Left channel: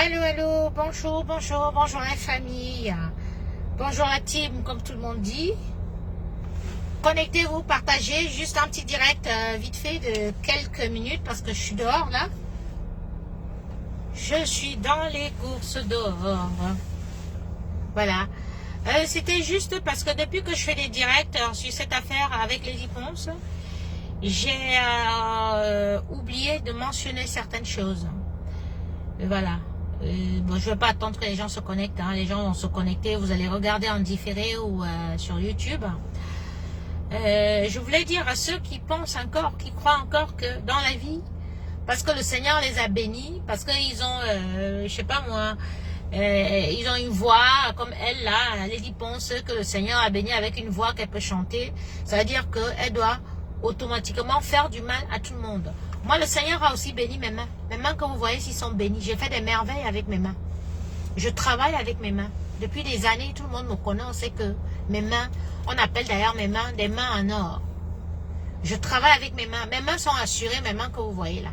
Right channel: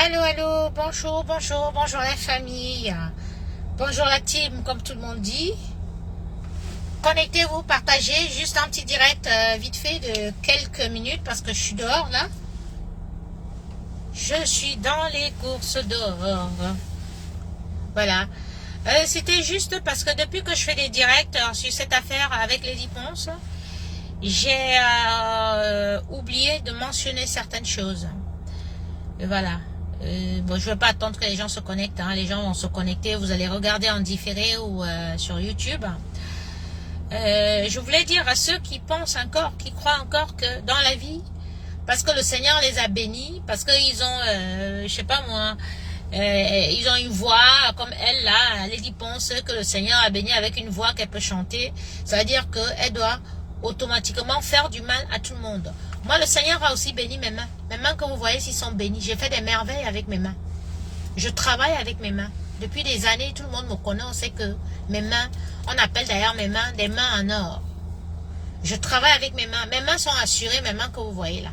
Allô, allô, bonjour, bonjour, bonjour la famille. Bonjour la team, comme tout le monde dit. Connectez-vous, partagez, juste un petit direct vite fait de quelques minutes parce que je suis dehors là. Je suis dans les courses dehors. Voilà. C'était juste parce que depuis que je fais des directs sur cette affaire avec Lady Ponce, j'ai oublié de mentionner certaines choses. Voilà. Bon, je ne vais pas attendre que les gens se connectent. Hein. Les gens vont se connecter. Vous allez regarder en différé ou sur YouTube. Je voulais dire à ceux qui pensent encore, qui croient encore que dans la vie, parce que le Seigneur les a bénis, parce qu'ils ont, je sais pas moi, ils ont une voix comme elle là, Lady Ponce, que le Seigneur a béni avec une voix qu'elle peut chanter. Ça veut dire qu'elle doit automatiquement faire du mal à tout le monde. Moi, le Seigneur a aussi béni mes mains. Mes mains, comme vous voyez, s'ils sont bénis. J'ai fait des merveilles avec mes mains. Je travaille avec mes mains. Depuis des années, tout le monde me connaît. On sait que mes mains, on appelle d'ailleurs mes mains des mains en or. Je travaille avec mes mains. Mes mains sont assurées, mes mains que vous voyez là.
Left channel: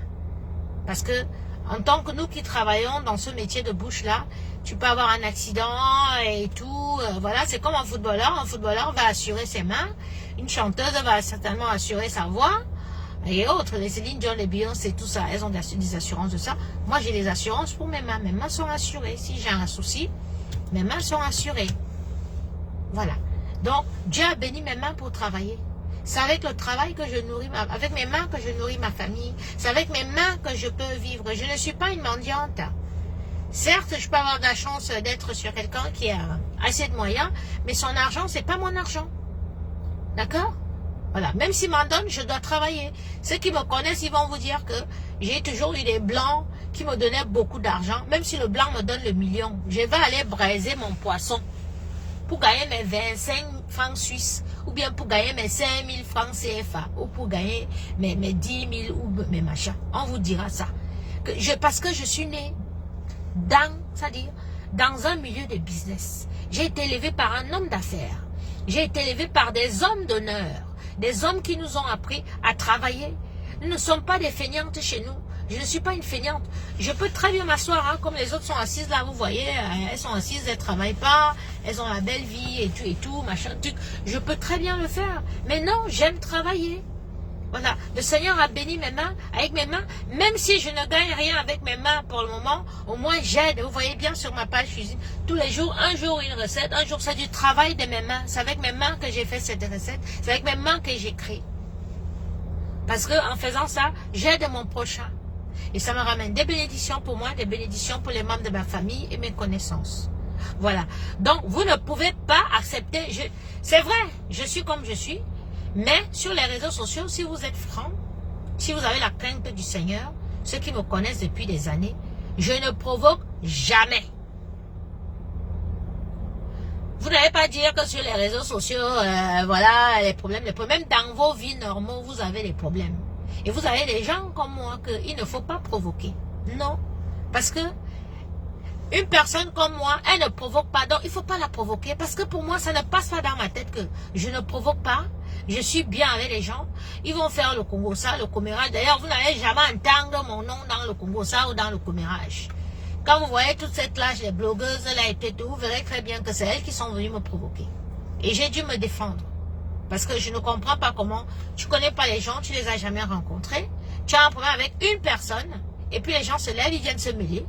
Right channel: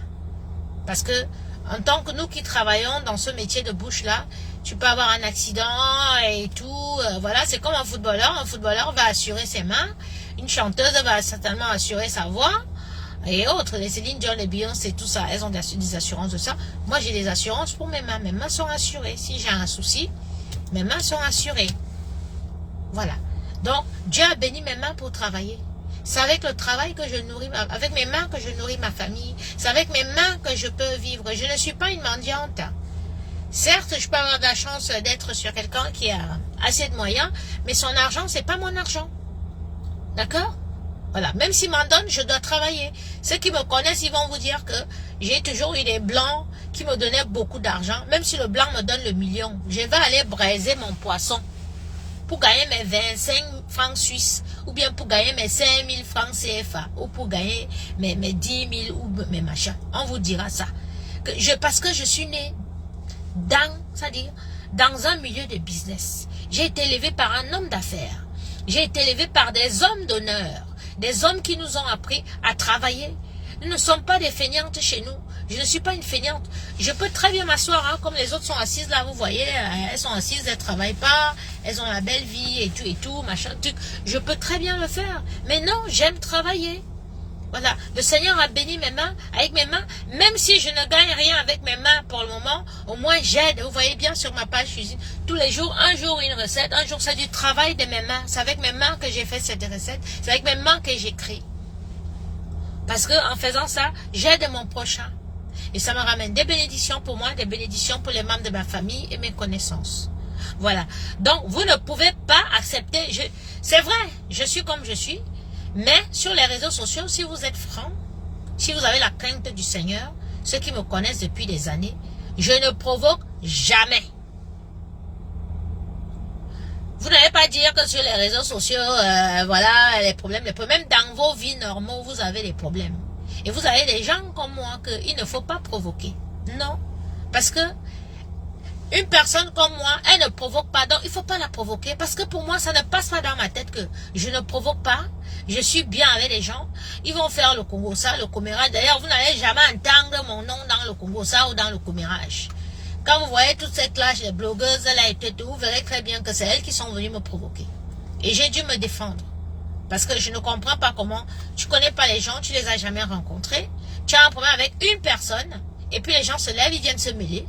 Parce que, en tant que nous qui travaillons dans ce métier de bouche-là, tu peux avoir un accident et tout. Voilà, c'est comme un footballeur. Un footballeur va assurer ses mains. Une chanteuse va certainement assurer sa voix. Et autres, les Céline Dion, les Beyoncé, tout ça, elles ont des assurances de ça. Moi, j'ai des assurances pour mes mains. Mes mains sont assurées. Si j'ai un souci, mes mains sont assurées. Voilà. Donc, Dieu a béni mes mains pour travailler. C'est avec le travail que je nourris, avec mes mains que je nourris ma famille. C'est avec mes mains que je peux vivre. Je ne suis pas une mendiante. Certes, je peux avoir de la chance d'être sur quelqu'un qui a assez de moyens, mais son argent, c'est pas mon argent. D'accord? Voilà, même s'ils m'en donnent, je dois travailler. Ceux qui me connaissent, ils vont vous dire que j'ai toujours eu des blancs qui me donnaient beaucoup d'argent. Même si le blanc me donne le million, je vais aller braiser mon poisson pour gagner mes 25 francs suisses ou bien pour gagner mes 5000 francs CFA ou pour gagner mes 10 000 ou mes machins. On vous dira ça. Parce que je suis née c'est-à-dire dans un milieu de business. J'ai été élevée par un homme d'affaires. J'ai été élevée par des hommes d'honneur. Des hommes qui nous ont appris à travailler. Nous ne sommes pas des feignantes chez nous. Je ne suis pas une feignante. Je peux très bien m'asseoir, hein, comme les autres sont assises là, vous voyez, elles sont assises, elles ne travaillent pas, elles ont la belle vie et tout, machin, truc. Je peux très bien le faire. Mais non, j'aime travailler. Voilà, le Seigneur a béni mes mains, avec mes mains, même si je ne gagne rien avec mes mains pour le moment, au moins j'aide. Vous voyez bien sur ma page cuisine, tous les jours, un jour une recette, un jour c'est du travail de mes mains. C'est avec mes mains que j'ai fait cette recette, c'est avec mes mains que j'écris. Parce que en faisant ça, j'aide mon prochain. Et ça me ramène des bénédictions pour moi, des bénédictions pour les membres de ma famille et mes connaissances. Voilà, donc vous ne pouvez pas accepter, c'est vrai, je suis comme je suis. Mais sur les réseaux sociaux, si vous êtes franc, si vous avez la crainte du Seigneur, ceux qui me connaissent depuis des années, je ne provoque jamais. Vous n'allez pas dire que sur les réseaux sociaux, voilà, les problèmes, même dans vos vies normaux, vous avez des problèmes. Et vous avez des gens comme moi qu'il ne faut pas provoquer. Non, parce que une personne comme moi, elle ne provoque pas, donc il ne faut pas la provoquer, parce que pour moi, ça ne passe pas dans ma tête que je ne provoque pas, je suis bien avec les gens, ils vont faire le Congo ça, le commérage. D'ailleurs, vous n'allez jamais entendre mon nom dans le Congo ça ou dans le commérage. Quand vous voyez toute cette classe, les blogueuses là et tout, vous verrez très bien que c'est elles qui sont venues me provoquer. Et j'ai dû me défendre, parce que je ne comprends pas comment, tu ne connais pas les gens, tu ne les as jamais rencontrés, tu as un problème avec une personne, et puis les gens se lèvent, ils viennent se mêler.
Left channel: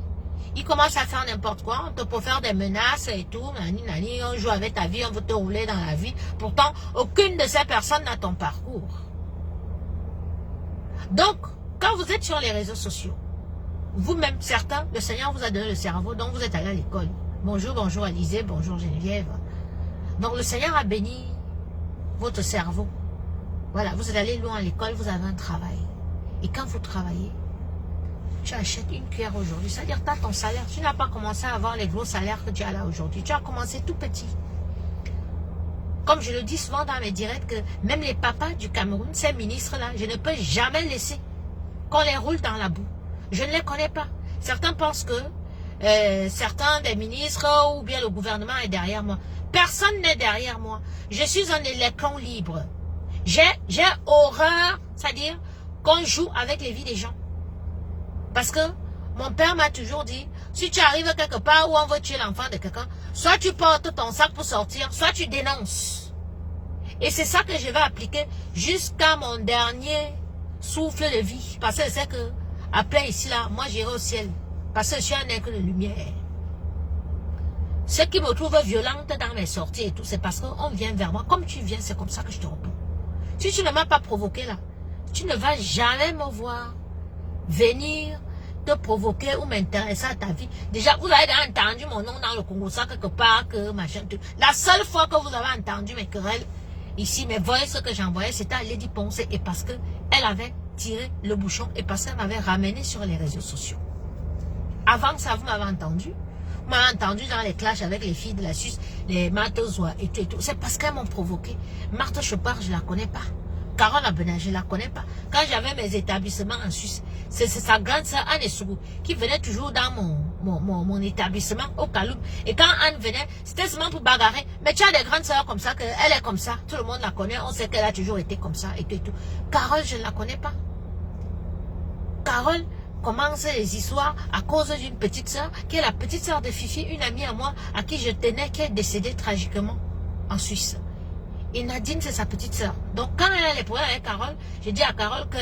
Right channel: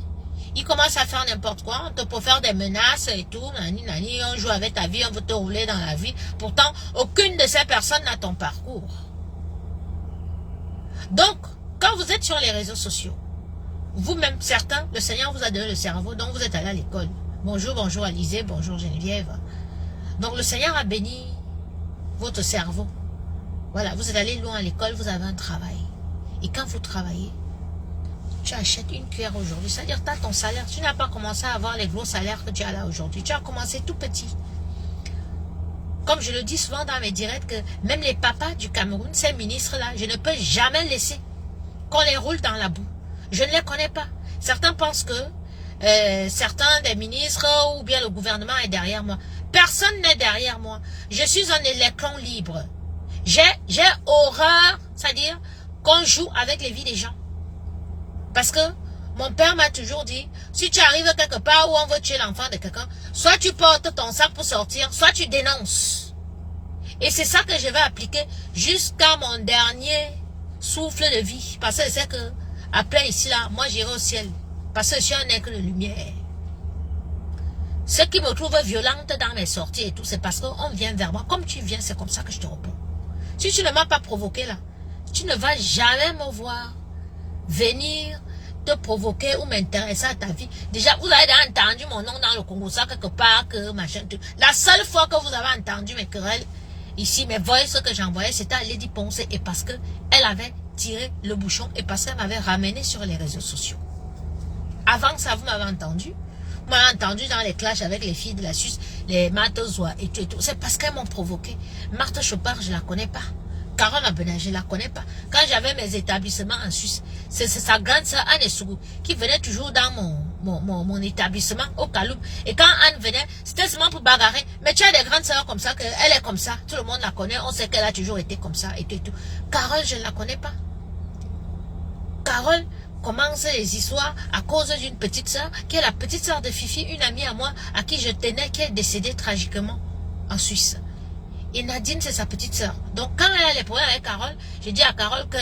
Ils commencent à faire n'importe quoi, on te peut faire des menaces et tout, nani, on joue avec ta vie, on veut te rouler dans la vie. Pourtant, aucune de ces personnes n'a ton parcours. Donc, quand vous êtes sur les réseaux sociaux, vous-même, certains, le Seigneur vous a donné le cerveau, donc vous êtes allé à l'école. Bonjour, bonjour Alizée, bonjour Geneviève. Donc le Seigneur a béni votre cerveau. Voilà, vous êtes allé loin à l'école, vous avez un travail. Et quand vous travaillez, tu achètes une cuillère aujourd'hui, c'est-à-dire tu as ton salaire, tu n'as pas commencé à avoir les gros salaires que tu as là aujourd'hui, tu as commencé tout petit. Comme je le dis souvent dans mes directs, que même les papas du Cameroun, ces ministres-là, je ne peux jamais laisser qu'on les roule dans la boue. Je ne les connais pas. Certains pensent que certains des ministres ou bien le gouvernement est derrière moi. Personne n'est derrière moi. Je suis un électron libre. J'ai horreur, c'est-à-dire qu'on joue avec les vies des gens. Parce que Mon père m'a toujours dit, si tu arrives quelque part où on veut tuer l'enfant de quelqu'un, soit tu portes ton sac pour sortir, soit tu dénonces. Et c'est ça que je vais appliquer jusqu'à mon dernier souffle de vie. Parce que je sais que, après ici, là, moi j'irai au ciel. Parce que je suis un aigle de lumière. Ce qui me trouve violente dans mes sorties et tout, c'est parce qu'on vient vers moi. Comme tu viens, c'est comme ça que je te réponds. Si tu ne m'as pas provoqué là, tu ne vas jamais me voir venir te provoquer ou m'intéresser à ta vie. Déjà, vous avez entendu mon nom dans le Congo, ça quelque part, que machin. La seule fois que vous avez entendu mes querelles, ici, mes voices que j'envoyais, c'était à Lady Ponce, et parce que elle avait tiré le bouchon et parce qu'elle m'avait ramené sur les réseaux sociaux. Avant ça, vous m'avez entendu. Vous m'avez entendu dans les clashs avec les filles de la Suisse, les Marthe-Zoa et tout et tout. C'est parce qu'elles m'ont provoqué. Marthe Chopard, je ne la connais pas. Carole Abenin, je ne la connais pas. Quand j'avais mes établissements en Suisse, c'est sa grande sœur Anne Sougou qui venait toujours dans mon établissement au Kaloum. Et quand Anne venait, c'était seulement pour bagarrer. Mais tu as des grandes sœurs comme ça, elle est comme ça. Tout le monde la connaît. On sait qu'elle a toujours été comme ça et tout et tout. Carole, je ne la connais pas. Carole commence les histoires à cause d'une petite sœur, qui est la petite sœur de Fifi, une amie à moi, à qui je tenais, qui est décédée tragiquement en Suisse. Et Nadine, c'est sa petite sœur. Donc, quand elle a les problèmes avec Carole, j'ai dit à Carole que,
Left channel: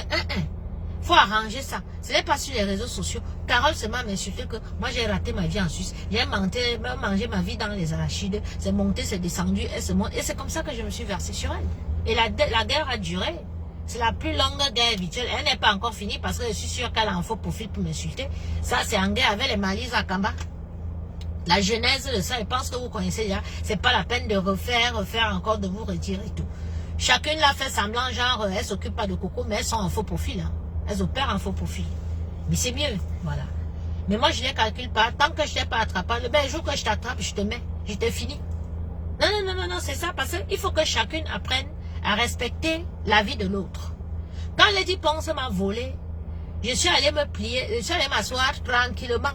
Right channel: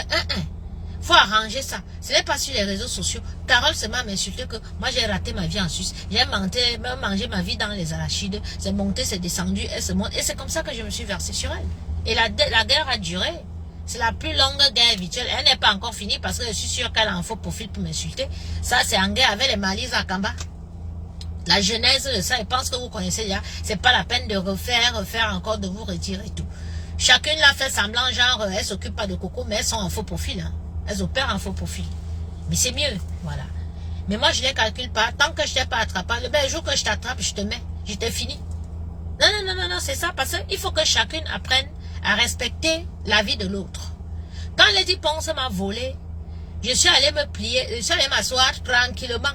faut arranger ça. Ce n'est pas sur les réseaux sociaux. Carole seulement m'insultait que moi, j'ai raté ma vie en Suisse. J'ai mangé ma vie dans les arachides. C'est monté, c'est descendu, elle se monte. Et c'est comme ça que je me suis versée sur elle. Et la guerre a duré. C'est la plus longue guerre virtuelle. Elle n'est pas encore finie parce que je suis sûre qu'elle en faut profil pour m'insulter. Ça, c'est en guerre avec les Malis à Kamba. La genèse de ça, je pense que vous connaissez déjà. C'est pas la peine de refaire encore, de vous retirer et tout. Chacune l'a fait semblant, genre, elle s'occupe pas de Coco, mais elles sont en faux profil. Hein. Elles opèrent en faux profil. Mais c'est mieux, voilà. Mais moi, je ne les calcule pas. Tant que je ne t'ai pas attrapé, le jour que je t'attrape, je te mets. Je te finis. Non, c'est ça. Parce qu'il faut que chacune apprenne à respecter la vie de l'autre. Quand Lady Ponce m'a volé, je suis allée me plier, je suis allée m'asseoir tranquillement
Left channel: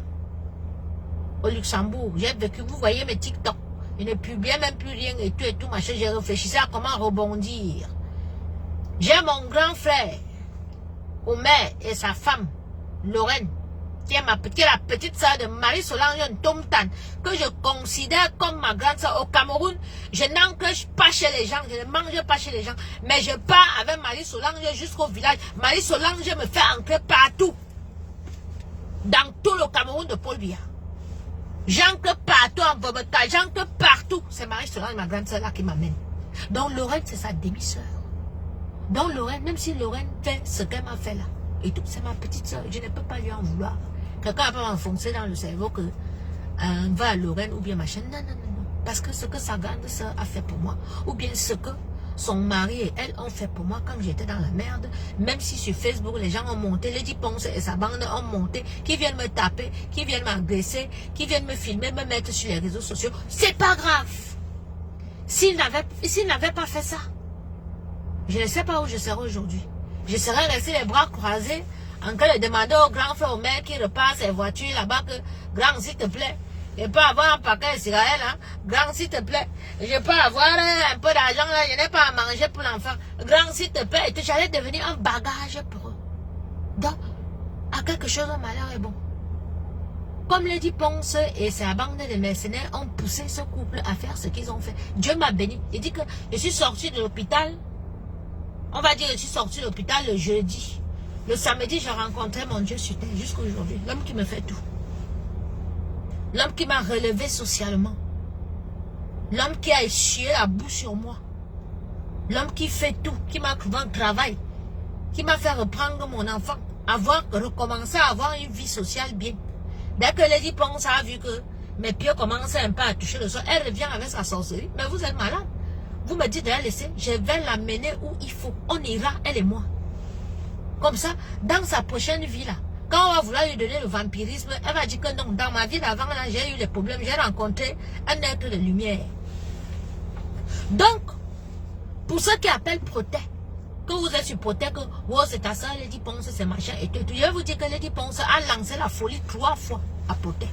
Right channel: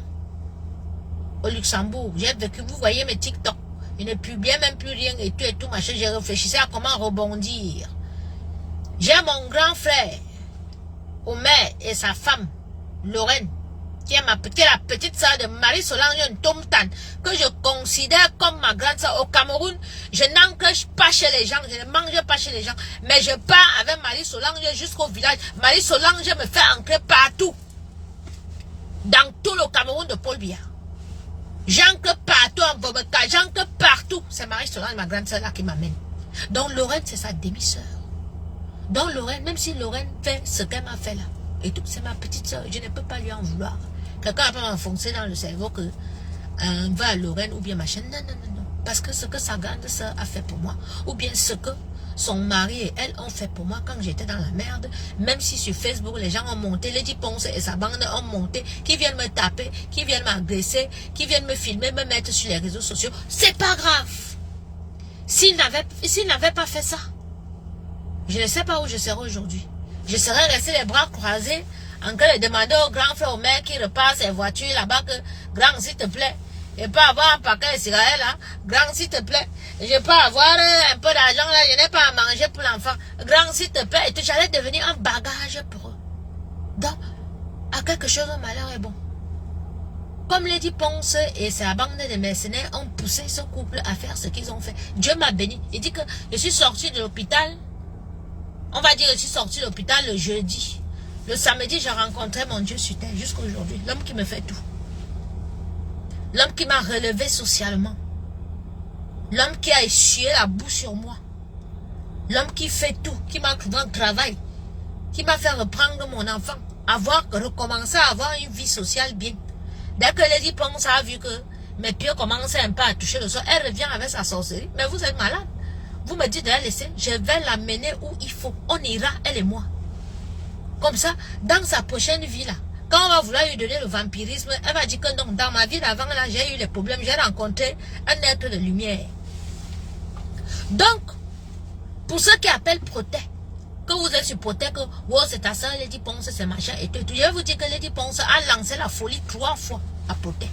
au Luxembourg. J'ai vécu, vous voyez mes TikTok. Je ne publiais même plus rien et tout, machin. J'ai réfléchi à comment rebondir. J'ai mon grand frère, Omer, et sa femme, Lorraine, qui est la petite sœur de Marie-Solange Tomtan, que je considère comme ma grande sœur. Au Cameroun, je n'encroche pas chez les gens, je ne mange pas chez les gens, mais je pars avec Marie-Solange jusqu'au village. Marie-Solange me fait ancrer partout, dans tout le Cameroun de Paul Biya. J'ancre partout en Bobota, j'ancre partout. C'est Marie-Solange, ma grande sœur là, qui m'amène. Donc Lorraine, c'est sa demi-sœur. Donc Lorraine, même si Lorraine fait ce qu'elle m'a fait là, et tout, c'est ma petite sœur, je ne peux pas lui en vouloir. Quelqu'un va m'enfoncer dans le cerveau que va à Lorraine ou bien machin. Non. Parce que ce que sa grande sœur a fait pour moi, ou bien ce que son mari et elle ont fait pour moi quand j'étais dans la merde, même si sur Facebook les gens ont monté, Lady Ponce et sa bande ont monté, qui viennent me taper, qui viennent m'agresser, qui viennent me filmer, me mettre sur les réseaux sociaux, c'est pas grave. S'ils n'avaient pas fait ça, je ne sais pas où je serais aujourd'hui. Je serais resté les bras croisés en train de demander au grand frère, au maire qui repasse ses voitures là-bas que, grand, s'il te plaît, je peux avoir un paquet de cigarettes là, grand, s'il te plaît, je peux avoir un peu d'argent là, je n'ai pas à manger pour l'enfant, grand, s'il te plaît, et tout, j'allais devenir un bagage pour eux. Donc, à quelque chose, le malheur est bon. Comme Lady Ponce et sa bande de mercenaires ont poussé ce couple à faire ce qu'ils ont fait. Dieu m'a béni. Il dit que je suis sorti de l'hôpital. On va dire que je suis sorti de l'hôpital le jeudi. Le samedi, j'ai rencontré mon Dieu sur terre jusqu'à aujourd'hui. L'homme qui me fait tout. L'homme qui m'a relevé socialement. L'homme qui a essuyé la boue sur moi. L'homme qui fait tout. Qui m'a trouvé un travail. Qui m'a fait reprendre mon enfant. Recommencer à avoir une vie sociale bien. Dès que Lady Ponce a vu que mes pieds commençaient un peu à toucher le sol, elle revient avec sa sorcellerie. Mais vous êtes malade. Vous me dites de la laisser, je vais l'amener où il faut. On ira, elle et moi. Comme ça, dans sa prochaine vie là, quand on va vouloir lui donner le vampirisme, elle va dire que non, dans ma vie d'avant là, j'ai eu des problèmes, j'ai rencontré un être de lumière. Donc, pour ceux qui appellent Protet, que vous êtes sur Protet, que oh, c'est ta soeur Lady Ponce, c'est machin et tout, je vais vous dire que Lady Ponce a lancé la folie 3 fois à Protet.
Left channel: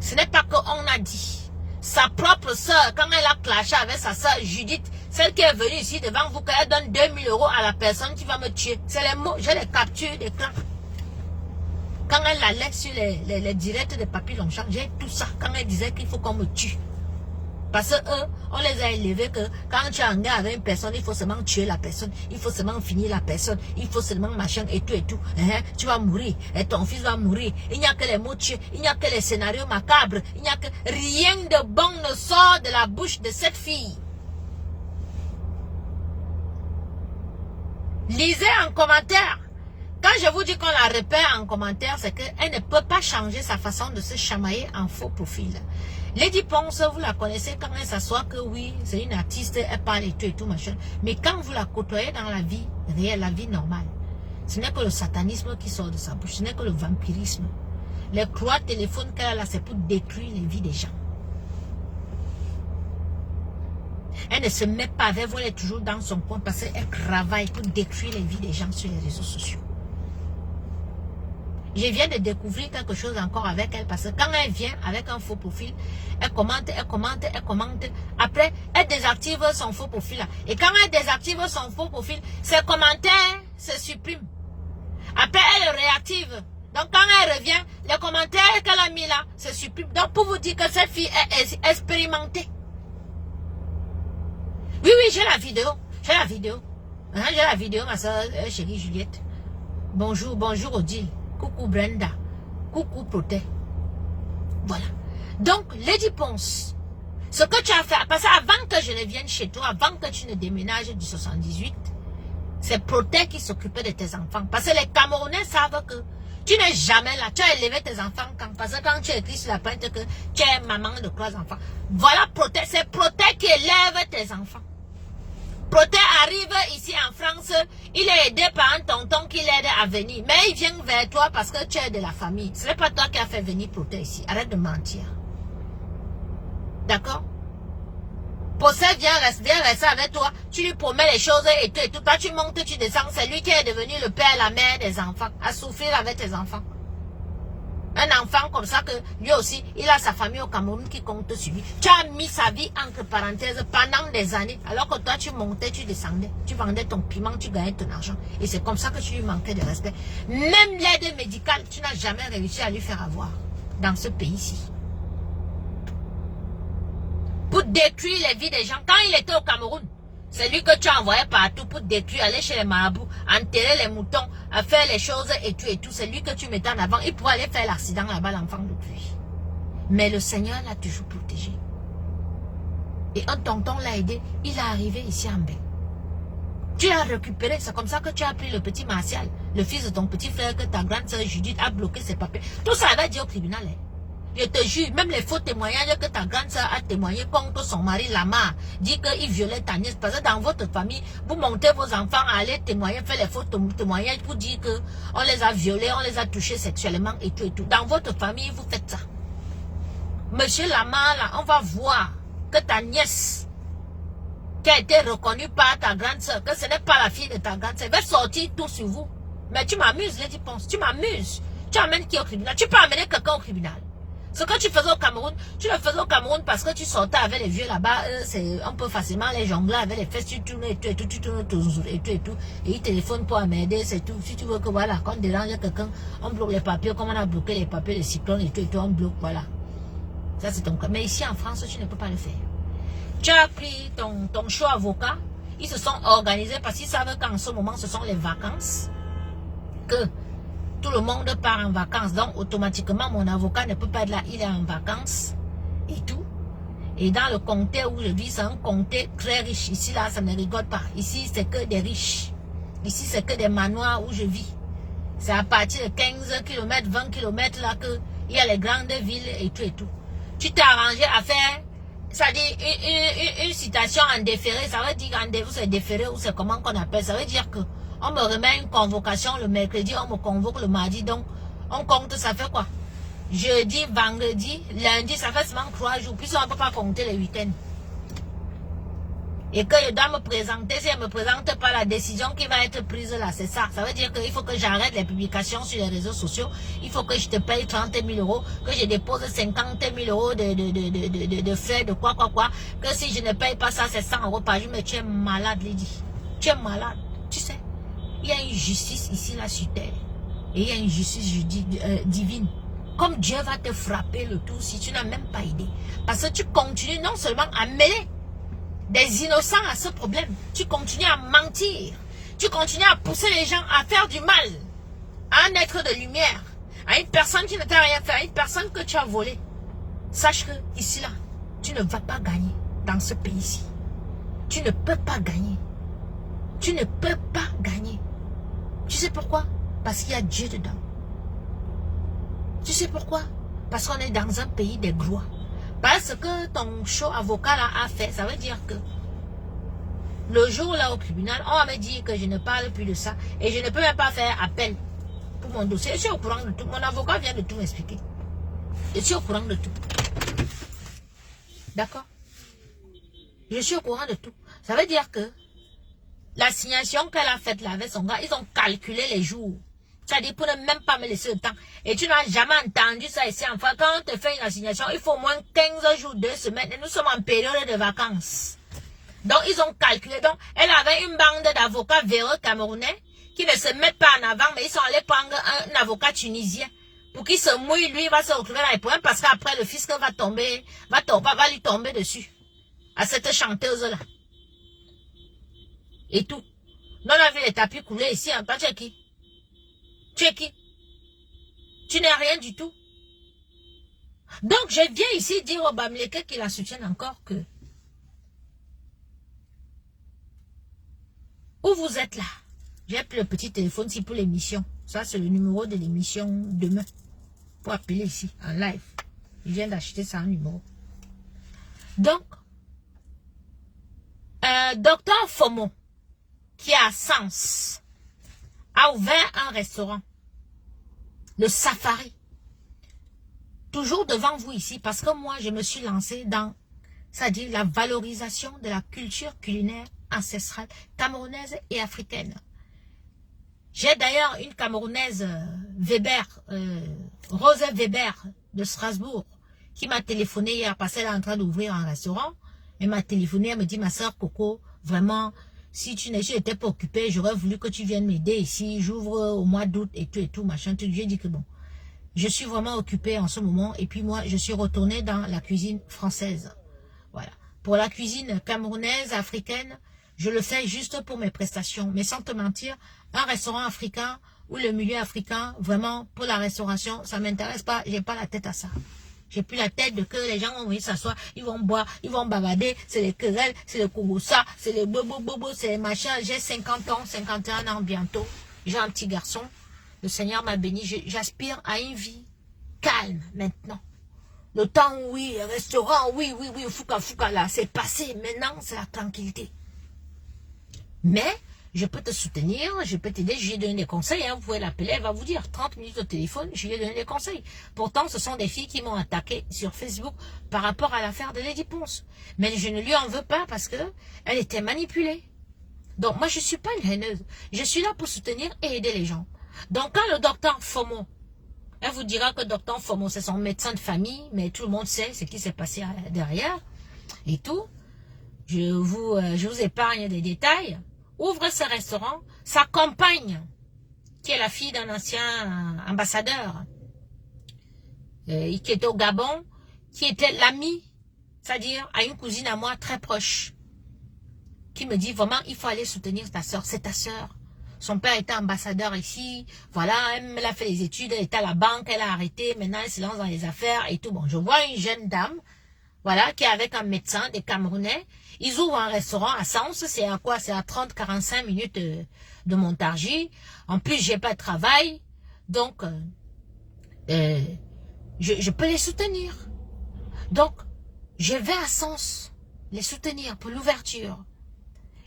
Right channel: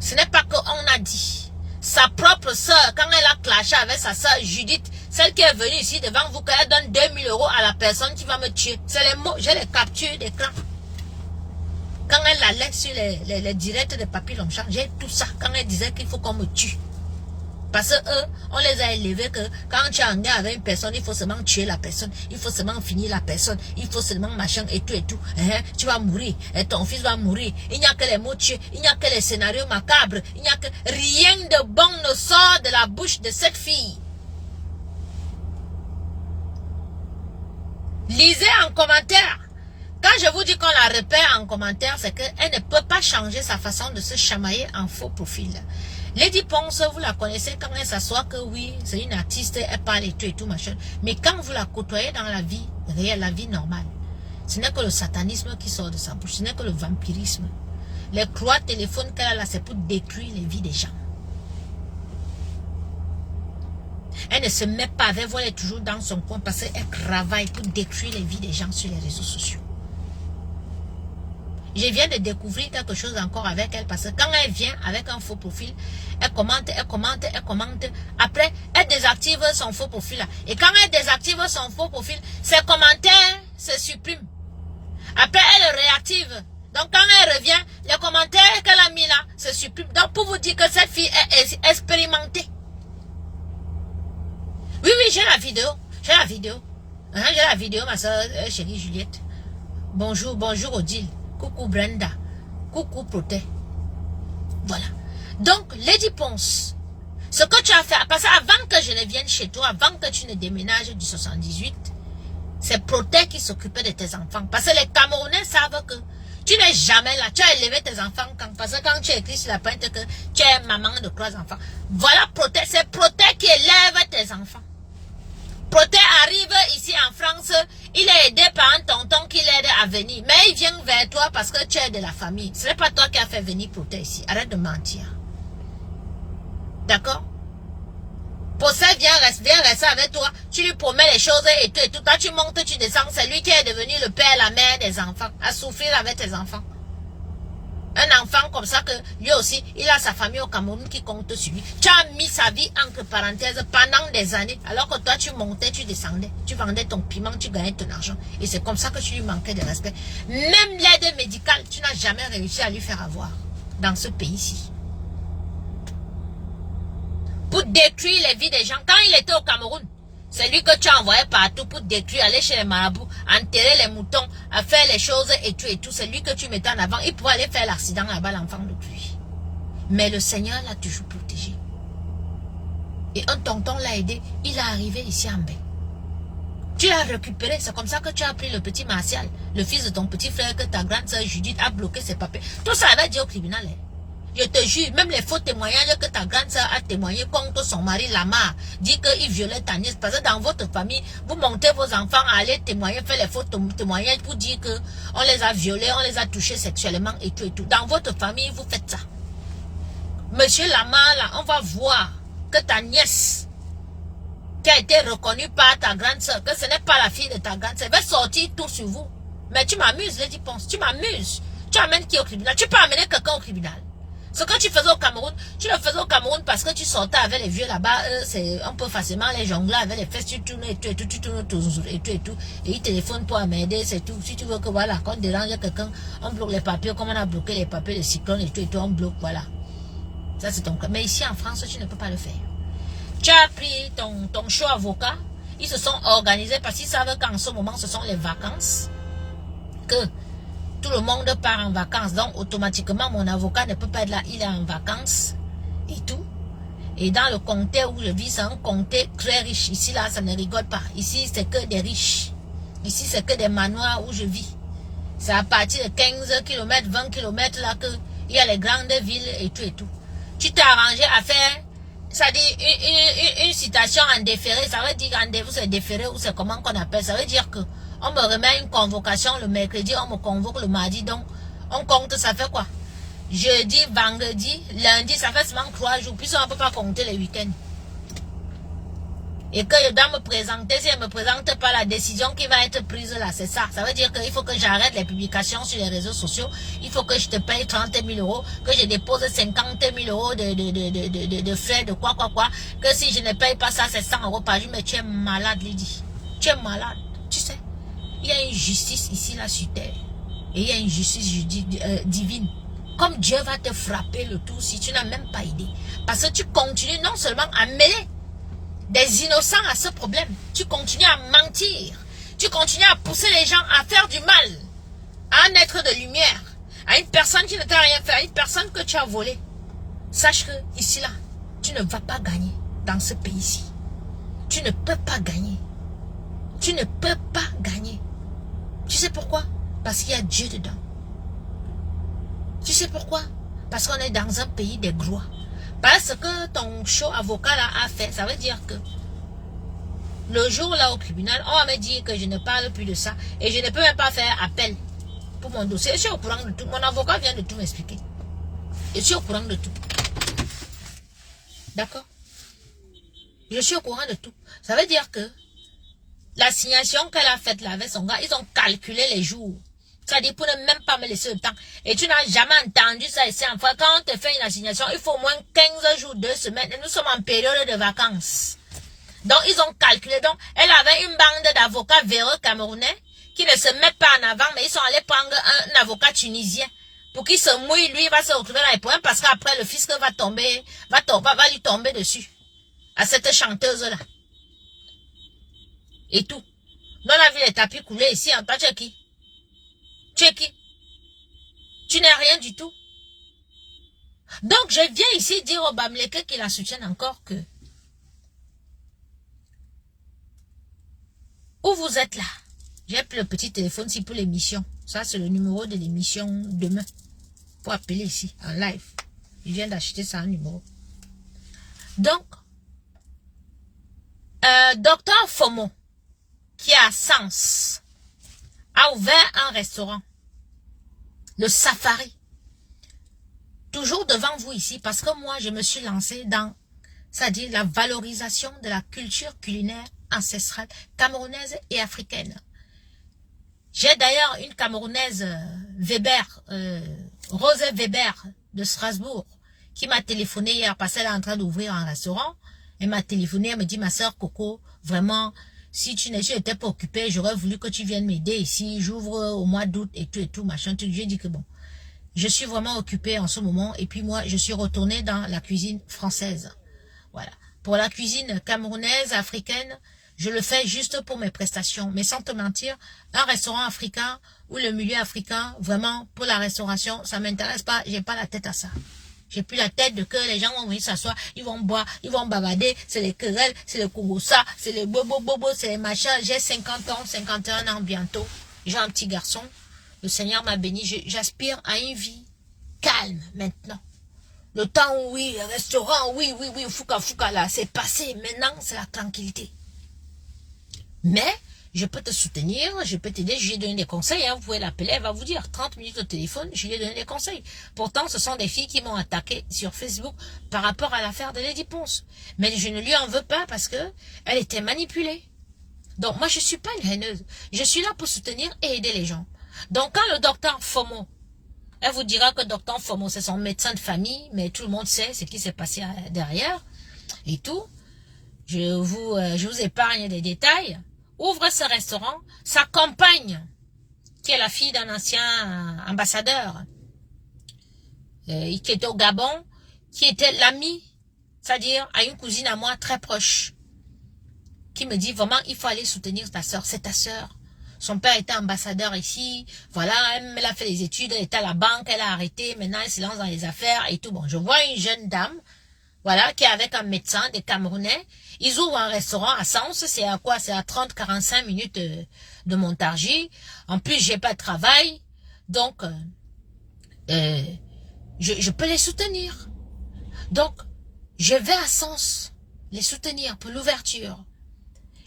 Ce n'est pas qu'on a dit. Sa propre soeur, quand elle a clashé avec sa soeur Judith, celle qui est venue ici devant vous, qu'elle donne 2000 € à la personne qui va me tuer. C'est les mots, j'ai les captures d'écran. Quand elle allait sur les directs de Papy Longchamp, j'ai tout ça. Quand elle disait qu'il faut qu'on me tue. Parce que eux, on les a élevés que quand tu es en guerre avec une personne, il faut seulement tuer la personne, il faut seulement finir la personne, il faut seulement machin et tout et tout. Tu vas mourir, et ton fils va mourir. Il n'y a que les mots tués, il n'y a que les scénarios macabres, il n'y a que rien de bon ne sort de la bouche de cette fille. Lisez en commentaire. Quand je vous dis qu'on la repère en commentaire, c'est qu'elle ne peut pas changer sa façon de se chamailler en faux profil. Lady Ponce, vous la connaissez quand elle s'assoit que oui, c'est une artiste, elle parle et tout machin. Mais quand vous la côtoyez dans la vie réelle, la vie normale, ce n'est que le satanisme qui sort de sa bouche, ce n'est que le vampirisme. Les croix téléphones qu'elle a là, c'est pour détruire les vies des gens. Elle ne se met pas avec vous, elle est toujours dans son coin parce qu'elle travaille pour détruire les vies des gens sur les réseaux sociaux. Je viens de découvrir quelque chose encore avec elle parce que quand elle vient avec un faux profil, elle commente, elle commente, elle commente. Après, elle désactive son faux profil. Et quand elle désactive son faux profil, ses commentaires se suppriment. Après, elle réactive. Donc quand elle revient, les commentaires qu'elle a mis là se suppriment. Donc pour vous dire que cette fille est expérimentée. Oui, oui, j'ai la vidéo. J'ai la vidéo. J'ai la vidéo, ma soeur chérie Juliette. Bonjour, bonjour Odile. Coucou Brenda. Coucou Proté. Voilà. Donc, Lady Ponce, ce que tu as fait, parce qu'avant que je ne vienne chez toi, avant que tu ne déménages du 78, c'est Proté qui s'occupait de tes enfants. Parce que les Camerounais savent que tu n'es jamais là. Tu as élevé tes enfants parce que quand tu écris sur la pointe que tu es maman de 3 enfants. Voilà Proté. C'est Proté qui élève tes enfants. Proté arrive ici en France, il est aidé par un tonton qui l'aide à venir. Mais il vient vers toi parce que tu es de la famille. Ce n'est pas toi qui as fait venir Proté ici. Arrête de mentir. D'accord? Proté vient rester avec toi. Tu lui promets les choses et tout. Toi, tu montes, tu descends. C'est lui qui est devenu le père, la mère des enfants. À souffrir avec tes enfants. Un enfant comme ça que lui aussi, il a sa famille au Cameroun qui compte sur lui. Tu as mis sa vie entre parenthèses pendant des années. Alors que toi, tu montais, tu descendais. Tu vendais ton piment, tu gagnais ton argent. Et c'est comme ça que tu lui manquais de respect. Même l'aide médicale, tu n'as jamais réussi à lui faire avoir dans ce pays-ci. Pour détruire les vies des gens. Quand il était au Cameroun, c'est lui que tu as envoyé partout pour détruire, aller chez les marabouts, enterrer les moutons, à faire les choses et tout. C'est lui que tu mettais en avant. Il pourrait aller faire l'accident là-bas, l'enfant de lui. Mais le Seigneur l'a toujours protégé. Et un tonton l'a aidé. Il est arrivé ici en bain. Tu l'as récupéré. C'est comme ça que tu as pris le petit Martial, le fils de ton petit frère que ta grande soeur Judith a bloqué ses papiers. Tout ça va dire au tribunal. Hein. Je te jure, même les faux témoignages que ta grande soeur a témoigné contre son mari Lamar, dit qu'il violait ta nièce. Parce que dans votre famille, vous montez vos enfants à aller témoigner, faire les faux témoignages pour dire qu'on les a violés, on les a touchés sexuellement et tout et tout. Dans votre famille, vous faites ça. Monsieur Lamar, là, on va voir que ta nièce, qui a été reconnue par ta grande soeur, que ce n'est pas la fille de ta grande soeur, va sortir tout sur vous. Mais tu m'amuses, Lady Ponce, tu m'amuses. Tu amènes qui au tribunal? Tu peux amener quelqu'un au tribunal. Ce que tu faisais au Cameroun, tu le faisais au Cameroun parce que tu sortais avec les vieux là-bas, on peut facilement les jongler avec les fesses, tu tournes et tout, tu tournes et tout, et ils téléphonent pour m'aider, c'est tout. Si tu veux que voilà, quand on dérange quelqu'un, on bloque les papiers, comme on a bloqué les papiers de cyclone et tout, on bloque, voilà. Ça c'est ton cas. Mais ici en France, tu ne peux pas le faire. Tu as pris ton choix avocat, ils se sont organisés parce qu'ils savent qu'en ce moment, ce sont les vacances, que tout le monde part en vacances, donc automatiquement mon avocat ne peut pas être là, il est en vacances et tout. Et dans le comté où je vis, c'est un comté très riche. Ici là, ça ne rigole pas. Ici, c'est que des riches. Ici, c'est que des manoirs où je vis. C'est à partir de 15 km, 20 km là que il y a les grandes villes et tout et tout. Tu t'es arrangé à faire, ça dit une citation en déféré, ça veut dire en déféré, c'est déféré ou c'est comment qu'on appelle, ça veut dire que on me remet une convocation le mercredi, on me convoque le mardi, donc on compte, ça fait quoi? Jeudi, vendredi, lundi, ça fait seulement 3 jours, puis on ne peut pas compter les week-ends. Et que je dois me présenter, si elle ne me présente pas la décision qui va être prise là, c'est ça. Ça veut dire qu'il faut que j'arrête les publications sur les réseaux sociaux, il faut que je te paye 30 000 €, que je dépose 50 000 € de frais, de quoi, que si je ne paye pas ça, c'est 100 € par jour, mais tu es malade, Lydie. Tu es malade, tu sais. Il y a une justice ici, là, sur terre. Et il y a une justice divine. Comme Dieu va te frapper le tout si tu n'as même pas idée. Parce que tu continues non seulement à mêler des innocents à ce problème, tu continues à mentir, tu continues à pousser les gens à faire du mal à un être de lumière, à une personne qui ne t'a rien fait, à une personne que tu as volé. Sache que ici là, tu ne vas pas gagner dans ce pays-ci. Tu ne peux pas gagner. Tu ne peux pas gagner. Tu sais pourquoi? Parce qu'il y a Dieu dedans. Tu sais pourquoi? Parce qu'on est dans un pays des gloires. Parce que ton show avocat là a fait, ça veut dire que le jour là au tribunal, on va me dire que je ne parle plus de ça et je ne peux même pas faire appel pour mon dossier. Je suis au courant de tout. Mon avocat vient de tout m'expliquer. Je suis au courant de tout. D'accord? Je suis au courant de tout. Ça veut dire que l'assignation qu'elle a faite là avec son gars, ils ont calculé les jours. C'est-à-dire pour ne même pas me laisser le temps. Et tu n'as jamais entendu ça ici en France. Quand on te fait une assignation, il faut au moins 15 jours, 2 semaines. Et nous sommes en période de vacances. Donc, ils ont calculé. Donc, elle avait une bande d'avocats véreux camerounais qui ne se mettent pas en avant, mais ils sont allés prendre un avocat tunisien pour qu'il se mouille. Lui, il va se retrouver dans les problèmes parce qu'après, le fisc va lui tomber dessus. À cette chanteuse-là. Et tout. Nous, on a vu les tapis couler ici. En toi, tu es qui? Tu es qui? Tu n'es rien du tout. Donc, je viens ici dire au Bamileke qui la soutiennent encore que où vous êtes là, j'ai pris le petit téléphone ici pour l'émission. Ça, c'est le numéro de l'émission demain. Pour appeler ici, en live. Je viens d'acheter ça en numéro. Donc, Docteur Fomo, qui est à Sens, a ouvert un restaurant. Le Safari. Toujours devant vous ici, parce que moi, je me suis lancée dans, c'est-à-dire la valorisation de la culture culinaire ancestrale camerounaise et africaine. J'ai d'ailleurs une Camerounaise, Rose Weber de Strasbourg, qui m'a téléphoné hier parce qu'elle est en train d'ouvrir un restaurant. Elle m'a téléphoné, elle me dit, ma soeur Coco, vraiment, si tu n'étais pas occupée, j'aurais voulu que tu viennes m'aider ici, j'ouvre au mois d'août et tout, machin. J'ai dit que bon, je suis vraiment occupée en ce moment et puis moi, je suis retournée dans la cuisine française. Voilà. Pour la cuisine camerounaise, africaine, je le fais juste pour mes prestations. Mais sans te mentir, un restaurant africain ou le milieu africain, vraiment, pour la restauration, ça m'intéresse pas, j'ai pas la tête à ça. J'ai plus la tête de que les gens vont venir s'asseoir, ils vont boire, ils vont bavarder, c'est les querelles, c'est le kogosa, c'est les bobo, c'est les machins. J'ai 50 ans, 51 ans bientôt. J'ai un petit garçon. Le Seigneur m'a béni. J'aspire à une vie calme maintenant. Le temps où, oui, restaurant, oui, fouka, là, c'est passé. Maintenant, c'est la tranquillité. Mais, je peux te soutenir, je peux t'aider, je lui ai donné des conseils, hein, vous pouvez l'appeler, elle va vous dire, 30 minutes au téléphone, je lui ai donné des conseils. Pourtant, ce sont des filles qui m'ont attaqué sur Facebook par rapport à l'affaire de Lady Ponce. Mais je ne lui en veux pas parce que elle était manipulée. Donc, moi, je ne suis pas une haineuse. Je suis là pour soutenir et aider les gens. Donc, quand le docteur Fomo, elle vous dira que docteur Fomo, c'est son médecin de famille, mais tout le monde sait ce qui s'est passé derrière et tout. Je vous épargne des détails. Ouvre ce restaurant. Sa compagne, qui est la fille d'un ancien ambassadeur, qui était au Gabon, qui était l'ami, c'est-à-dire à une cousine à moi très proche, qui me dit vraiment, il faut aller soutenir ta soeur. C'est ta soeur. Son père était ambassadeur ici. Voilà, elle a fait les études, elle était à la banque, elle a arrêté. Maintenant, elle se lance dans les affaires et tout. Bon, je vois une jeune dame, voilà, qui est avec un médecin, des Camerounais. Ils ouvrent un restaurant à Sens. C'est à quoi? C'est à 30-45 minutes de Montargis. En plus, j'ai pas de travail. Donc, je peux les soutenir. Donc, je vais à Sens les soutenir pour l'ouverture.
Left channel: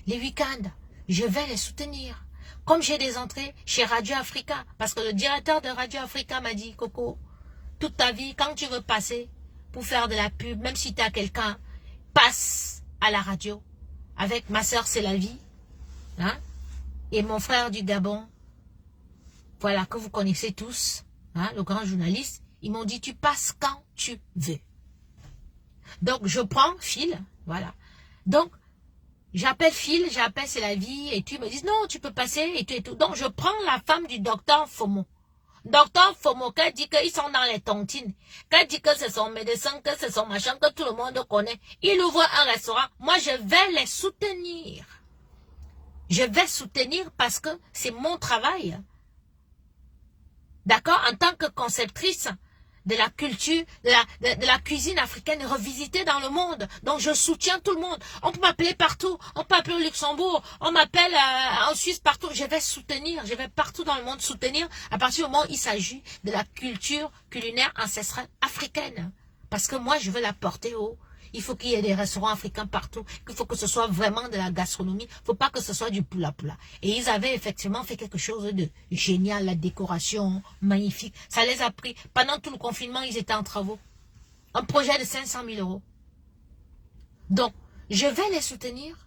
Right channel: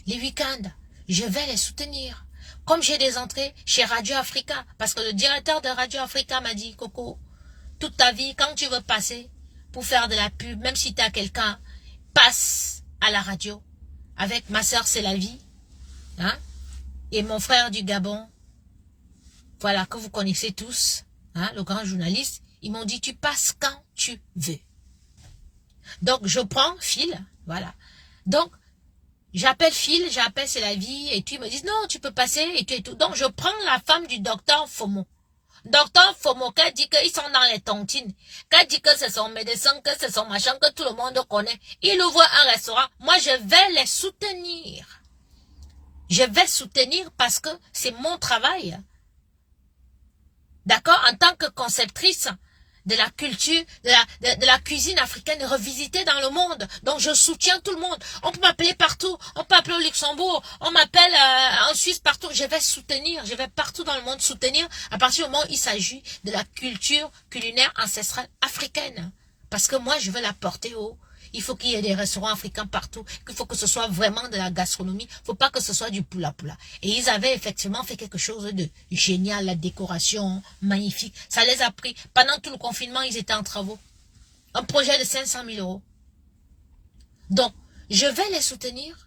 Les week-ends, je vais les soutenir. Comme j'ai des entrées chez Radio Africa, parce que le directeur de Radio Africa m'a dit, Coco, toute ta vie, quand tu veux passer pour faire de la pub, même si tu as quelqu'un, passe à la radio. Avec ma soeur, c'est la vie. Hein? Et mon frère du Gabon, voilà, que vous connaissez tous, hein, le grand journaliste, ils m'ont dit, tu passes quand tu veux. Donc, je prends Phil, voilà. Donc, j'appelle Phil, j'appelle c'est la vie, et tu me dis, non, tu peux passer, et tout. Donc, je prends la femme du docteur Fomo. Docteur Fomo, qu'elle dit qu'ils sont dans les tontines, qu'elle dit que c'est son médecin, que c'est son machin, que tout le monde connaît. Il ouvre un restaurant. Moi, je vais les soutenir. Je vais soutenir parce que c'est mon travail. D'accord? En tant que conceptrice de la culture, de la cuisine africaine revisitée dans le monde. Donc, je soutiens tout le monde. On peut m'appeler partout. On peut m'appeler au Luxembourg. On m'appelle en Suisse, partout. Je vais soutenir. Je vais partout dans le monde soutenir à partir du moment où il s'agit de la culture culinaire ancestrale africaine. Parce que moi, je veux la porter haut. Il faut qu'il y ait des restaurants africains partout. Il faut que ce soit vraiment de la gastronomie. Il ne faut pas que ce soit du poula-poula. Et ils avaient effectivement fait quelque chose de génial. La décoration, magnifique. Ça les a pris. Pendant tout le confinement, ils étaient en travaux. Un projet de 500 000 euros. Donc, je vais les soutenir.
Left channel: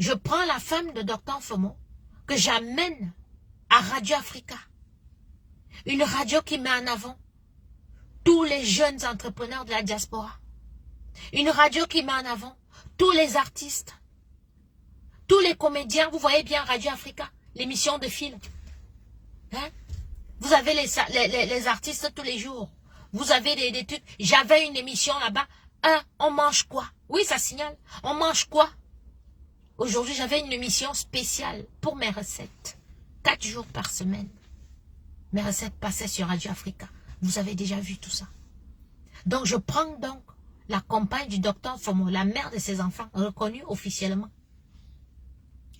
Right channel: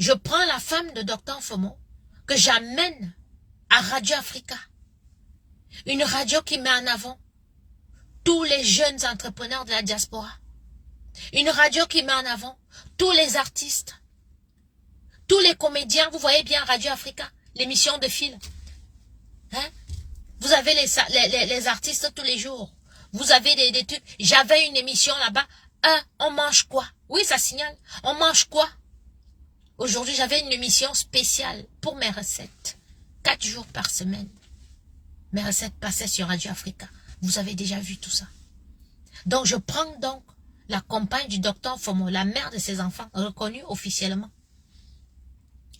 Je prends la femme de Dr Fomo que j'amène à Radio Africa. Une radio qui met en avant tous les jeunes entrepreneurs de la diaspora. Une radio qui met en avant tous les artistes, tous les comédiens. Vous voyez bien Radio Africa, l'émission de fil. Hein? Vous avez les artistes tous les jours. Vous avez des trucs. J'avais une émission là-bas. On mange quoi? Oui, ça signale. On mange quoi? Aujourd'hui, j'avais une émission spéciale pour mes recettes. 4 jours par semaine. Mes recettes passaient sur Radio Africa. Vous avez déjà vu tout ça. Donc, je prends donc la compagne du docteur Fomo, la mère de ses enfants, reconnue officiellement.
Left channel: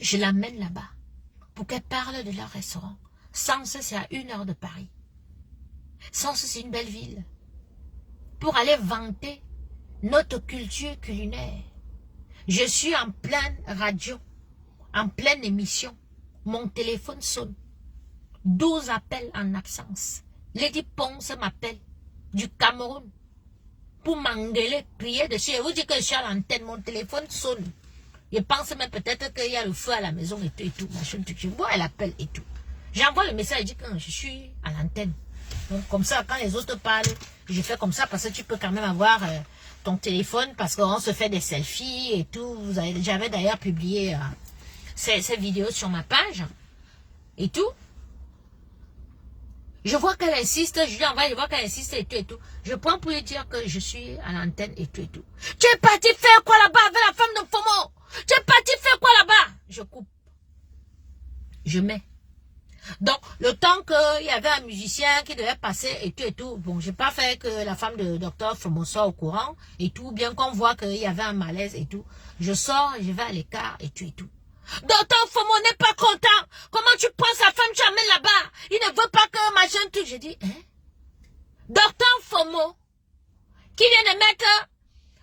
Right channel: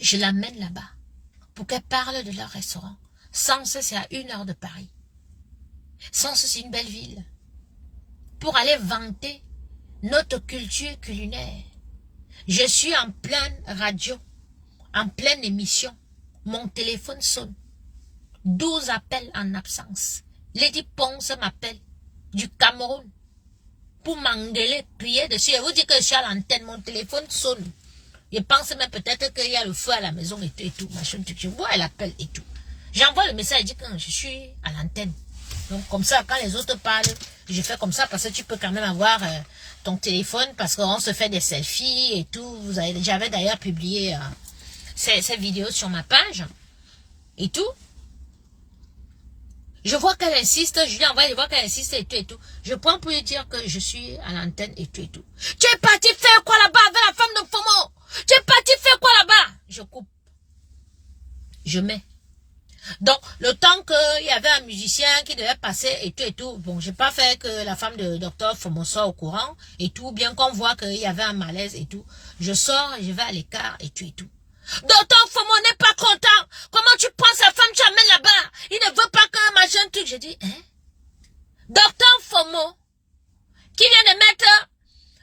Je l'amène là-bas pour qu'elle parle de leur restaurant. Sens, c'est à 1 heure de Paris. Sens, c'est une belle ville. Pour aller vanter notre culture culinaire. Je suis en pleine radio, en pleine émission. Mon téléphone sonne. 12 appels en absence. Lady Ponce m'appelle du Cameroun pour m'engueuler, prier dessus. Et vous dites que je suis à l'antenne, mon téléphone sonne. Je pense même peut-être qu'il y a le feu à la maison et tout, machin, tout. Je vois, elle appelle et tout. J'envoie le message, elle dit que je suis à l'antenne. Donc comme ça, quand les autres parlent, je fais comme ça parce que tu peux quand même avoir ton téléphone parce qu'on se fait des selfies et tout. J'avais d'ailleurs publié ces vidéos sur ma page et tout. Je vois qu'elle insiste, je lui envoie, je vois qu'elle insiste et tout et tout. Je prends pour lui dire que je suis à l'antenne et tout et tout. Tu es parti faire quoi là-bas avec la femme de Fomo? Tu es parti faire quoi là-bas? Je coupe. Je mets. Donc, le temps qu'il y avait un musicien qui devait passer et tout, bon, j'ai pas fait que la femme de Dr Fomo soit au courant et tout, bien qu'on voit qu'il y avait un malaise et tout. Je sors, je vais à l'écart et tout et tout. Dr Fomo n'est pas content. Comment tu prends sa femme, tu l'amènes là-bas? Il ne veut pas que machin truc. J'ai dit, hein? Dr Fomo, qui vient de mettre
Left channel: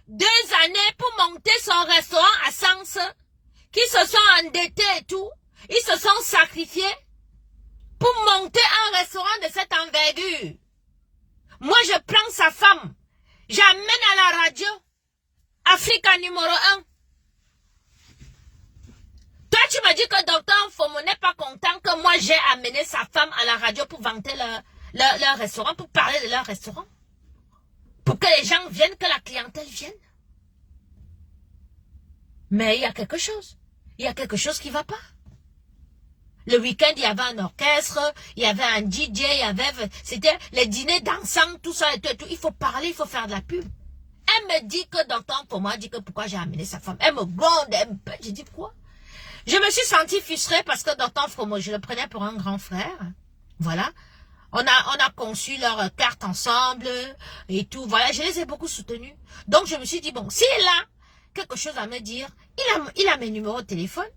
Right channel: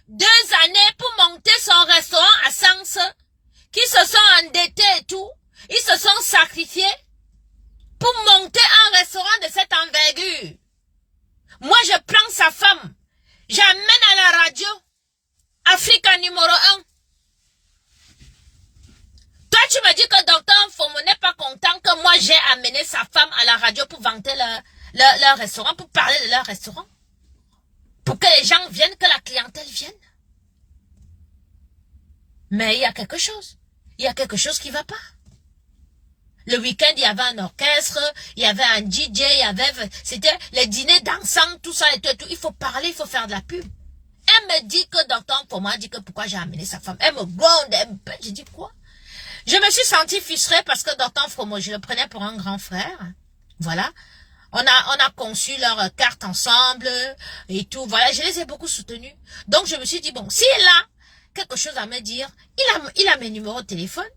2 années pour monter son restaurant à Sens, qui se sont endettés et tout, ils se sont sacrifiés pour monter un restaurant de cette envergure. Moi, je prends sa femme, j'amène à la radio, Africa numéro 1. Toi, tu me dis que Dr Fomo n'est pas content que moi, j'ai amené sa femme à la radio pour vanter leur restaurant, pour parler de leur restaurant. Pour que les gens viennent, que la clientèle vienne. Mais il y a quelque chose. Il y a quelque chose qui ne va pas. Le week-end, il y avait un orchestre, il y avait un DJ, c'était les dîners dansants, tout ça et tout, et tout. Il faut parler, il faut faire de la pub. Elle me dit que Dr Fomo a dit que pourquoi j'ai amené sa femme. Elle me gronde, j'ai dit quoi? Je me suis sentie frustrée parce que Dr Fomo, je le prenais pour un grand frère. Voilà. On a conçu leur carte ensemble et tout. Voilà, je les ai beaucoup soutenus. Donc, je me suis dit, bon, s'il a quelque chose à me dire, il a mes numéros de téléphone.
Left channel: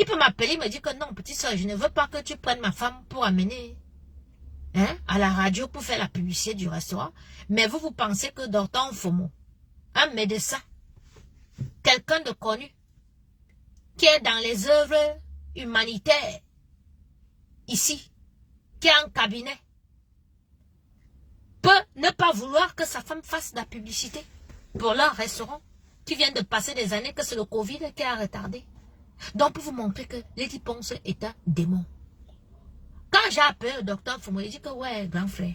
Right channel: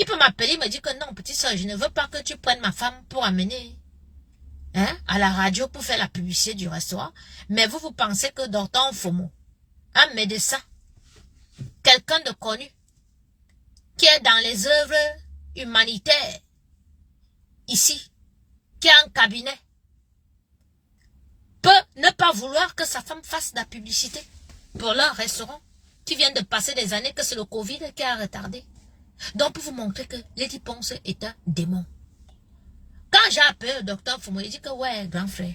Il peut m'appeler, il me dit que non, petite soeur, je ne veux pas que tu prennes ma femme pour amener à la radio pour faire la publicité du restaurant. Mais vous pensez que Dr Fomo, un médecin, quelqu'un de connu, qui est dans les œuvres humanitaires, ici, qui a un cabinet, peut ne pas vouloir que sa femme fasse de la publicité pour leur restaurant, qui vient de passer des années, que c'est le Covid qui a retardé. Donc, pour vous montrer que Lady Ponce est un démon. Quand j'ai appelé le docteur Fomo, il dit que ouais, grand frère,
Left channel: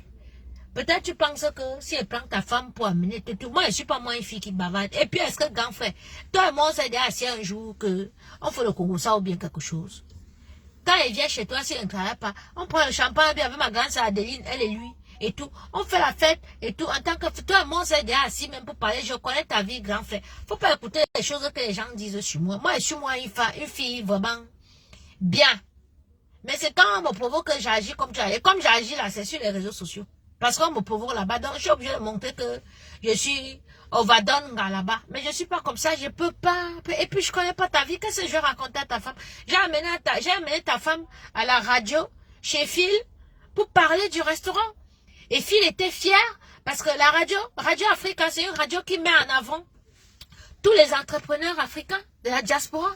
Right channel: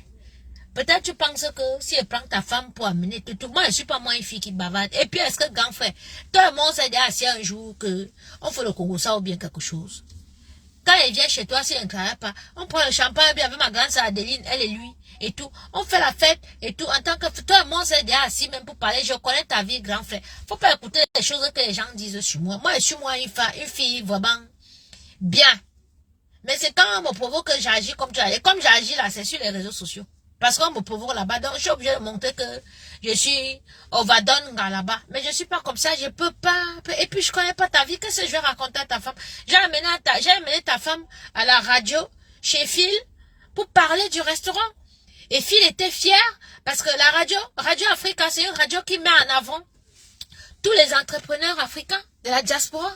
peut-être tu penses que si elle prend ta femme pour amener tout, moi je ne suis pas moi une fille qui bavarde. Et puis est-ce que grand frère, toi et moi on s'est dit assis un jour que on fait le Congo ça ou bien quelque chose. Quand il vient chez toi, s'il ne travaille pas, on prend le champagne bien avec ma grande sœur Adeline, elle et lui, et tout. On fait la fête et tout. En tant que toi, moi, c'est déjà assis même pour parler. Je connais ta vie, grand frère. Faut pas écouter les choses que les gens disent sur moi. Moi, je suis moi une fille vraiment bien. Mais c'est quand on me provoque que j'agis comme tu as. Et comme j'agis là, c'est sur les réseaux sociaux. Parce qu'on me provoque là-bas. Donc, je suis obligée de montrer que je suis overdonga là-bas. Mais je suis pas comme ça. Je peux pas. Et puis, je connais pas ta vie. Qu'est-ce que je vais raconter à ta femme? J'ai amené ta femme à la radio, chez Phil, pour parler du restaurant. Et Phil était fier parce que la Radio Africa, c'est une radio qui met en avant tous les entrepreneurs africains de la diaspora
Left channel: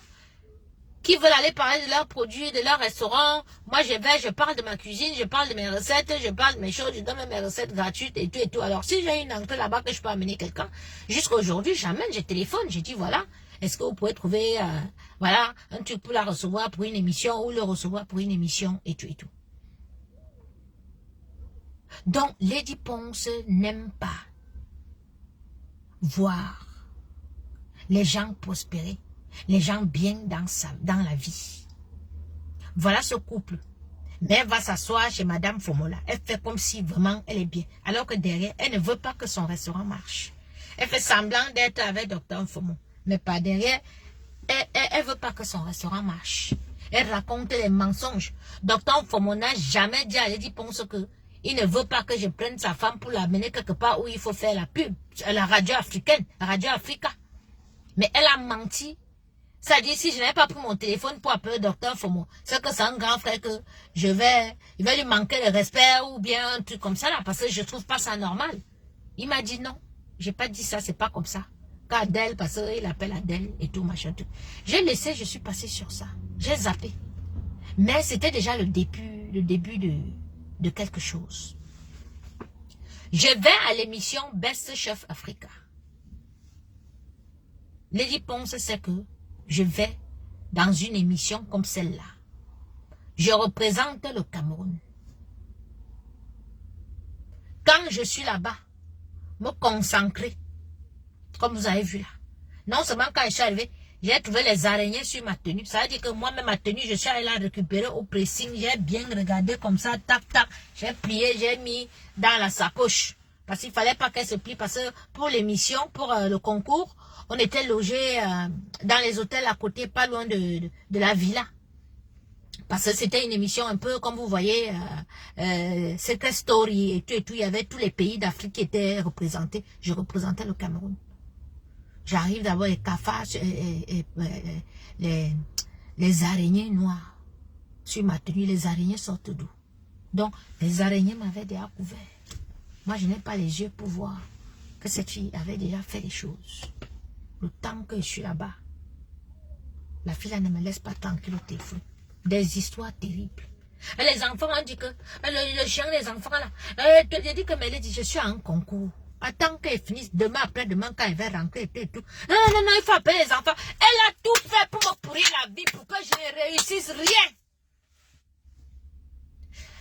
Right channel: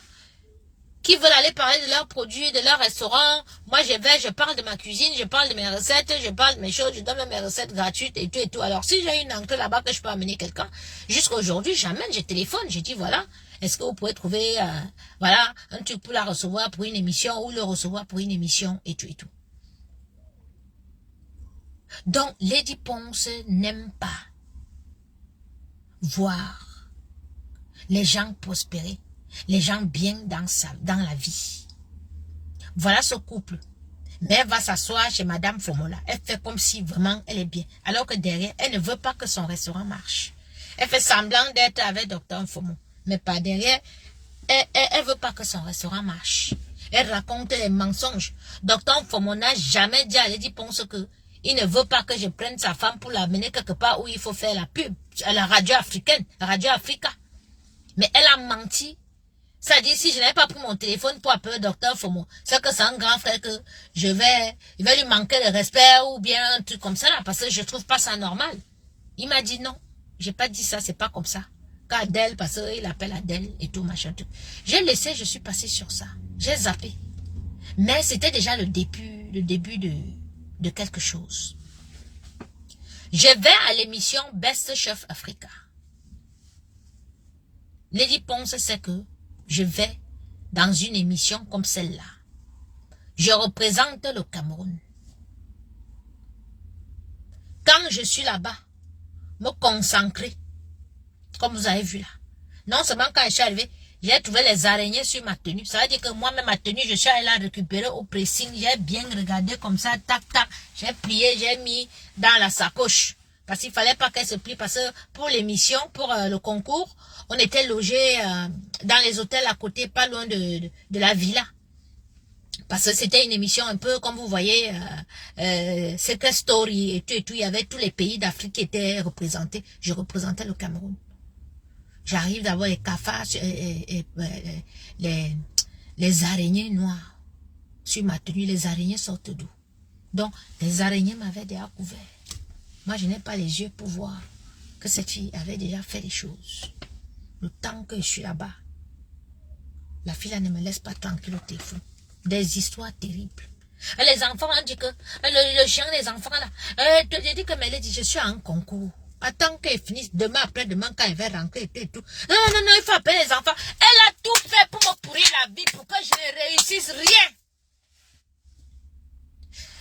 qui veulent aller parler de leurs produits, de leurs restaurants. Moi, je parle de ma cuisine, je parle de mes recettes, je parle de mes choses, je donne même mes recettes gratuites et tout et tout. Alors, si j'ai une entrée là-bas que je peux amener quelqu'un, jusqu'à aujourd'hui, j'amène, je téléphone, je dis voilà, est-ce que vous pouvez trouver, voilà, un truc pour la recevoir pour une émission ou le recevoir pour une émission et tout et tout. Donc, Lady Ponce n'aime pas voir les gens prospérer, les gens bien dans la vie. Voilà ce couple. Mais elle va s'asseoir chez Madame Fomola. Elle fait comme si vraiment elle est bien. Alors que derrière, elle ne veut pas que son restaurant marche. Elle fait semblant d'être avec Dr Fomo. Mais pas derrière, elle veut pas que son restaurant marche. Elle raconte les mensonges. Dr Fomo n'a jamais dit à Lady Ponce que il ne veut pas que je prenne sa femme pour l'amener quelque part où il faut faire la pub. À la radio africaine, la Radio Africa. Mais elle a menti. Ça dit, si je n'avais pas pris mon téléphone pour appeler le docteur Fomo, c'est que c'est un grand frère que il va lui manquer de respect ou bien un truc comme ça là, parce que je trouve pas ça normal. Il m'a dit non, j'ai pas dit ça, c'est pas comme ça. Quand Adèle, parce qu'il appelle Adèle et tout, machin, tout. J'ai laissé, je suis passé sur ça. J'ai zappé. Mais c'était déjà le début de quelque chose. Je vais à l'émission Best Chef Africa. Lady Ponce sait que je vais dans une émission comme celle-là. Je représente le Cameroun. Quand je suis là-bas, me concentrer, comme vous avez vu là. Non seulement quand je suis arrivé, j'ai trouvé les araignées sur ma tenue. Ça veut dire que moi-même, ma tenue, je suis allé la récupérer au pressing. J'ai bien regardé comme ça, tac, tac. J'ai plié, j'ai mis dans la sacoche. Parce qu'il fallait pas qu'elle se plie. Parce que pour l'émission, pour le concours, on était logés dans les hôtels à côté, pas loin de la villa. Parce que c'était une émission un peu, comme vous voyez, Secret Story et tout et tout. Il y avait tous les pays d'Afrique qui étaient représentés. Je représentais le Cameroun. J'arrive d'avoir les cafards, les araignées noires sur ma tenue. Les araignées sortent d'où? Donc, les araignées m'avaient déjà couvert. Moi, je n'ai pas les yeux pour voir que cette fille avait déjà fait les choses. Le temps que je suis là-bas, la fille là ne me laisse pas tranquille au téléphone. Des histoires terribles. Et les enfants ont dit que le chien des enfants là, j'ai dit que Mélé dit je suis à un concours. Attends qu'elle finisse demain après-demain quand elle va rentrer et tout. Non, il faut appeler les enfants. Elle a tout fait pour me pourrir la vie pour que je ne réussisse rien.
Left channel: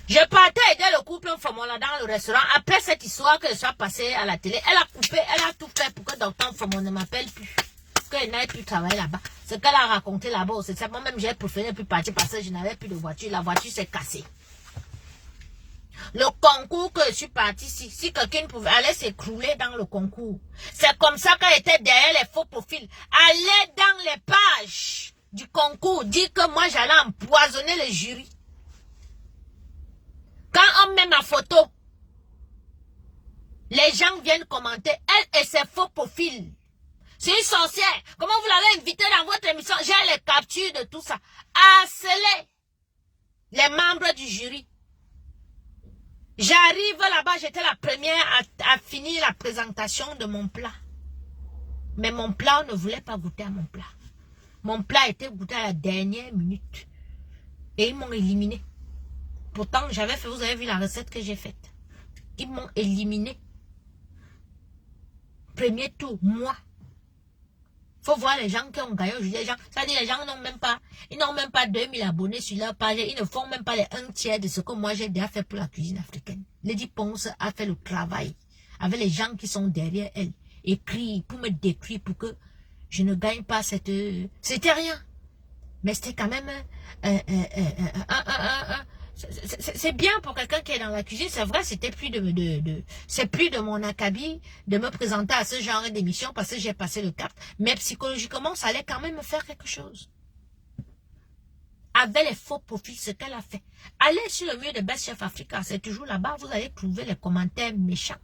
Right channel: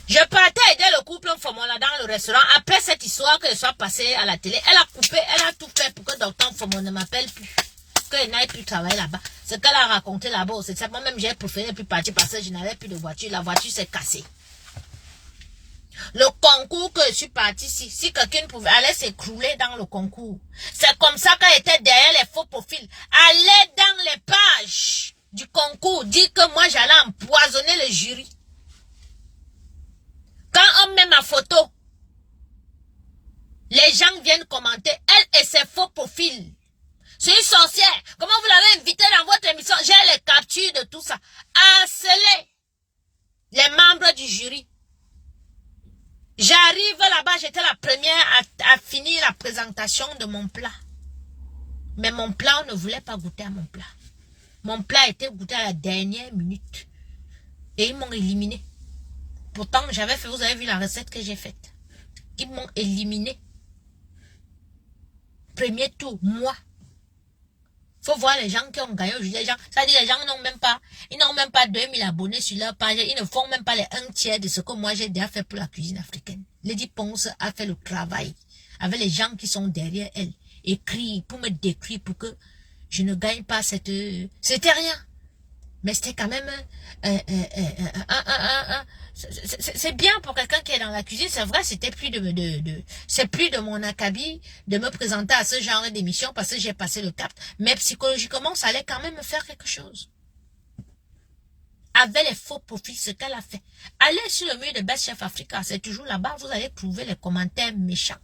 Je partais aider le couple Fomola dans le restaurant. Après cette histoire que je sois passée à la télé, elle a coupé, elle a tout fait pour que Dr Fomo ne m'appelle plus. Qu'elle n'aille plus travailler là-bas. Ce qu'elle a raconté là-bas, c'est ça. Moi-même, j'ai préféré plus partir parce que je n'avais plus de voiture. La voiture s'est cassée. Le concours que je suis partie, si quelqu'un pouvait aller s'écrouler dans le concours. C'est comme ça qu'elle était derrière les faux profils. Aller dans les pages du concours, dire que moi j'allais empoisonner le jury. Quand on met ma photo, les gens viennent commenter, elle et ses faux profils. C'est une sorcière. Comment vous l'avez invitée dans votre émission? J'ai les captures de tout ça. Harceler les membres du jury. J'arrive là-bas, j'étais la première à finir la présentation de mon plat. Mais mon plat, on ne voulait pas goûter à mon plat. Mon plat était goûté à la dernière minute. Et ils m'ont éliminé. Pourtant, j'avais fait, vous avez vu la recette que j'ai faite. Ils m'ont éliminé. Premier tour, moi. Faut voir les gens qui ont gagné aujourd'hui. Ça dit les gens n'ont même pas, ils n'ont même pas 2000 abonnés sur leur page. Ils ne font même pas les 1/3 de ce que moi j'ai déjà fait pour la cuisine africaine. Lady Ponce a fait le travail avec les gens qui sont derrière elle. Écrit pour me décrire pour que je ne gagne pas cette... C'était rien. Mais c'était quand même... c'est bien pour quelqu'un qui est dans la cuisine, c'est vrai, c'était plus c'est plus de mon acabit de me présenter à ce genre d'émission parce que j'ai passé le cap. Mais psychologiquement, ça allait quand même me faire quelque chose. Avec les faux profils, ce qu'elle a fait. Allez sur le mur de Best Chef Africa, c'est toujours là-bas, vous allez trouver les commentaires méchants.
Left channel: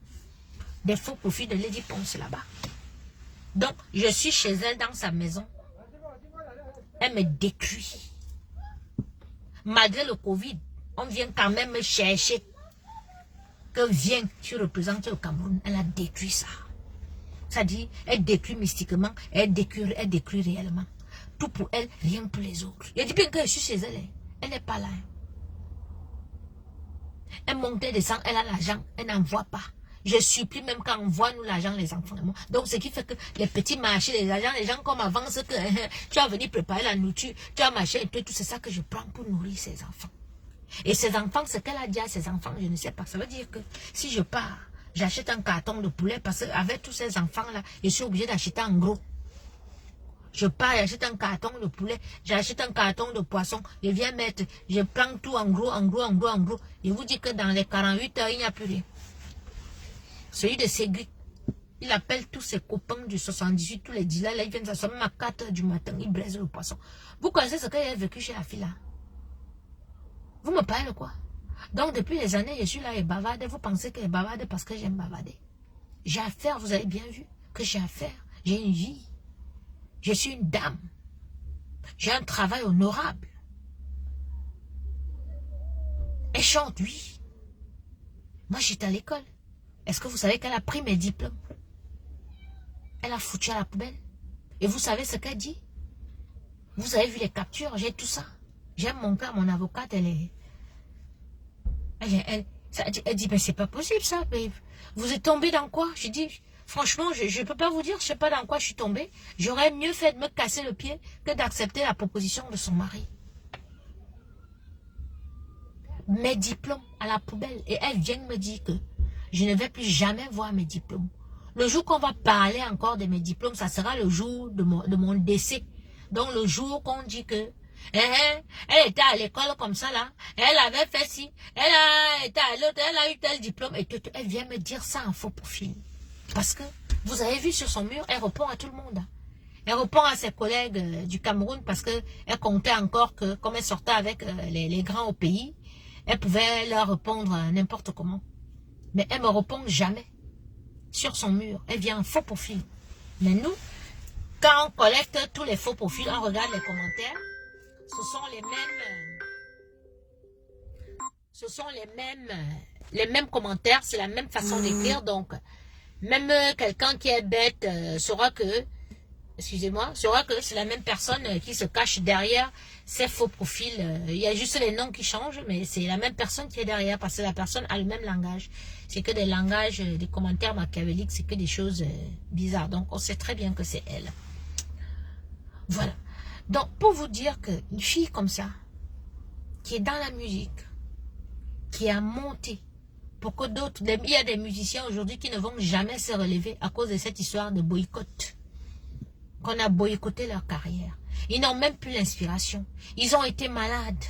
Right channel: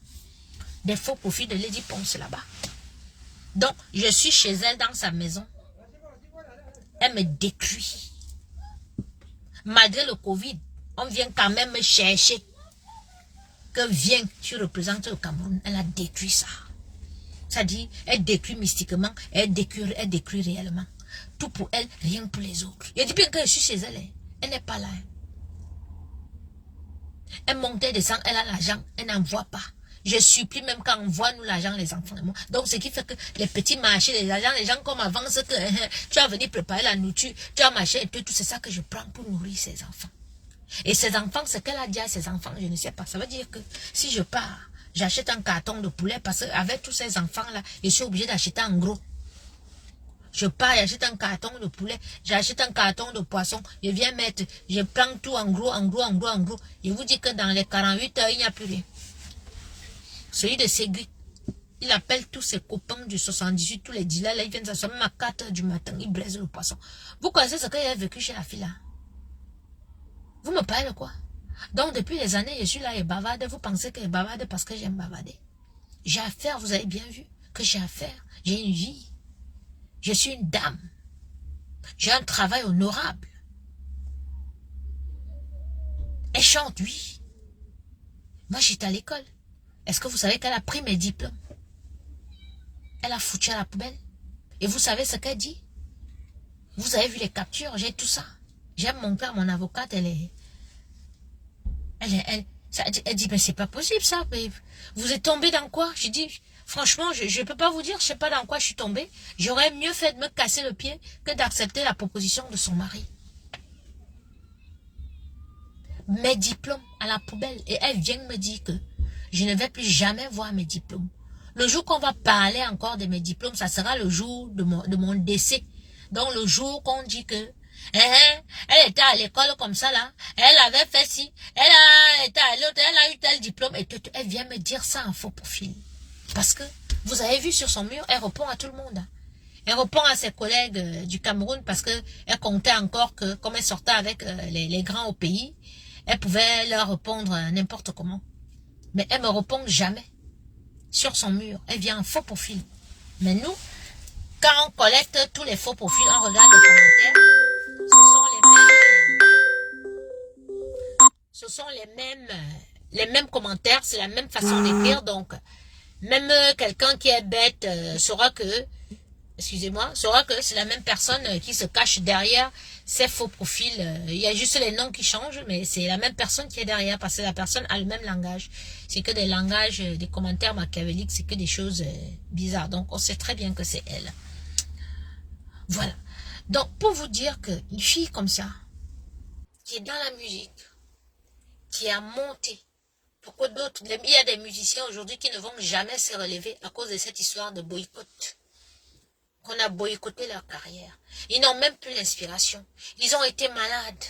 Des faux profils de Lady Ponce là-bas. Donc, je suis chez elle dans sa maison. Elle me détruit. Malgré le Covid, on vient quand même me chercher. Que viens, tu représentes le Cameroun. Elle a détruit ça. Ça dit, elle détruit mystiquement, elle détruit réellement. Tout pour elle, rien pour les autres. Je dis bien que je suis chez elle. Elle n'est pas là. Elle monte et descend, elle a l'argent, elle n'envoie pas. Je supplie même quand on voit nous l'argent, les enfants. Donc, ce qui fait que les petits marchés, les gens comme avant, que tu as venu préparer la nourriture, tu as marché et tout, c'est ça que je prends pour nourrir ces enfants. Et ces enfants, ce qu'elle a dit à ses enfants, je ne sais pas. Ça veut dire que si je pars, j'achète un carton de poulet parce qu'avec tous ces enfants-là, je suis obligé d'acheter en gros. Je pars, j'achète un carton de poulet, j'achète un carton de poisson, je viens mettre, je prends tout en gros, en gros, en gros, en gros. Je vous dis que dans les 48 heures, il n'y a plus rien. Celui de Ségri, il appelle tous ses copains du 78, tous les dealers, là, ils viennent s'asseoir même à 4 heures du matin, ils braisent le poisson. Vous connaissez ce qu'il a vécu chez la fille là? Vous me parlez de quoi? Donc, depuis des années, je suis là et bavarde. Vous pensez que je bavarde parce que j'aime bavarder. J'ai affaire, vous avez bien vu que j'ai affaire. J'ai une vie. Je suis une dame. J'ai un travail honorable. Elle chante, oui. Moi, j'étais à l'école. Est-ce que vous savez qu'elle a pris mes diplômes? Elle a foutu à la poubelle. Et vous savez ce qu'elle dit? Vous avez vu les captures, j'ai tout ça. J'ai montré à mon avocate, elle dit, mais c'est pas possible ça. Vous êtes tombé dans quoi? Je dis, franchement, je ne peux pas vous dire, je sais pas dans quoi je suis tombée. J'aurais mieux fait de me casser le pied que d'accepter la proposition de son mari. Mes diplômes à la poubelle. Et elle vient me dire que je ne vais plus jamais voir mes diplômes. Le jour qu'on va parler encore de mes diplômes, ça sera le jour de mon décès. Donc le jour qu'on dit que elle était à l'école comme ça là, elle avait fait ci, elle a été à l'autre, elle a eu tel diplôme, et elle vient me dire ça en faux profil. Parce que vous avez vu sur son mur, elle répond à tout le monde. Elle répond à ses collègues du Cameroun parce que elle comptait encore que comme elle sortait avec les grands au pays, elle pouvait leur répondre n'importe comment. Mais elle me répond jamais. Sur son mur, elle vient en faux profil. Mais nous, quand on collecte tous les faux profils, on regarde les commentaires, ce sont les mêmes commentaires, c'est la même façon d'écrire. Donc, même quelqu'un qui est bête saura que, excusez-moi, saura que c'est la même personne qui se cache derrière ces faux profils. Il y a juste les noms qui changent, mais c'est la même personne qui est derrière parce que la personne a le même langage. C'est que des langages, des commentaires machiavéliques, c'est que des choses bizarres. Donc, on sait très bien que c'est elle. Voilà. Donc, pour vous dire qu'une fille comme ça, qui est dans la musique, qui a monté, pour que d'autres, il y a des musiciens aujourd'hui qui ne vont jamais se relever à cause de cette histoire de boycott. Qu'on a boycotté leur carrière. Ils n'ont même plus l'inspiration. Ils ont été malades.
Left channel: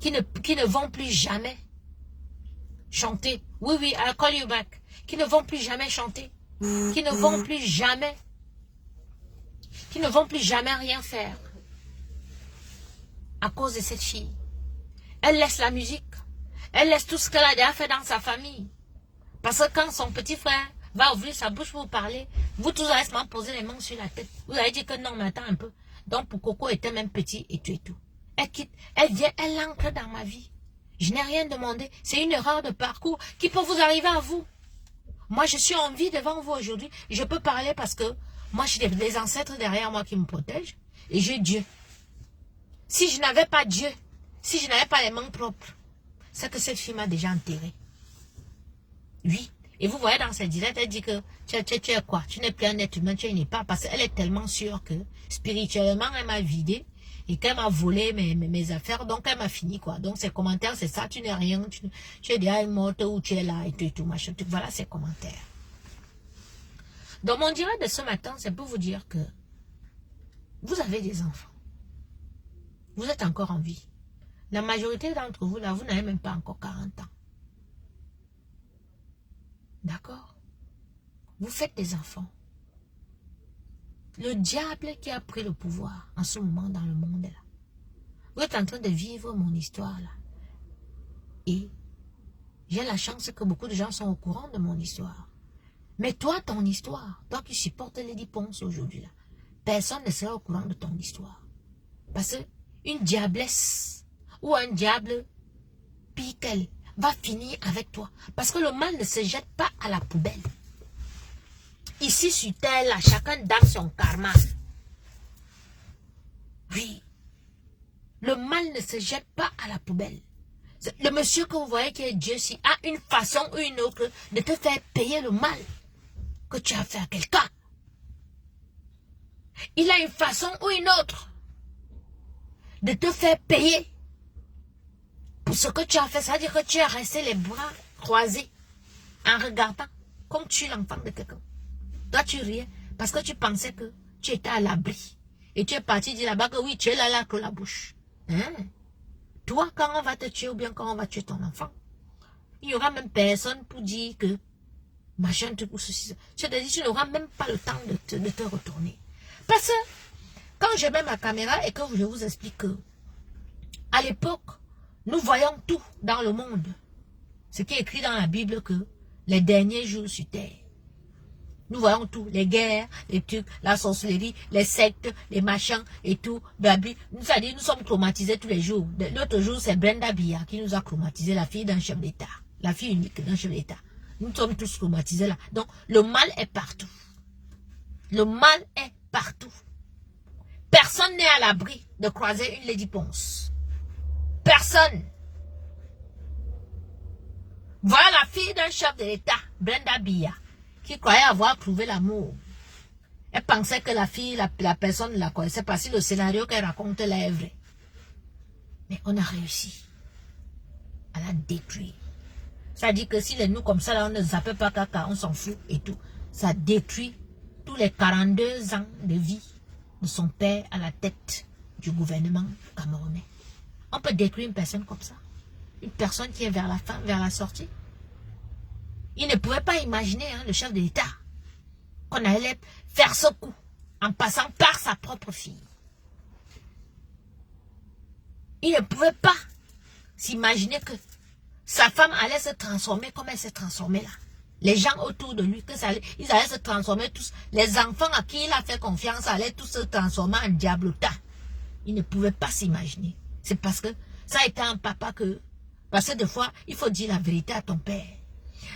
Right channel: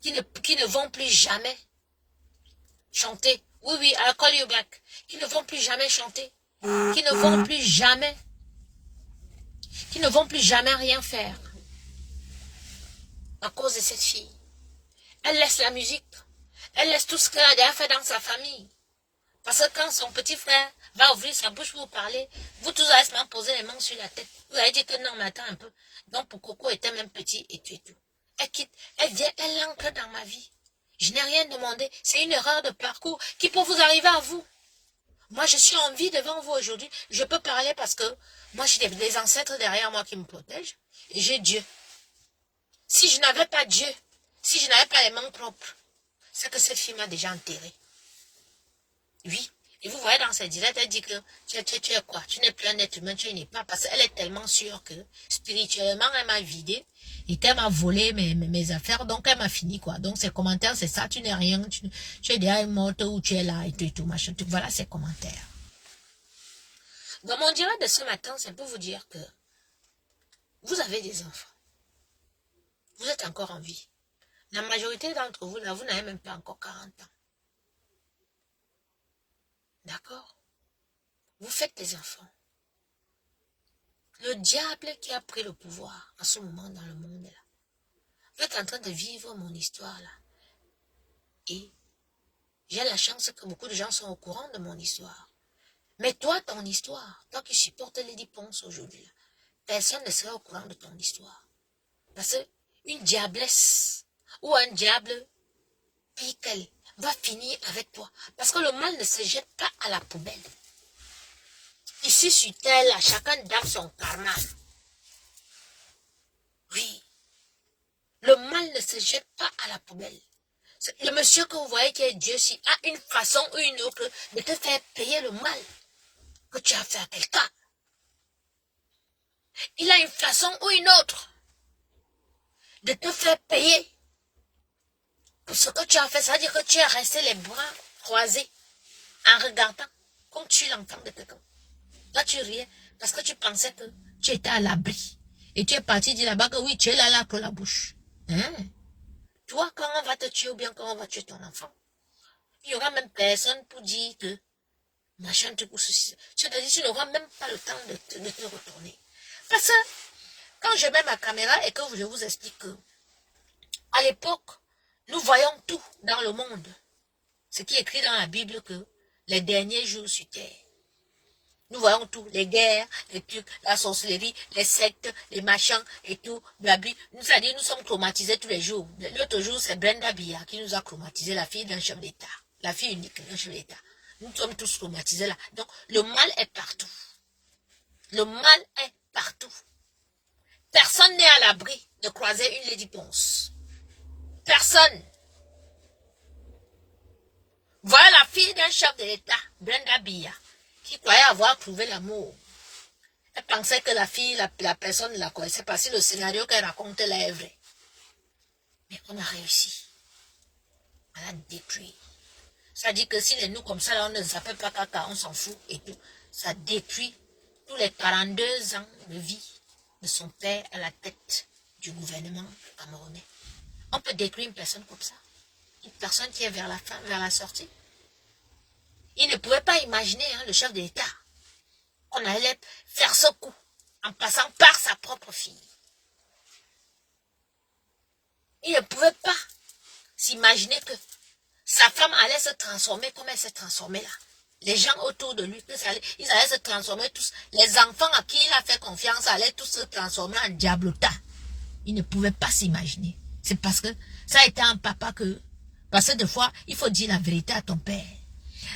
Qui ne vont plus jamais chanter. Oui, oui, I'll call you back. Qui ne vont plus jamais chanter. Qui ne vont plus jamais. Qui ne vont plus jamais rien faire. À cause de cette fille. Elle laisse la musique. Elle laisse tout ce qu'elle a déjà fait dans sa famille. Parce que quand son petit frère va ouvrir sa bouche pour vous parler, vous tous allez se poser les mains sur la tête. Vous allez dire que non, mais attends un peu. Donc pour Coco était même petit et tout et tout. Elle quitte, elle vient, elle entre dans ma vie. Je n'ai rien demandé. C'est une erreur de parcours qui peut vous arriver à vous. Moi, je suis en vie devant vous aujourd'hui. Je peux parler parce que moi, j'ai des ancêtres derrière moi qui me protègent. Et j'ai Dieu. Si je n'avais pas Dieu, si je n'avais pas les mains propres, c'est que cette fille m'a déjà enterré. Oui. Et vous voyez dans ses directs, elle dit que tu es quoi? Tu n'es plus un être humain, tu n'es pas. Parce qu'elle est tellement sûre que spirituellement, elle m'a vidé et qu'elle m'a volé mes affaires. Donc, elle m'a fini, quoi. Donc, ses commentaires, c'est ça. Tu n'es rien. Tu es déjà morte ou tu es là et tout, machin. Tout. Voilà ses commentaires. Donc, mon direct de ce matin, c'est pour vous dire que Vous avez des enfants. Vous êtes encore en vie. La majorité d'entre vous, là, vous n'avez même pas encore 40 ans. D'accord? Vous faites des enfants. Le diable qui a pris le pouvoir en ce moment dans le monde, là. Vous êtes en train de vivre mon histoire, là. Et j'ai la chance que beaucoup de gens sont au courant de mon histoire. Mais toi, ton histoire, toi qui supportes Lady Ponce aujourd'hui, là, personne ne sera au courant de ton histoire. Parce que une diablesse ou un diable, pire qu'elle, va finir avec toi. Parce que le mal ne se jette pas à la poubelle. Ici sur terre, là, chacun donne son karma. Oui. Le mal ne se jette pas à la poubelle. Le monsieur que vous voyez qui est Dieu, si a une façon ou une autre de te faire payer le mal que tu as fait à quelqu'un. Il a une façon ou une autre de te faire payer pour ce que tu as fait. Ça veut dire que tu es resté les bras croisés en regardant comme tu es l'enfant de quelqu'un. Toi, tu riais parce que tu pensais que tu étais à l'abri. Et tu es parti dire là-bas que oui, tu es là que la bouche. Hein? Toi, quand on va te tuer ou bien quand on va tuer ton enfant, il n'y aura même personne pour dire que machin truc ou ceci. Je te dis, tu n'auras même pas le temps de te retourner. Parce que quand je mets ma caméra et que je vous explique que à l'époque, nous voyons tout dans le monde. Ce qui est écrit dans la Bible que les derniers jours sur terre. Nous voyons tout, les guerres, les trucs, la sorcellerie, les sectes, les machins et tout. C'est-à-dire, nous sommes traumatisés tous les jours. L'autre jour, c'est Brenda Bia qui nous a traumatisés, la fille d'un chef d'État. La fille unique d'un chef d'État. Nous sommes tous traumatisés là. Donc, le mal est partout. Le mal est partout. Personne n'est à l'abri de croiser une Lady Ponce. Personne. Voilà la fille d'un chef de l'État, Brenda Bia, qui croyait avoir trouvé l'amour. Elle pensait que la fille, la personne ne la connaissait pas, si le scénario qu'elle racontait là est vrai. Mais on a réussi à la détruire. Ça dit que si les nous comme ça, là, on ne zappe pas caca, on s'en fout et tout. Ça détruit tous les 42 ans de vie de son père à la tête du gouvernement camerounais. On peut détruire une personne comme ça. Une personne qui est vers la fin, vers la sortie. Il ne pouvait pas imaginer, hein, le chef de l'État, qu'on allait faire ce coup en passant par sa propre fille. Il ne pouvait pas s'imaginer que sa femme allait se transformer comme elle s'est transformée là. Les gens autour de lui, ils allaient se transformer tous. Les enfants à qui il a fait confiance allaient tous se transformer en diablota. Il ne pouvait pas s'imaginer. C'est parce que ça a été un papa que... Parce que des fois, il faut dire la vérité à ton père.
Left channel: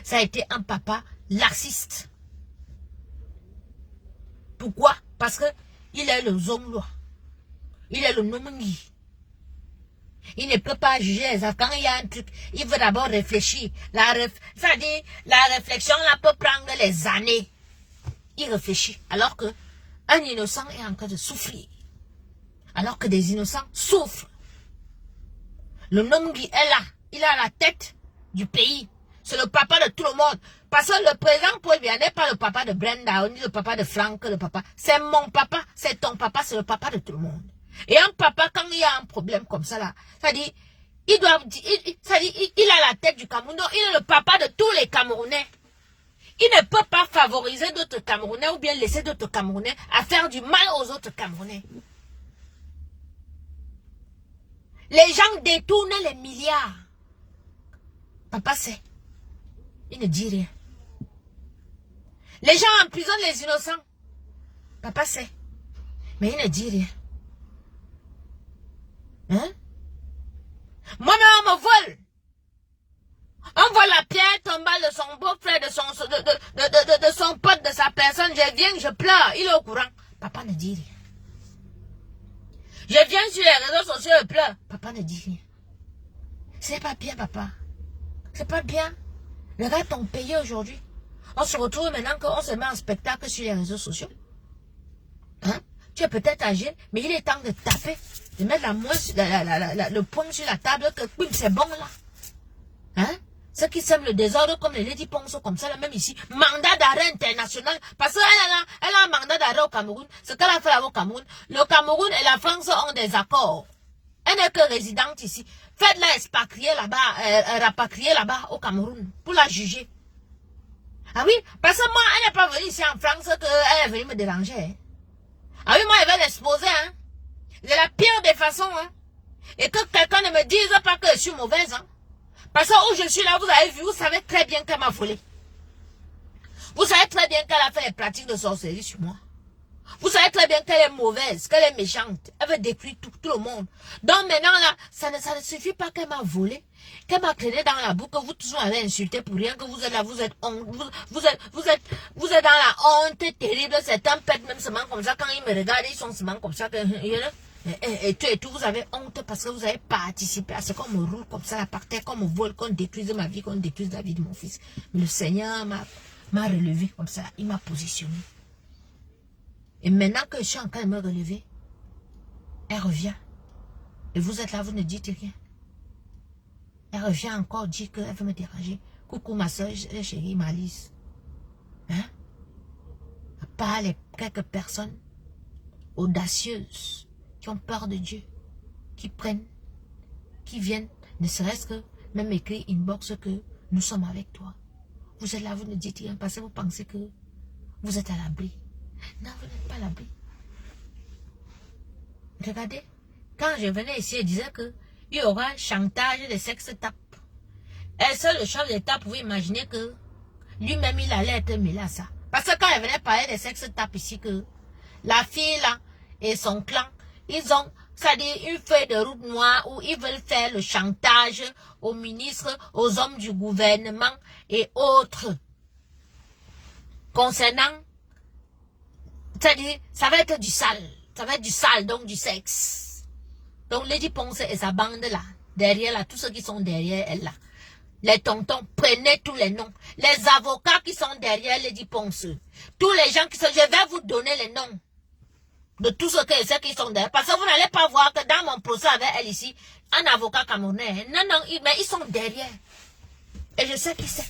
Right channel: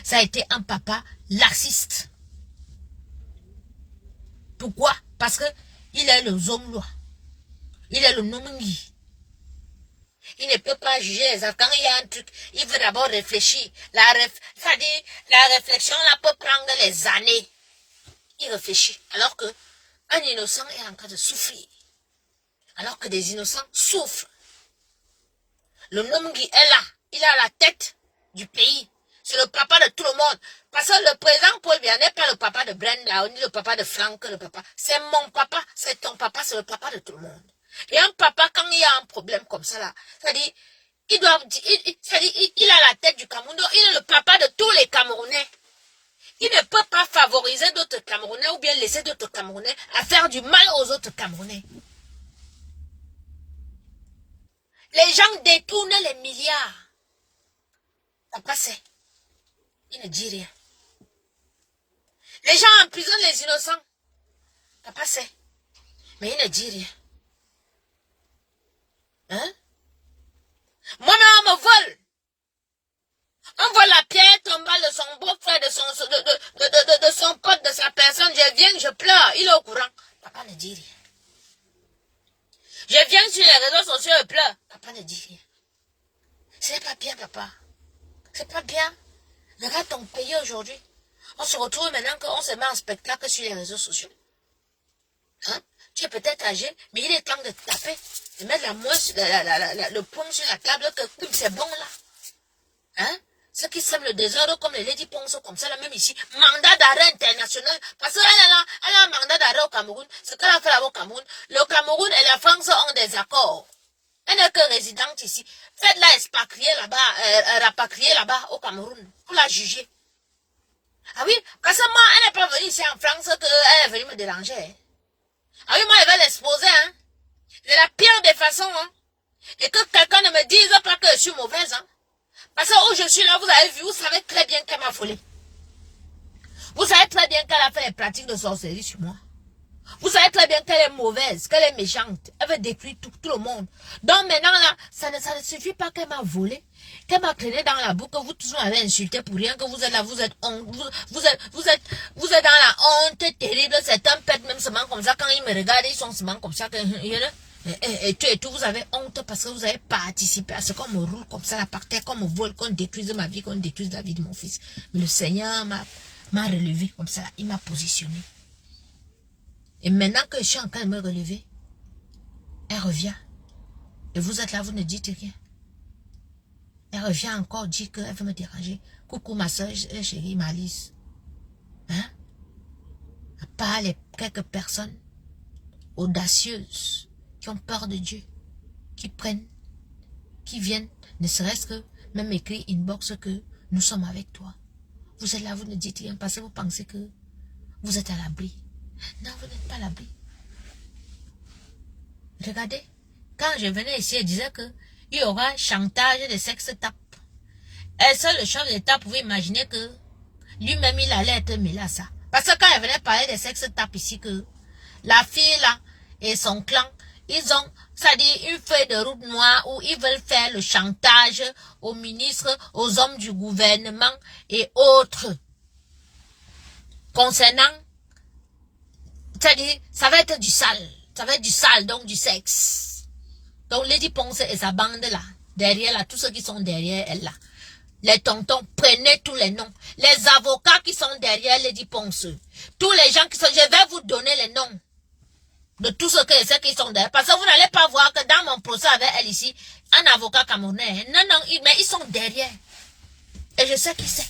Ça a été un papa laxiste. Pourquoi? Parce que il est le zomlo. Il est le nomungi. Il ne peut pas juger les enfants. Quand il y a un truc, il veut d'abord réfléchir. C'est-à-dire, la réflexion là peut prendre les années. Il réfléchit. Alors que un innocent est en train de souffrir. Alors que des innocents souffrent. Le nomungi est là. Il est à la tête du pays. C'est le papa de tout le monde. Parce que le président Paul Biya n'est pas le papa de Brenda, ni le papa de Franck, le papa. C'est mon papa, c'est ton papa, c'est le papa de tout le monde. Et un papa, quand il y a un problème comme ça là, ça dit, il a la tête du Cameroun, donc il est le papa de tous les Camerounais. Il ne peut pas favoriser d'autres Camerounais ou bien laisser d'autres Camerounais à faire du mal aux autres Camerounais. Les gens détournent les milliards. Papa sait. Il ne dit rien. Les gens emprisonnent les innocents. Papa sait. Mais il ne dit rien. Hein? Moi-même, on me vole. On vole la pierre tombale de son beau-frère, de son pote, de sa personne. Je viens, je pleure. Il est au courant. Papa ne dit rien. Je viens sur les réseaux sociaux et pleure. Papa ne dit rien. Ce n'est pas bien, papa. C'est pas bien. Regarde ton pays aujourd'hui. On se retrouve maintenant qu'on se met en spectacle sur les réseaux sociaux. Hein? Tu es peut-être âgé, mais il est temps de taper, de mettre le poing sur la table, que c'est bon là. Hein? Ceux qui sèment le désordre comme les Lady Ponce, comme ça, là, même ici, mandat d'arrêt international, parce qu'elle a un mandat d'arrêt au Cameroun, ce qu'elle a fait là au Cameroun, le Cameroun et la France ont des accords. Elle n'est que résidente ici. Faites-la expatrier là-bas, rapatrier là-bas au Cameroun, pour la juger. Ah oui, parce que moi, elle n'est pas venue ici en France qu'elle est venue me déranger. Hein. Ah oui, moi, elle va l'exposer, hein. C'est la pire des façons, hein. Et que quelqu'un ne me dise pas que je suis mauvaise, hein. Parce que où je suis là, vous avez vu, vous savez très bien qu'elle m'a volé. Vous savez très bien qu'elle a fait les pratiques de sorcellerie sur moi. Vous savez très bien qu'elle est mauvaise, qu'elle est méchante. Elle veut détruire tout le monde. Donc maintenant, là, ça ne suffit pas qu'elle m'a volé, qu'elle m'a traîné dans la boue, que vous tous m'avez insulté pour rien, que vous êtes là, vous êtes dans la honte terrible. Certains pètent même seulement comme ça. Quand ils me regardent, ils sont seulement comme ça. Et tout, vous avez honte parce que vous avez participé à ce qu'on me roule comme ça, par terre, qu'on me vole, qu'on détruise ma vie, qu'on détruise la vie de mon fils. Mais le Seigneur m'a relevé comme ça, il m'a positionné. Et maintenant que je suis en train de me relever, elle revient. Et vous êtes là, vous ne dites rien. Elle revient encore dire qu'elle veut me déranger. Coucou ma soeur chérie Malice. Hein? À part les quelques personnes audacieuses qui ont peur de Dieu, qui prennent, qui viennent, ne serait-ce que même écrire inbox que nous sommes avec toi. Vous êtes là, vous ne dites rien parce que vous pensez que vous êtes à l'abri. Non, vous n'êtes pas à l'abri. Regardez, quand je venais ici, elle disait que il y aura chantage de sexe tape. Et seul le chef d'État pouvait imaginer que lui-même il allait être mêlé à ça. Parce que quand elle venait parler de sexe tape ici, que la fille là et son clan, ils ont, c'est-à-dire une feuille de route noire où ils veulent faire le chantage aux ministres, aux hommes du gouvernement et autres. Concernant, c'est-à-dire, ça va être du sale. Ça va être du sale, donc du sexe. Donc, Lady Ponce et sa bande là, derrière là, tous ceux qui sont derrière elle là, les tontons, prenez tous les noms. Les avocats qui sont derrière Lady Ponce, tous les gens qui sont, je vais vous donner les noms de tous ceux qui sont derrière. Parce que vous n'allez pas voir que dans mon procès avec elle ici, un avocat camerounais, non, mais ils sont derrière. Et je sais qui c'est.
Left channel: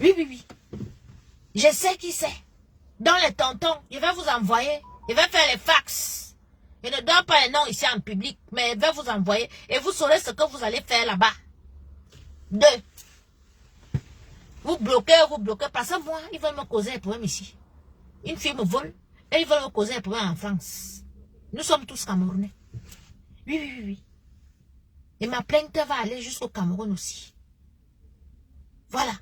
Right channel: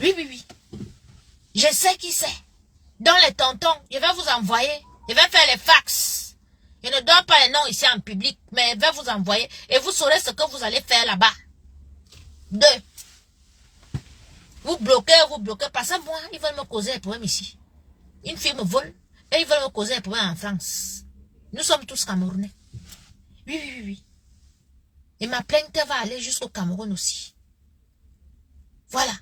Oui. Je sais qui c'est. Dans les tontons, je vais vous envoyer. Je vais faire les fax. Je ne donne pas les noms ici en public, mais je vais vous envoyer. Et vous saurez ce que vous allez faire là-bas. 2. Vous bloquez. Parce que moi, ils veulent me causer un problème ici. Une fille me vole et ils veulent me causer un problème en France. Nous sommes tous Camerounais. Oui. Et ma plainte va aller jusqu'au Cameroun aussi. Voilà.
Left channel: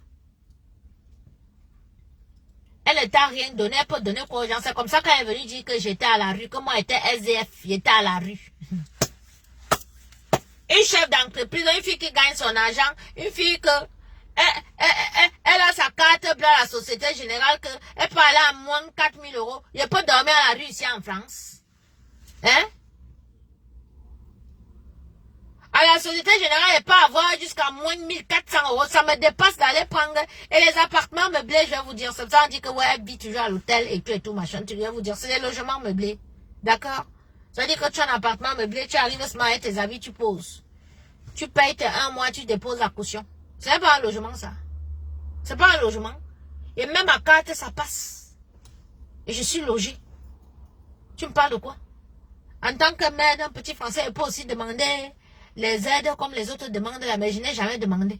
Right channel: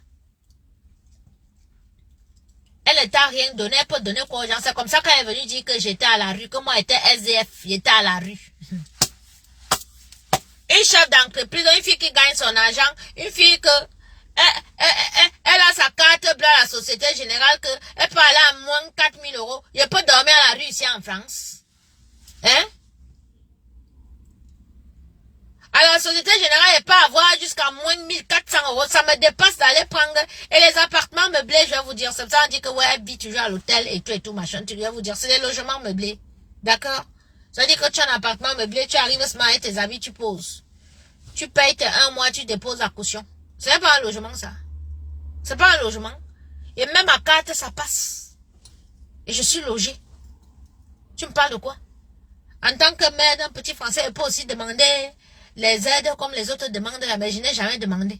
Elle ne t'a rien donné, elle peut donner quoi aux gens. C'est comme ça qu'elle est venue dire que j'étais à la rue, que moi j'étais SDF, j'étais à la rue. Une chef d'entreprise, une fille qui gagne son argent, une fille que elle a sa carte bleue à la Société Générale, que elle peut aller à moins 4 000 €. Je peux dormir à la rue ici en France. Hein? À la Société Générale, elle peut avoir jusqu'à moins 1400 €. Ça me dépasse d'aller prendre. Et les appartements meublés, je vais vous dire. C'est ça, on dit que ouais, elle vit toujours à l'hôtel et tout machin. Je vais vous dire, c'est des logements meublés. D'accord? Ça veut dire que tu as un appartement meublé, tu arrives ce matin, tes habits, tu poses. Tu payes tes 1 mois, tu déposes la caution. C'est pas un logement, ça. C'est pas un logement. Et même à carte, ça passe. Et je suis logée. Tu me parles de quoi? En tant que mère d'un petit Français, elle peut aussi demander les aides comme les autres demandent là, mais je n'ai jamais demandé.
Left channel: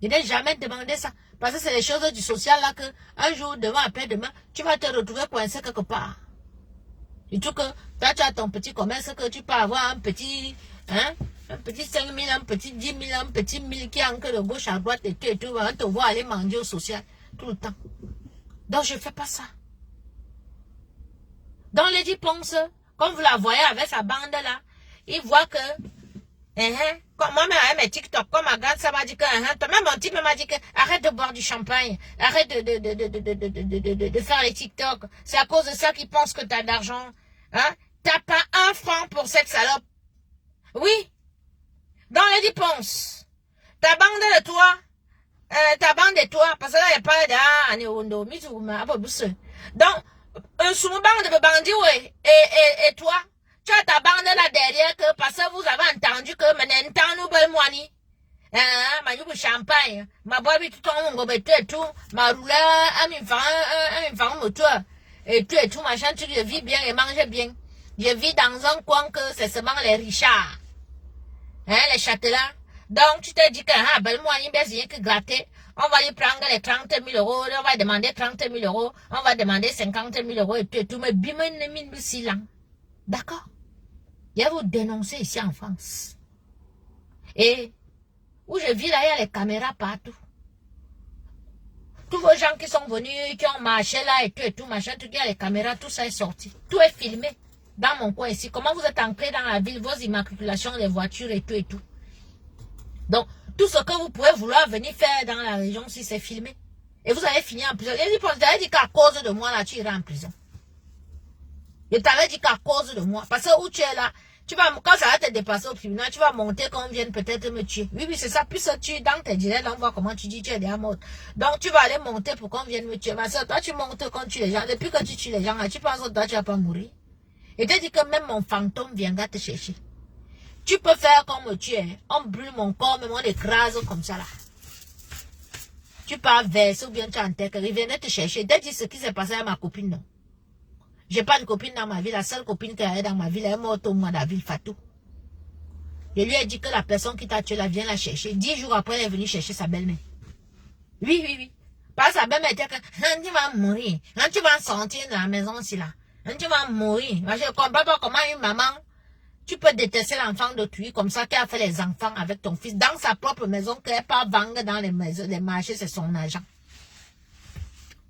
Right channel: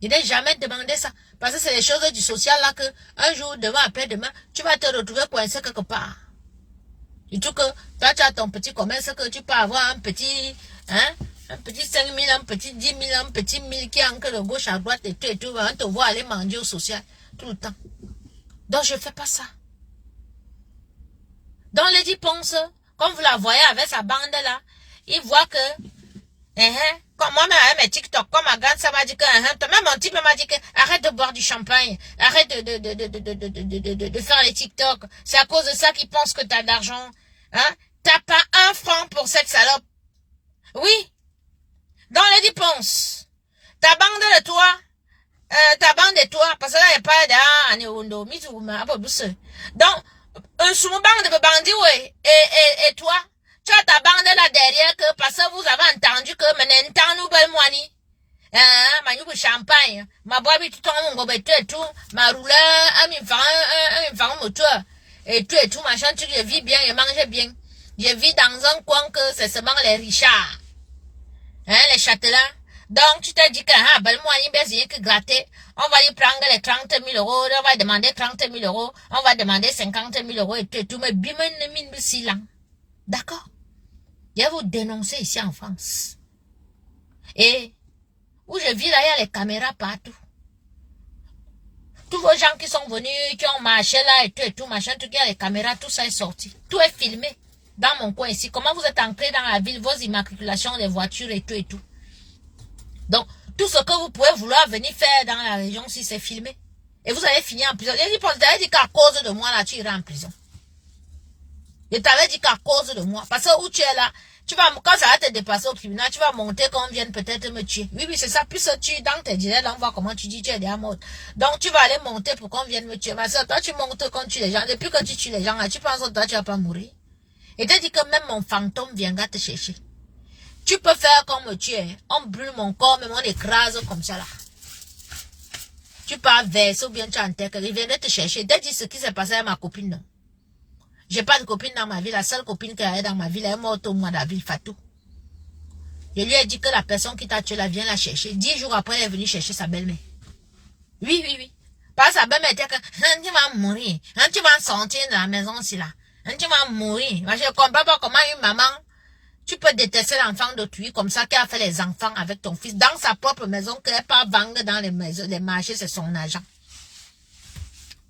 Je n'ai jamais demandé ça. Parce que c'est les choses du social là que un jour, demain, après-demain, tu vas te retrouver coincé quelque part. Et tout que toi, tu as ton petit commerce que tu peux avoir un petit 5 000, un petit 10 000, un petit 1000 qui est encore de gauche à droite et tout. On te voit aller manger au social tout le temps. Donc, je ne fais pas ça. Dans Lady Ponce, comme vous la voyez avec sa bande là, il voit que, comme moi-même avec mes TikTok, comme ma grande ça m'a dit que, même mon type m'a dit que, arrête de boire du champagne, arrête de faire les TikTok. C'est à cause de ça qu'ils pensent que tu as de l'argent. Hein? T'as pas 1 franc pour cette salope. Oui. Dans Lady Ponce, ta bande de toi, parce que là, il n'y a pas de, donc, sous mon bande de bandits, oui, et toi, tu as ta bande là derrière, que parce que vous avez entendu que maintenant, nous, Ah, ma nouveau champagne. Ma boîte, tout en haut, tout. Ma rouleur, un moteur. Et tout, machin, tu je vis bien et mange bien. Je vis dans un coin que c'est seulement les richards. Hein, les châtelains. Donc, tu te dis que, ah, ben, moi, il y a que gratter. On va lui prendre les 30 000 euros. On va demander 30 000 euros. On va demander 50 000 euros et tout. Mais bim, d'accord. Je vais vous dénoncer ici en France. Et, où je vis là, il y a les caméras partout. Tous vos gens qui sont venus, qui ont marché là et tout, machin, tout, il y a les caméras, tout ça est sorti. Tout est filmé dans mon coin ici. Comment vous êtes entrés dans la ville, vos immatriculations, les voitures et tout et tout. Donc, tout ce que vous pouvez vouloir venir faire dans la région si c'est filmé. Et vous allez finir en prison. Je t'avais dit qu'à cause de moi, là, tu iras en prison. Je t'avais dit qu'à cause de moi. Parce que où tu es là, tu vas, quand ça va te dépasser au tribunal, tu vas monter qu'on vienne peut-être me tuer. Oui, c'est ça. Puis tu, dans tes directs, on voit comment tu dis tu es déjà mort. Donc, tu vas aller monter pour qu'on vienne me tuer. Ma soeur, toi, tu montes quand tu tues les gens. Depuis que tu tues les gens, là, tu penses que toi, tu vas pas mourir. Et te dis que même mon fantôme viendra te chercher. Tu peux faire comme me tuer. On brûle mon corps, mais on écrase comme ça, là. Tu pars verser ou bien tu enterres. Il viendrait te chercher. Te dis ce qui s'est passé à ma copine, non. J'ai pas de copine dans ma vie. La seule copine qu'il y a dans ma vie, elle est morte au mois d'avril, Fatou. Je lui ai dit que la personne qui t'a tué là vient la chercher. 10 jours après, elle est venue chercher sa belle-mère. Oui. Parce que sa belle-mère était que, tu vas mourir. Tu vas sortir de la maison aussi là. Tu vas mourir. Je ne comprends pas comment une maman, tu peux détester l'enfant d'autrui comme ça qu'elle a fait les enfants avec ton fils dans sa propre maison qu'elle pas vendre dans les maisons, les marchés, c'est son argent.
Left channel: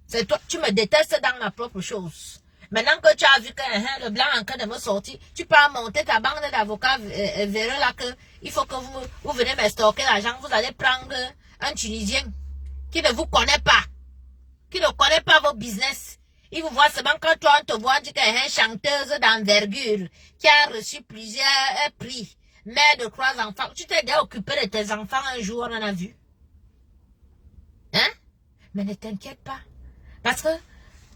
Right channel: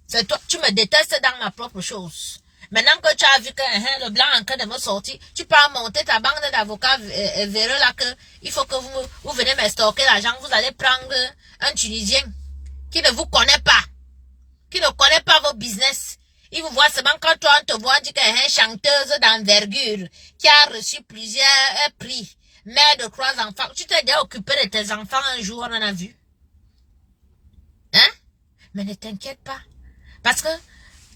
C'est toi, tu me détestes dans ma propre chose. Maintenant que tu as vu que le blanc est en train de me sortir, tu peux monter ta bande d'avocats vers là que il faut que vous venez me stocker l'argent. Vous allez prendre un Tunisien qui ne vous connaît pas, qui ne connaît pas vos business. Il vous voit seulement quand toi on te voit dire qu'il y a une chanteuse d'envergure qui a reçu plusieurs prix, mère de 3 enfants. Tu t'es déjà occupé de tes enfants un jour, on en a vu. Hein? Mais ne t'inquiète pas. Parce que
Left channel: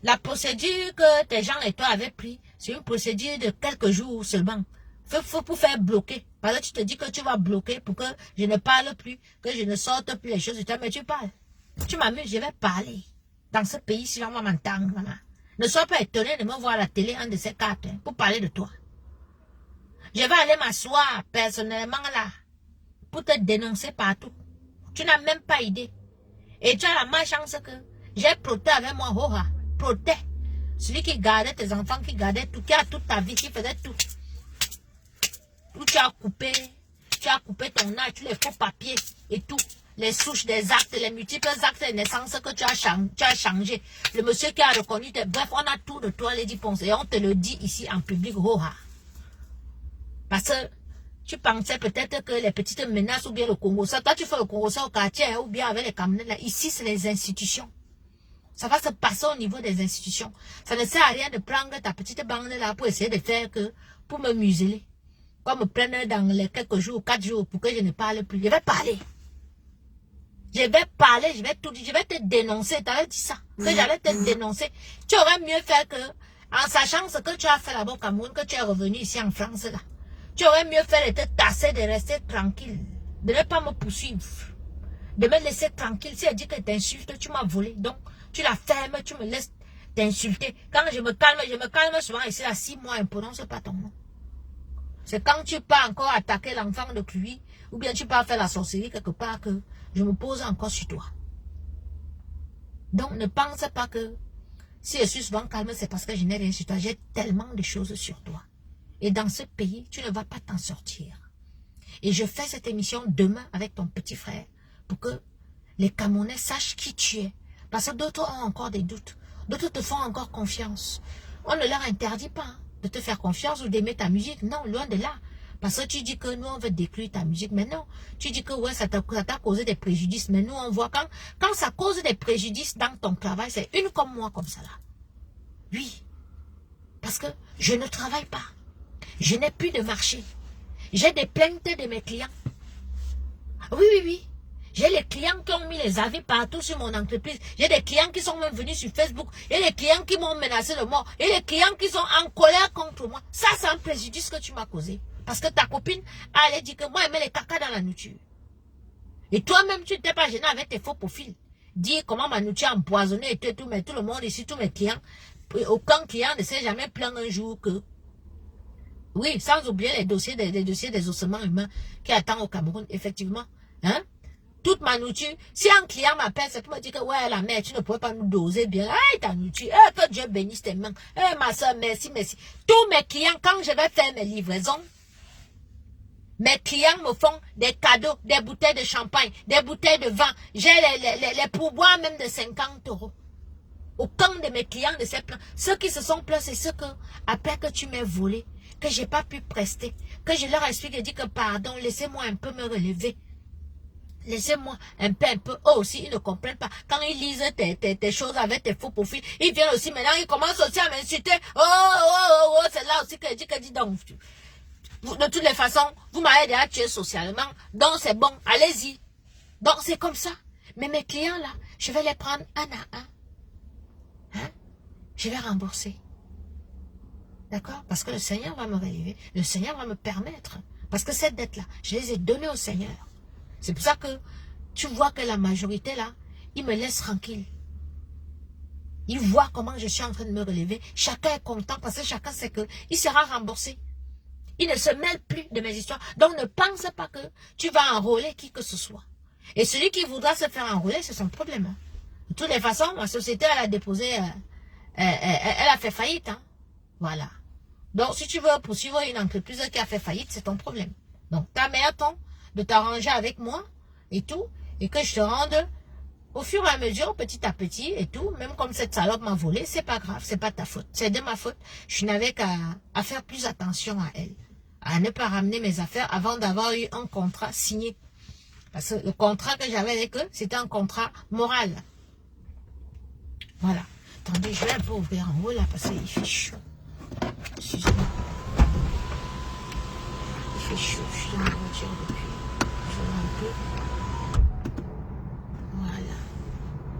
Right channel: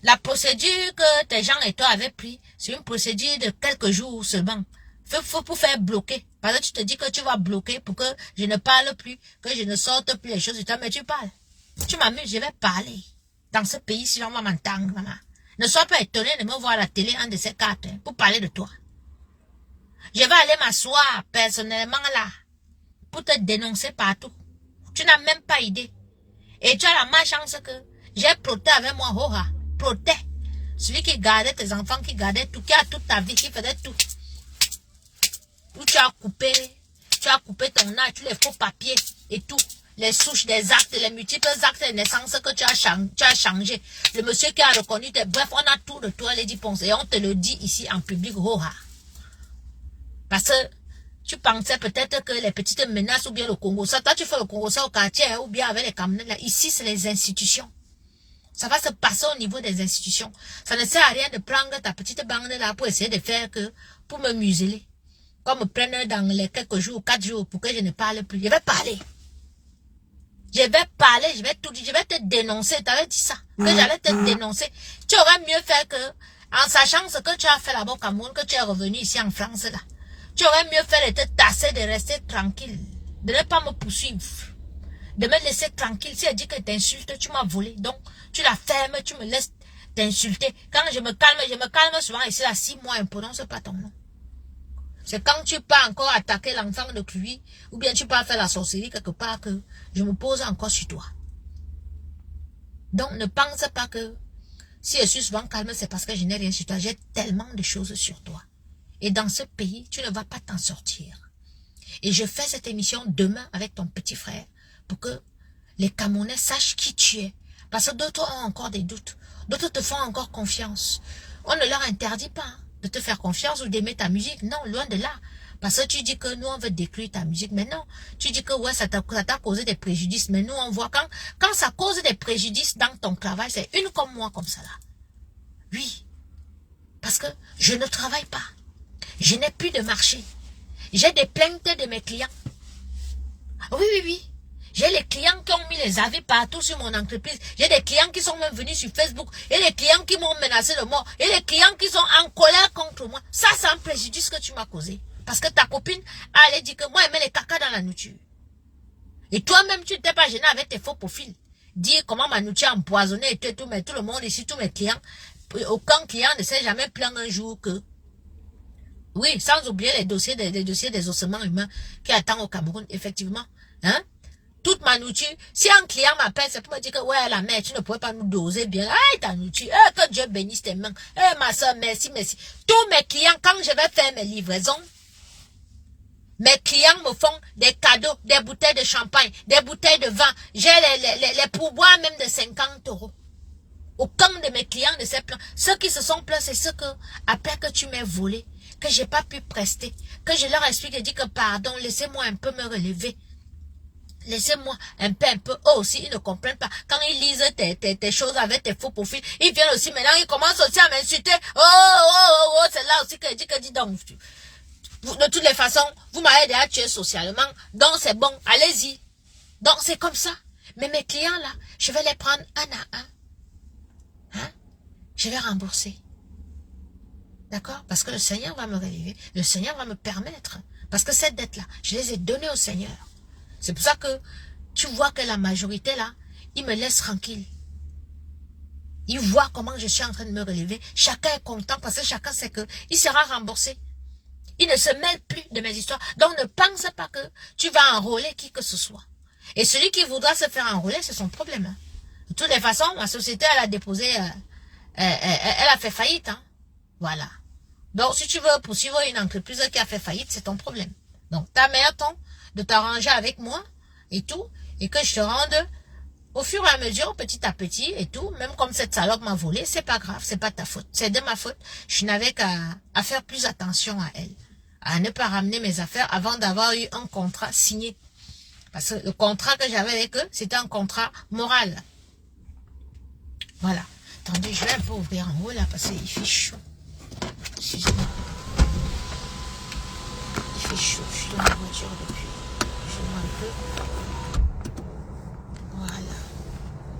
la procédure que tes gens et toi avaient pris, c'est une procédure de quelques jours seulement. Faut pour faire bloquer. Parce que tu te dis que tu vas bloquer pour que je ne parle plus, que je ne sorte plus les choses de toi, mais tu parles. Tu m'amuses, je vais parler. Dans ce pays, si on va m'entendre, maman. Ne sois pas étonné de me voir à la télé, un de ces 4, pour parler de toi. Je vais aller m'asseoir personnellement là, pour te dénoncer partout. Tu n'as même pas idée. Et tu as la malchance que j'ai proté avec moi, Hoha. Proté. Celui qui gardait tes enfants, qui gardait tout, qui a toute ta vie, qui faisait tout. Où tu as coupé ton âge, tous les faux papiers et tout. Les souches des actes, les multiples actes de naissance que tu as changé. Le monsieur qui a reconnu tes... Bref, on a tout de toi, Lady Ponce. Et on te le dit ici en public, Hoha. Parce que tu pensais peut-être que les petites menaces ou bien le Congo, ça, toi tu fais le Congo, ça au quartier ou bien avec les camionnettes là. Ici, c'est les institutions. Ça va se passer au niveau des institutions. Ça ne sert à rien de prendre ta petite bande là pour essayer de faire que, pour me museler. Comme me prendre dans les quelques jours, 4 jours pour que je ne parle plus. Je vais parler. Je vais parler, je vais te dénoncer. Tu avais dit ça, que j'allais te dénoncer. Tu aurais mieux fait que, en sachant ce que tu as fait là-bas au Cameroun, que tu es revenu ici en France là. Tu aurais mieux fait de te tasser, de rester tranquille. De ne pas me poursuivre. De me laisser tranquille. Si elle dit que t'insultes, tu m'as volé. Donc, tu la fermes, tu me laisses t'insulter. Quand je me calme souvent ici là, 6 mois, ne prononce pas ton nom. C'est quand tu pars encore attaquer l'enfant de lui, ou bien tu pars faire la sorcellerie quelque part que je me pose encore sur toi. Donc, ne pense pas que si je suis souvent calme, c'est parce que je n'ai rien sur toi. J'ai tellement de choses sur toi. Et dans ce pays, tu ne vas pas t'en sortir. Et je fais cette émission demain avec ton petit frère pour que les Camerounais sachent qui tu es. Parce que d'autres ont encore des doutes. D'autres te font encore confiance. On ne leur interdit pas de te faire confiance ou d'aimer ta musique. Non, loin de là. Parce que tu dis que nous, on veut détruire ta musique. Mais non, tu dis que ouais, ça t'a causé des préjudices. Mais nous, on voit quand ça cause des préjudices dans ton travail, c'est une comme moi comme ça là. Oui. Parce que je ne travaille pas. Je n'ai plus de marché. J'ai des plaintes de mes clients. Oui. J'ai les clients qui ont mis les avis partout sur mon entreprise. J'ai des clients qui sont même venus sur Facebook. Et les clients qui m'ont menacé de mort. Et les clients qui sont en colère contre moi. Ça, c'est un préjudice que tu m'as causé. Parce que ta copine allait dire que moi, elle met les caca dans la nourriture. Et toi-même, tu t'es pas gêné avec tes faux profils. Dire comment Manouchi a empoisonné et tout, mais tout le monde ici, tous mes clients, aucun client ne s'est jamais plaint un jour que... Oui, sans oublier les dossiers des ossements humains qui attendent au Cameroun, effectivement. Hein? Toute Manouchi, si un client m'appelle, c'est pour me dire que, ouais, la mère, tu ne pourrais pas nous doser bien. Aïe, Manouchi, que Dieu bénisse tes mains. Ma soeur, merci, merci. Tous mes clients, quand je vais faire mes livraisons, mes clients me font des cadeaux, des bouteilles de champagne, des bouteilles de vin. J'ai les pourboires même de 50 €. Aucun de mes clients ne s'est plaint. Ceux qui se sont plaints, c'est ceux que, après que tu m'aies volé, que j'ai pas pu prester, que je leur explique et dis que pardon, laissez-moi un peu me relever. Laissez-moi un peu. Eux aussi, ils ne comprennent pas. Quand ils lisent tes choses avec tes faux profils, ils viennent aussi, maintenant, ils commencent aussi à m'insulter. Oh, c'est là aussi que je dis donc. De toutes les façons, vous m'avez déjà tué socialement, donc c'est bon, allez-y. Donc c'est comme ça. Mais mes clients là, je vais les prendre un à un. Hein? Je vais rembourser. D'accord? Parce que le Seigneur va me relever. Le Seigneur va me permettre. Parce que cette dette là, je les ai données au Seigneur. C'est pour ça que tu vois que la majorité là, ils me laissent tranquille. Ils voient comment je suis en train de me relever. Chacun est content parce que chacun sait que il sera remboursé. Il ne se mêle plus de mes histoires. Donc ne pense pas que tu vas enrôler qui que ce soit. Et celui qui voudra se faire enrôler, c'est son problème. Hein. De toutes les façons, ma société, elle a déposé, elle a fait faillite. Hein. Voilà. Donc si tu veux poursuivre une entreprise qui a fait faillite, c'est ton problème. Donc ta meilleure temps de t'arranger avec moi et tout, et que je te rende au fur et à mesure, petit à petit et tout, même comme cette salope m'a volé, c'est pas grave, c'est pas ta faute, c'est de ma faute. Je n'avais qu'à faire plus attention à elle, à ne pas ramener mes affaires avant d'avoir eu un contrat signé. Parce que le contrat que j'avais avec eux, c'était un contrat moral. Voilà. Attendez, je vais un peu ouvrir en haut là, parce qu'il fait chaud. Excusez-moi. Il fait chaud, je suis dans la voiture depuis. Je vois un peu. Voilà.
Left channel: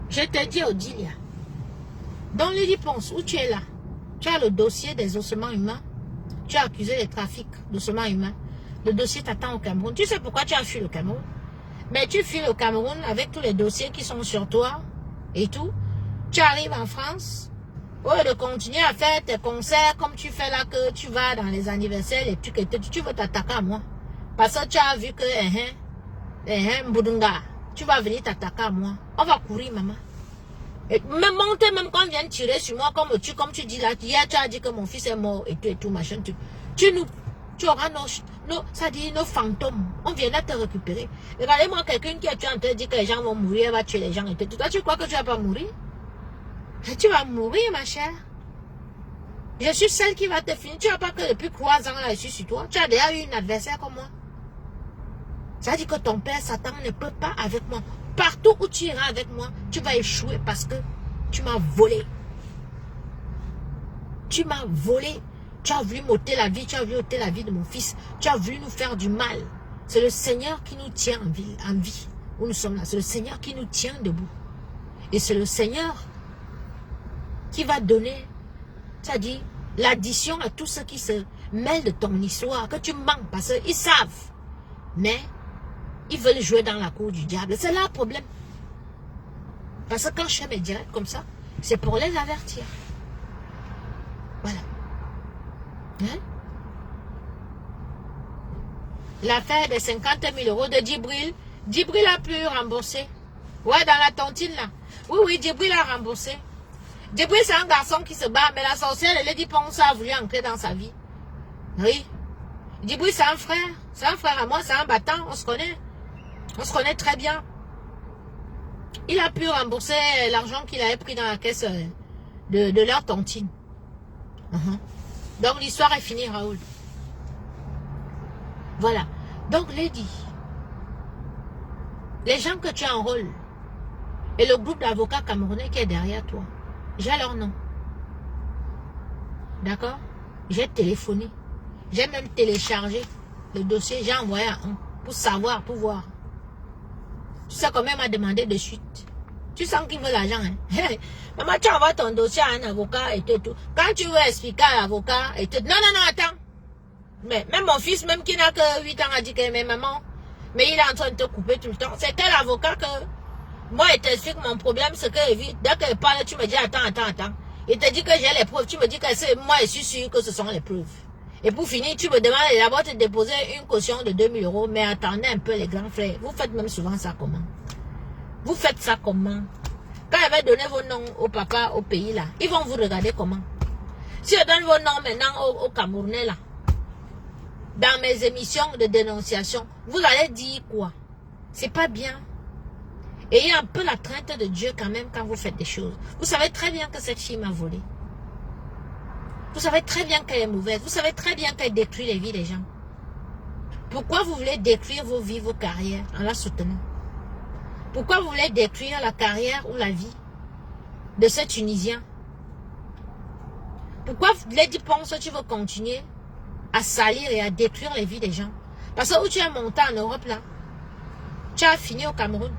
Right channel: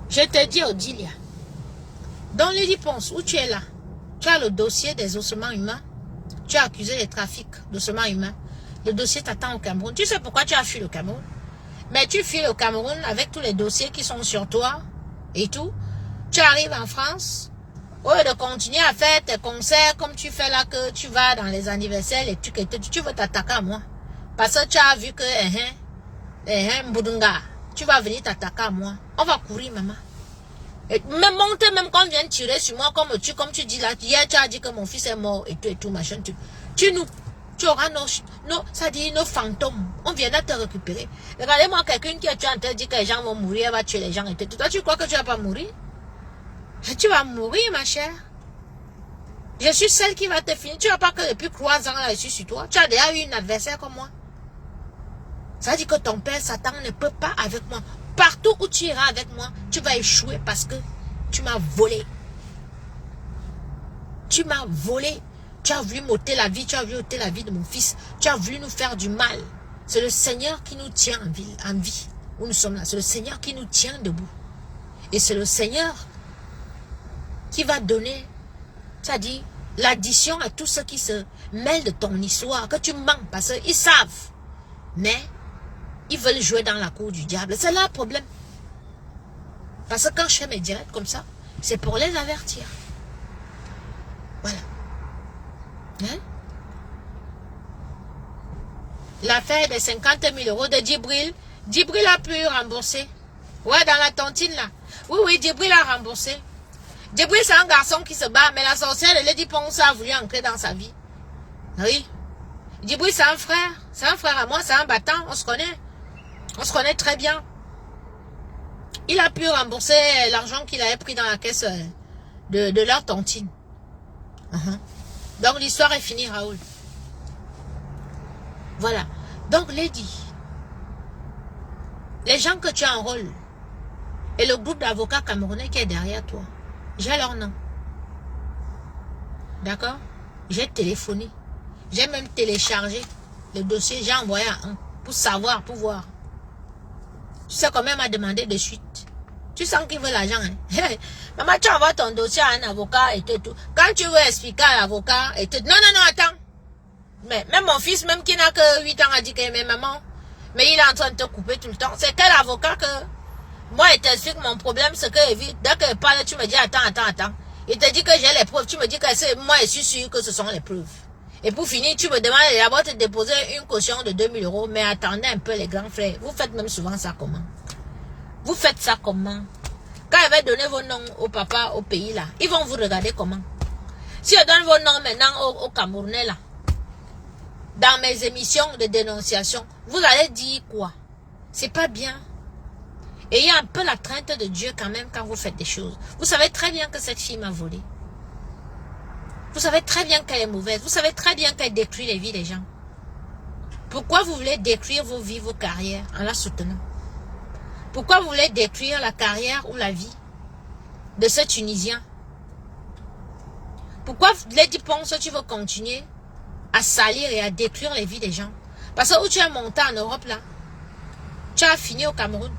Je te dis, Odilia, dans les réponses où tu es là, tu as le dossier des ossements humains, tu as accusé de trafic d'ossements humains, le dossier t'attend au Cameroun. Tu sais pourquoi tu as fui le Cameroun? Mais tu fuis le Cameroun avec tous les dossiers qui sont sur toi et tout. Tu arrives en France, au lieu de continuer à faire tes concerts comme tu fais là, que tu vas dans les anniversaires, les trucs et tout, tu veux t'attaquer à moi. Parce que tu as vu que, Mbudunga, tu vas venir t'attaquer à moi. On va courir, maman. Et même monter, même quand on vient tirer sur moi, comme tu dis là, hier tu as dit que mon fils est mort et tout, machin, tu auras ça dit nos fantômes. On viendra te récupérer. Regardez-moi quelqu'un qui a tué en train de dire que les gens vont mourir, elle va tuer les gens et tout. Toi, tu crois que tu vas pas mourir? Tu vas mourir, ma chère. Je suis celle qui va te finir. Tu ne vois pas que depuis 3 ans, là, je suis sur toi. Tu as déjà eu une adversaire comme moi. Ça veut dire que ton père Satan ne peut pas avec moi. Partout où tu iras avec moi, tu vas échouer parce que tu m'as volé. Tu m'as volé. Tu as voulu m'ôter la vie. Tu as voulu ôter la vie de mon fils. Tu as voulu nous faire du mal. C'est le Seigneur qui nous tient en vie. Où nous sommes là. C'est le Seigneur qui nous tient debout. Et c'est le Seigneur qui va donner, c'est-à-dire l'addition à tous ceux qui se mêlent de ton histoire, que tu manques, parce qu'ils savent. Mais ils veulent jouer dans la cour du diable. C'est là le problème. Parce que quand je fais mes directs comme ça, c'est pour les avertir. Voilà. Hein? L'affaire des 50 000 € de Djibril. Djibril a pu rembourser. Ouais, dans la tontine là. Oui, Djibril a remboursé. Djibril, c'est un garçon qui se bat, mais la sorcière de Lady Ponce a voulu entrer dans sa vie. Oui. Djibril, c'est un frère. C'est un frère à moi, c'est un battant. On se connaît. On se connaît très bien. Il a pu rembourser l'argent qu'il avait pris dans la caisse de leur tontine. Donc, l'histoire est finie, Raoul. Voilà. Donc, Lady, les gens que tu enrôles et le groupe d'avocats camerounais qui est derrière toi, j'ai leur nom. D'accord? J'ai téléphoné. J'ai même téléchargé le dossier. J'ai envoyé à un pour savoir, pour voir. Tu sais combien m'a demandé de suite. Tu sens qu'il veut l'argent. Hein? Maman, tu envoies ton dossier à un avocat et tout. Quand tu veux expliquer à l'avocat et tout. Non, attends. Mais même mon fils, même qui n'a que 8 ans, a dit que mais maman, Mais il est en train de te couper tout le temps. C'est quel avocat que... Moi, il t'explique mon problème, ce que dès que je parle, tu me dis, attends. Il te dit que j'ai les preuves. Tu me dis que c'est moi, je suis sûr que ce sont les preuves. Et pour finir, tu me demandes d'abord de déposer une caution de 2000 €. Mais attendez un peu, les grands frères. Vous faites même souvent ça comment? Vous faites ça comment? Quand il va donner vos noms au papa, au pays là, ils vont vous regarder comment? Si je donne vos noms maintenant au Camerounais là, dans mes émissions de dénonciation, vous allez dire quoi? C'est pas bien. Ayez un peu la crainte de Dieu quand même quand vous faites des choses. Vous savez très bien que cette fille m'a volé. Vous savez très bien qu'elle est mauvaise. Vous savez très bien qu'elle détruit les vies des gens. Pourquoi vous voulez détruire vos vies, vos carrières en la soutenant? Pourquoi vous voulez détruire la carrière ou la vie de ce Tunisien? Pourquoi Lady Ponce, tu veux continuer à salir et à détruire les vies des gens? Parce que où tu es monté en Europe là, tu as fini au Cameroun.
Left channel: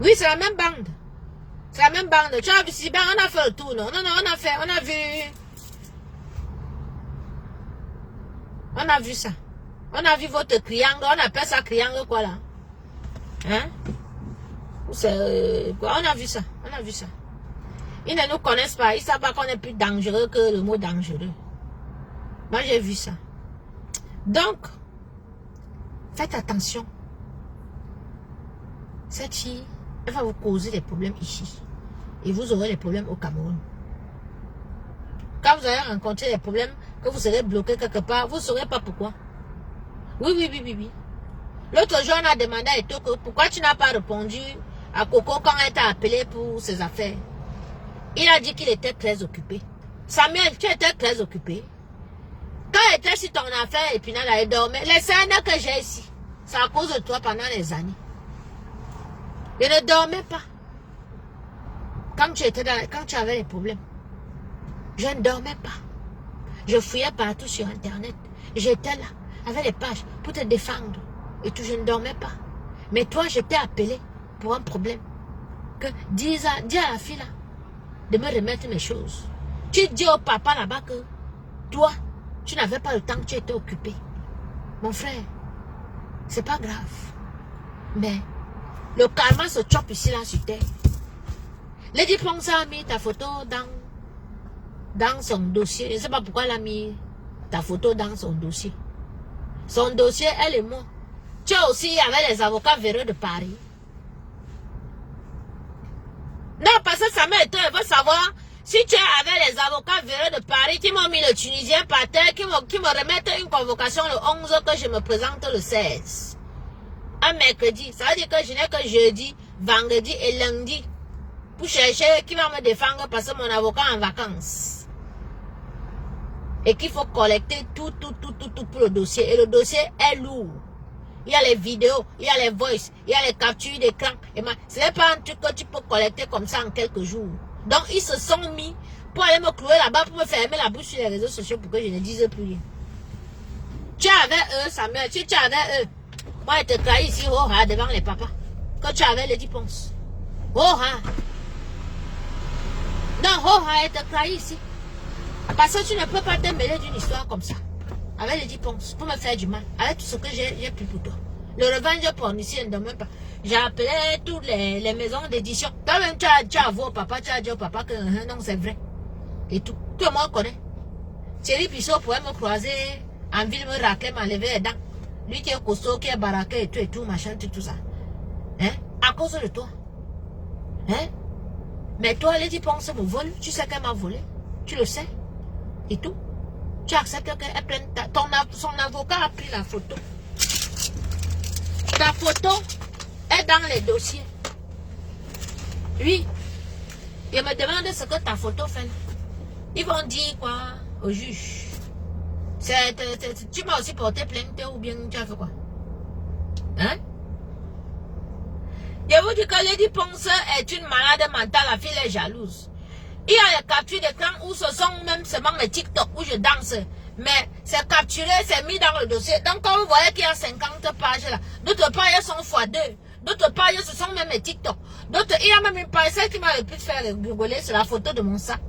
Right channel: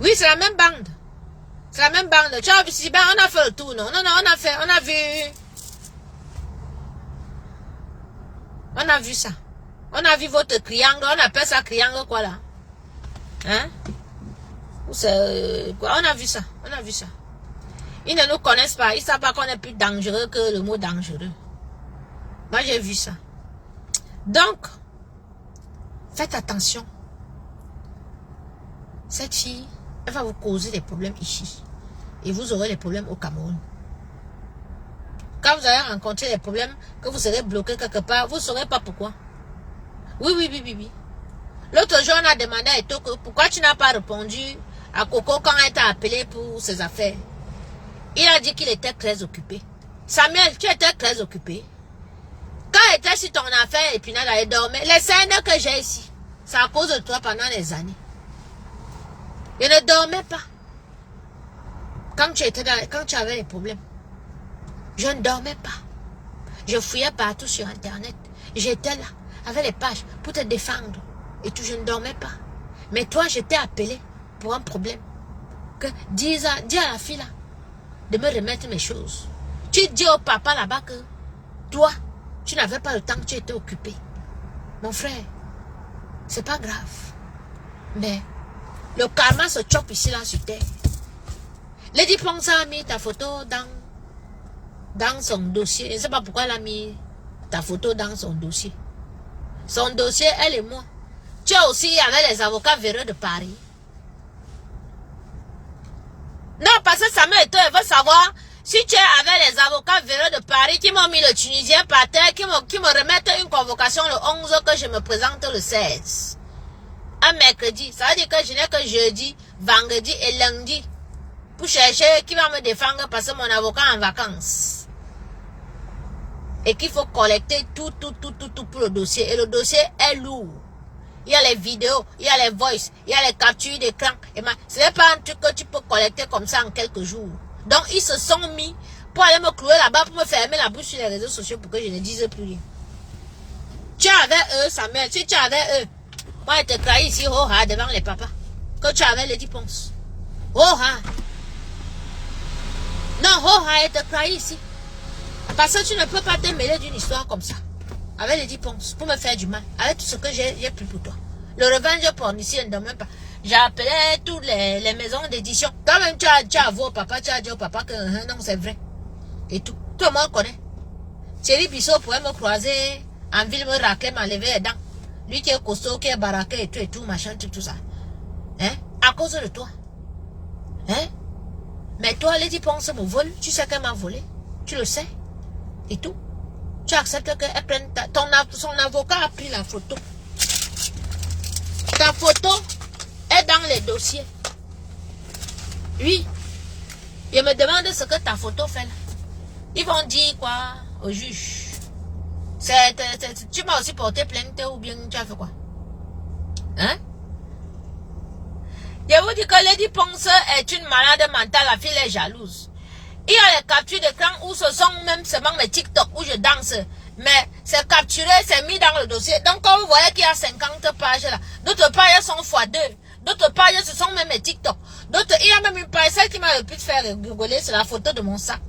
Oui, c'est la même bande. C'est la même bande. Tu as vu, si ben, on a fait le tour, non? Non, on a vu ça. On a vu votre triangle, on appelle ça triangle quoi là? Hein? C'est quoi? On a vu ça. Ils ne nous connaissent pas. Ils ne savent pas qu'on est plus dangereux que le mot dangereux. Moi, j'ai vu ça. Donc, faites attention. Cette fille, elle va vous causer des problèmes ici. Et vous aurez des problèmes au Cameroun. Quand vous allez rencontrer des problèmes, que vous serez bloqué quelque part, vous ne saurez pas pourquoi. Oui. L'autre jour, on a demandé à Etoko pourquoi tu n'as pas répondu à Coco quand elle t'a appelé pour ses affaires. Il a dit qu'il était très occupé. Samuel, tu étais très occupé. Quand il était sur ton affaire et puis là, il dormait. Les scènes que j'ai ici, c'est à cause de toi pendant des années. Je ne dormais pas. Quand tu avais des problèmes, je ne dormais pas. Je fouillais partout sur Internet. J'étais là, avec les pages, pour te défendre. Et tout, je ne dormais pas. Mais toi, je t'ai appelé pour un problème. Dis à la fille là, de me remettre mes choses. Tu dis au papa là-bas que toi, tu n'avais pas le temps, que tu étais occupé. Mon frère, c'est pas grave. Mais le karma se chope ici là sur terre. Lady Ponce a mis ta photo dans son dossier. Je ne sais pas pourquoi elle a mis ta photo dans son dossier. Son dossier, elle et moi. Tu es aussi avec les avocats véreux de Paris. Non, parce que ça elle veut savoir si tu es avec les avocats véreux de Paris qui m'ont mis le Tunisien par terre, qui me remettent une convocation le 11 que je me présente le 16. Un mercredi. Ça veut dire que je n'ai que jeudi, vendredi et lundi pour chercher qui va me défendre parce que mon avocat est en vacances. Et qu'il faut collecter tout pour le dossier. Et le dossier est lourd. Il y a les vidéos, il y a les voices, il y a les captures d'écran. Ce n'est pas un truc que tu peux collecter comme ça en quelques jours. Donc, ils se sont mis pour aller me clouer là-bas, pour me fermer la bouche sur les réseaux sociaux pour que je ne dise plus rien. Tu es avec eux, Samuel, tu es avec eux. Moi, je te crie ici, devant les papas. Que tu avais Lady Ponce. Non, elle te crie ici. Parce que tu ne peux pas te mêler d'une histoire comme ça. Avec Lady Ponce, pour me faire du mal. Avec tout ce que j'ai pris pour toi. Le revenge porn ici, ne demande pas. J'ai appelé toutes les maisons d'édition. Toi-même, tu as avoué au papa, tu as dit au papa que non, c'est vrai. Et tout. Tout le monde connaît. Thierry Bissot pourrait me croiser en ville, me racler, m'enlever les dents. Lui qui est costaud, qui est baraqué et tout, machin, tout ça. Hein? À cause de toi. Hein? Mais toi, Lady Ponce me vole. Tu sais qu'elle m'a volé. Tu le sais. Et tout. Tu acceptes qu'elle prenne son avocat a pris la photo. Ta photo est dans les dossiers. Oui. Il me demande ce que ta photo fait là. Ils vont dire quoi au juge? Tu m'as aussi porté plainte ou bien tu as fait quoi? Hein? Je vous dis que Lady Ponce est une malade mentale, la fille est jalouse. Il y a les captures d'écran où ce sont même seulement mes TikTok où je danse. Mais c'est capturé, c'est mis dans le dossier. Donc quand vous voyez qu'il y a 50 pages là, d'autres pages sont x2. D'autres pages, ce sont même mes TikTok. D'autres, il y a même une page, celle qui m'a le plus fait rigoler, c'est la photo de mon sac.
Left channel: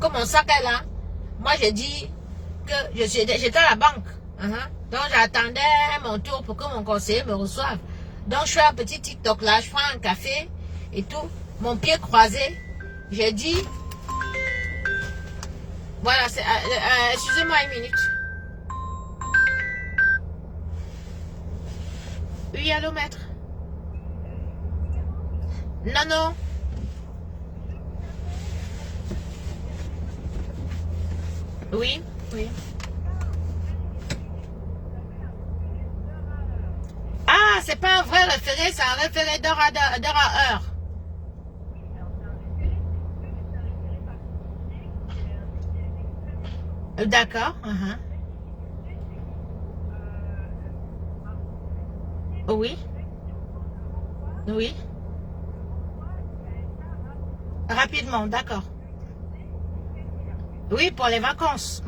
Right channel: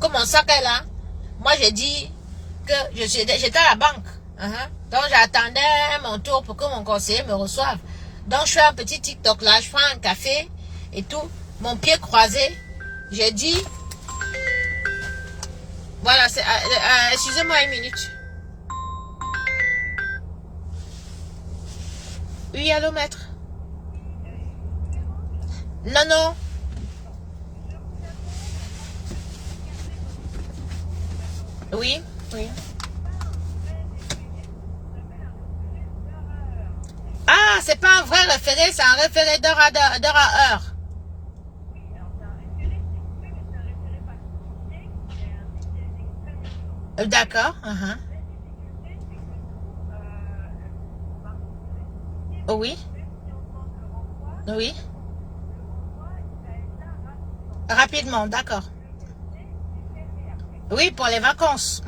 Comme mon sac est là, moi j'ai dit que j'étais à la banque. Donc, j'attendais mon tour pour que mon conseiller me reçoive. Donc, je fais un petit TikTok là, je prends un café et tout. Mon pied croisé. J'ai dit... Voilà, excusez-moi une minute. Oui, allô, maître? Non, non. Oui, oui. Ah, c'est pas un vrai référé, c'est un référé d'heure à heure. D'accord. Oui. Oui. Rapidement, d'accord. Oui, pour les vacances.